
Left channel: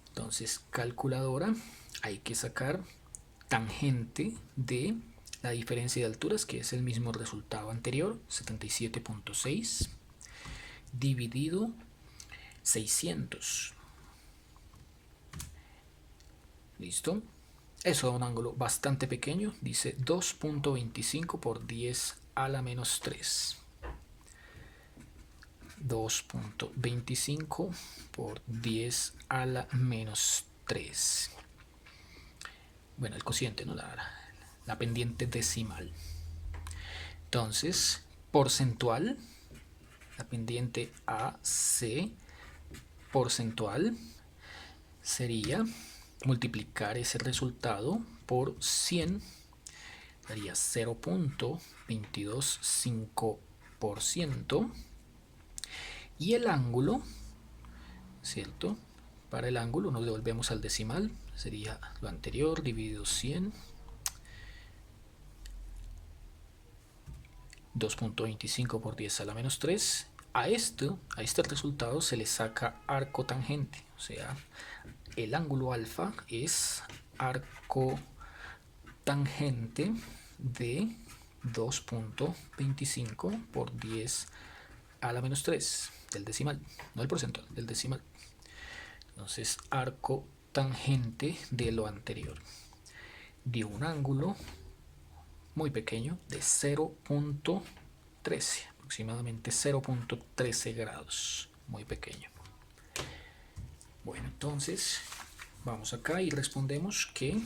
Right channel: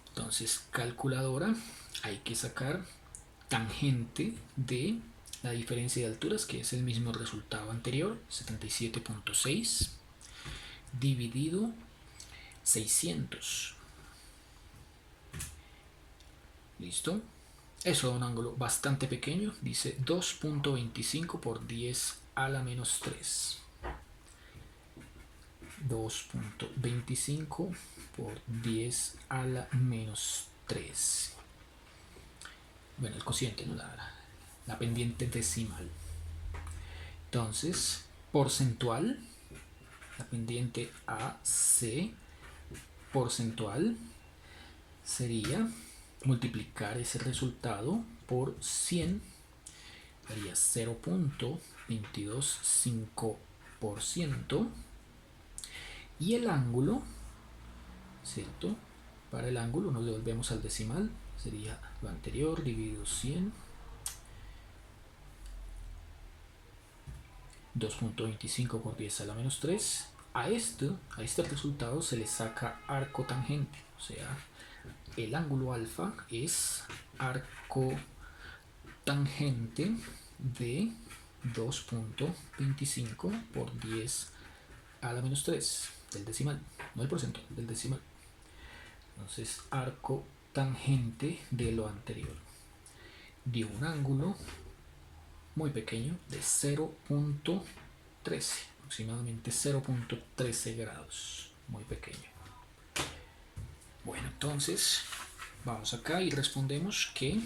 entonces calculadora, hay que sacar tangente de la diferencia de alturas, que es el mismo resultado anterior, 77.6, dividido 600. ¿Listo? Eso da un ángulo bastante pequeño, dice 2.25 por 10 a la menos 3. 2.25 por 10 a la menos 3. Bueno, el cociente, ¿no? La pendiente decimal. Entonces, porcentual, la pendiente AC porcentual sería multiplicar ese resultado por 100, daría 0.225%, y el ángulo, ¿cierto? Para el ángulo nos devolvemos al decimal, sería lo anterior dividido 100. 2.25 por 10 a la menos 3. A este resultado se le saca arco tangente, o sea, el ángulo alfa es arco tangente de 2.25 por 10 a la menos 3 del decimal, no del porcentaje, del decimal. Entonces, arco tangente de lo anterior dio un ángulo muy pequeño de 0.13, aproximadamente 0.13 grados, muy pequeño. Bueno, entonces vamos acá y respondemos que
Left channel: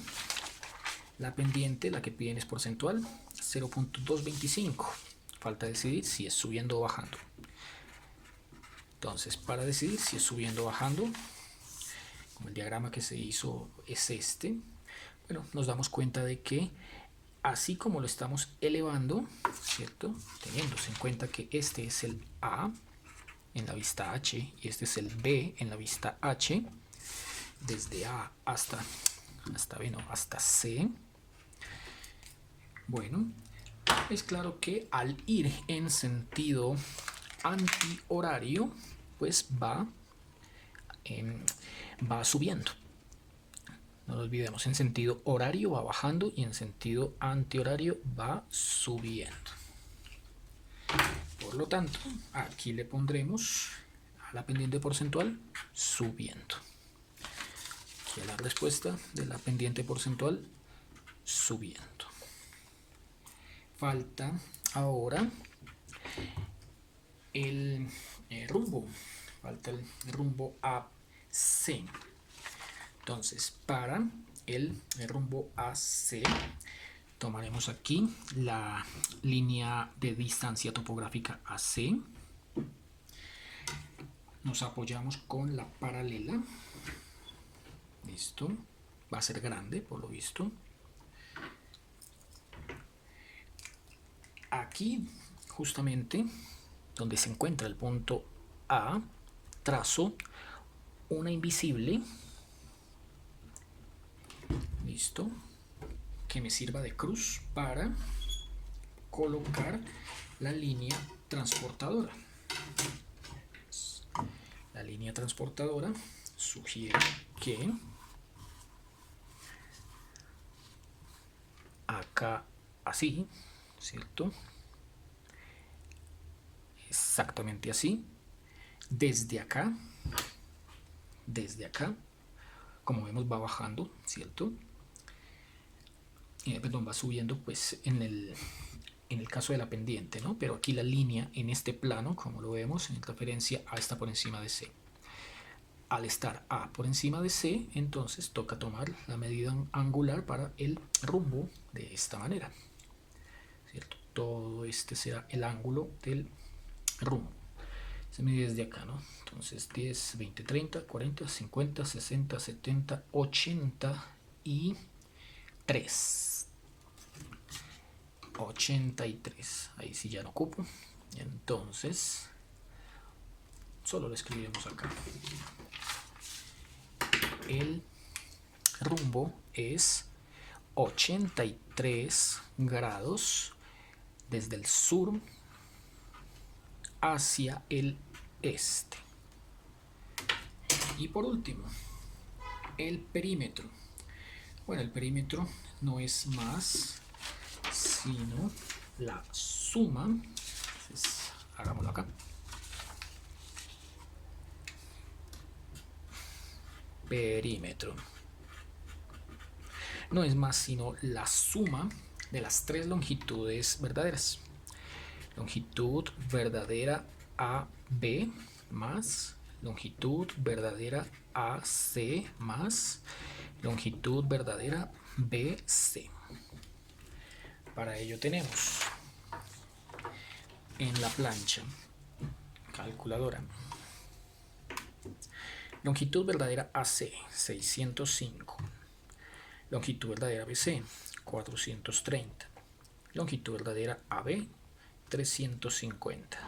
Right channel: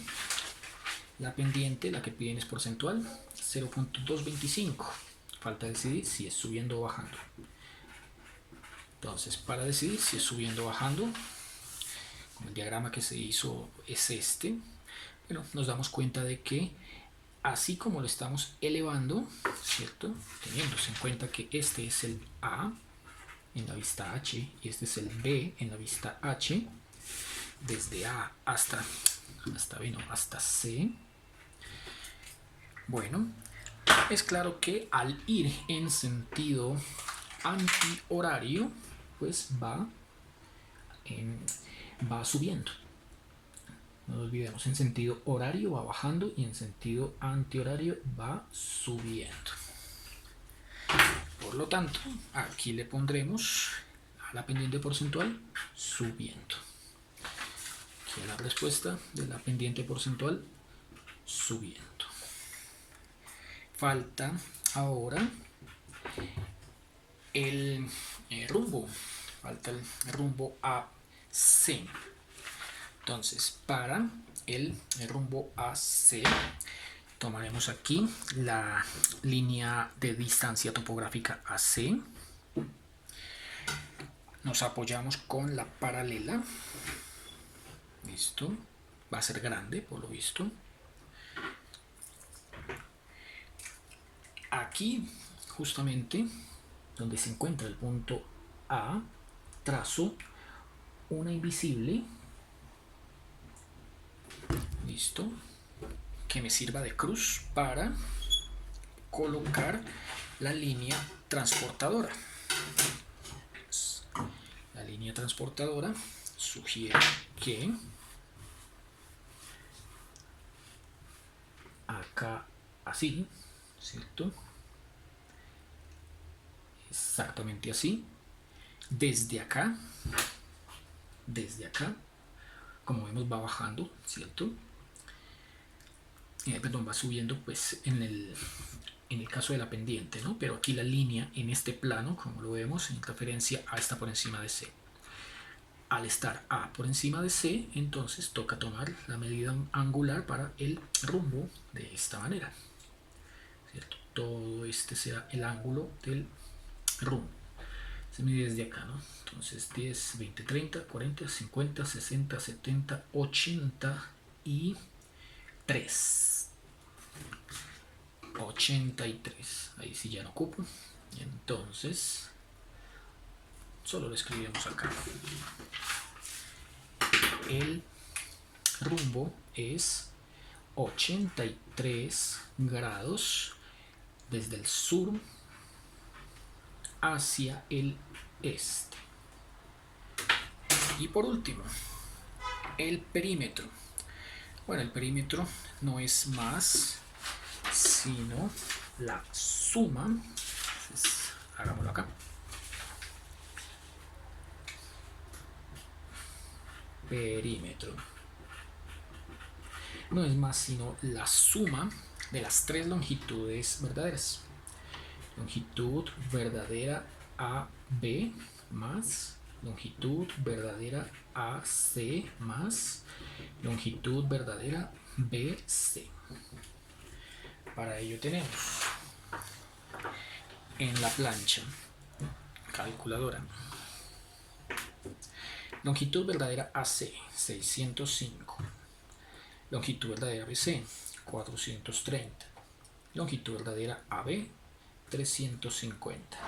la pendiente, la que piden es porcentual, 0.225. Falta decidir si es subiendo o bajando. Entonces, para decidir si es subiendo o bajando, como el diagrama que se hizo es este, bueno, nos damos cuenta de que así como lo estamos elevando, ¿cierto? Teniéndose en cuenta que este es el A en la vista H y este es el B en la vista H, desde A hasta C. Bueno, es claro que al ir en sentido antihorario, pues va subiendo. No lo olvidemos, en sentido horario va bajando y en sentido antihorario va subiendo. Por lo tanto, aquí le pondremos a la pendiente porcentual subiendo. Aquí a la respuesta de la pendiente porcentual subiendo. Falta ahora el rumbo. Falta el rumbo AC. Entonces, para el rumbo AC, tomaremos aquí la línea de distancia topográfica AC. Nos apoyamos con la paralela. Listo. Va a ser grande, por lo visto. Aquí, justamente, donde se encuentra el punto A, trazo una invisible. Listo, que me sirva de cruz para colocar la línea transportadora. La línea transportadora sugiere que acá así, ¿cierto? Exactamente así. Desde acá, como vemos va bajando, ¿cierto? Perdón, va subiendo pues en el caso de la pendiente, ¿no? Pero aquí la línea en este plano, como lo vemos, en referencia A está por encima de C. Al estar A por encima de C, entonces toca tomar la medida angular para el rumbo de esta manera, ¿cierto? Todo este será el ángulo del rumbo. Se mide desde acá, ¿no? Entonces 10, 20, 30, 40, 50, 60, 70, 80 y 3. 83. Ahí sí ya no ocupo. Entonces, solo lo escribimos acá. El rumbo es 83 grados desde el sur hacia el este. Y por último, el perímetro. Bueno, el perímetro no es más sino la suma. Entonces, hagámoslo acá. Perímetro no es más sino la suma de las tres longitudes verdaderas. Longitud verdadera AB más longitud verdadera AC más longitud verdadera BC. Para ello tenemos en la plancha calculadora longitud verdadera AC 605, longitud verdadera BC 430, longitud verdadera AB 350.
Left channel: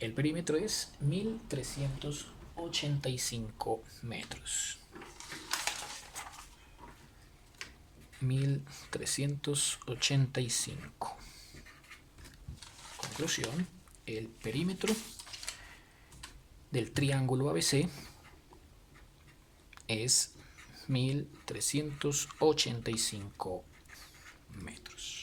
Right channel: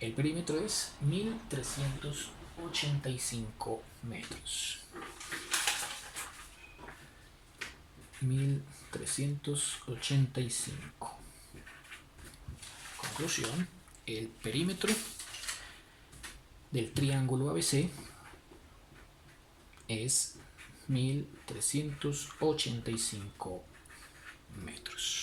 El perímetro es 1385 metros. 1385. Conclusión: el perímetro del triángulo ABC es 1385 metros.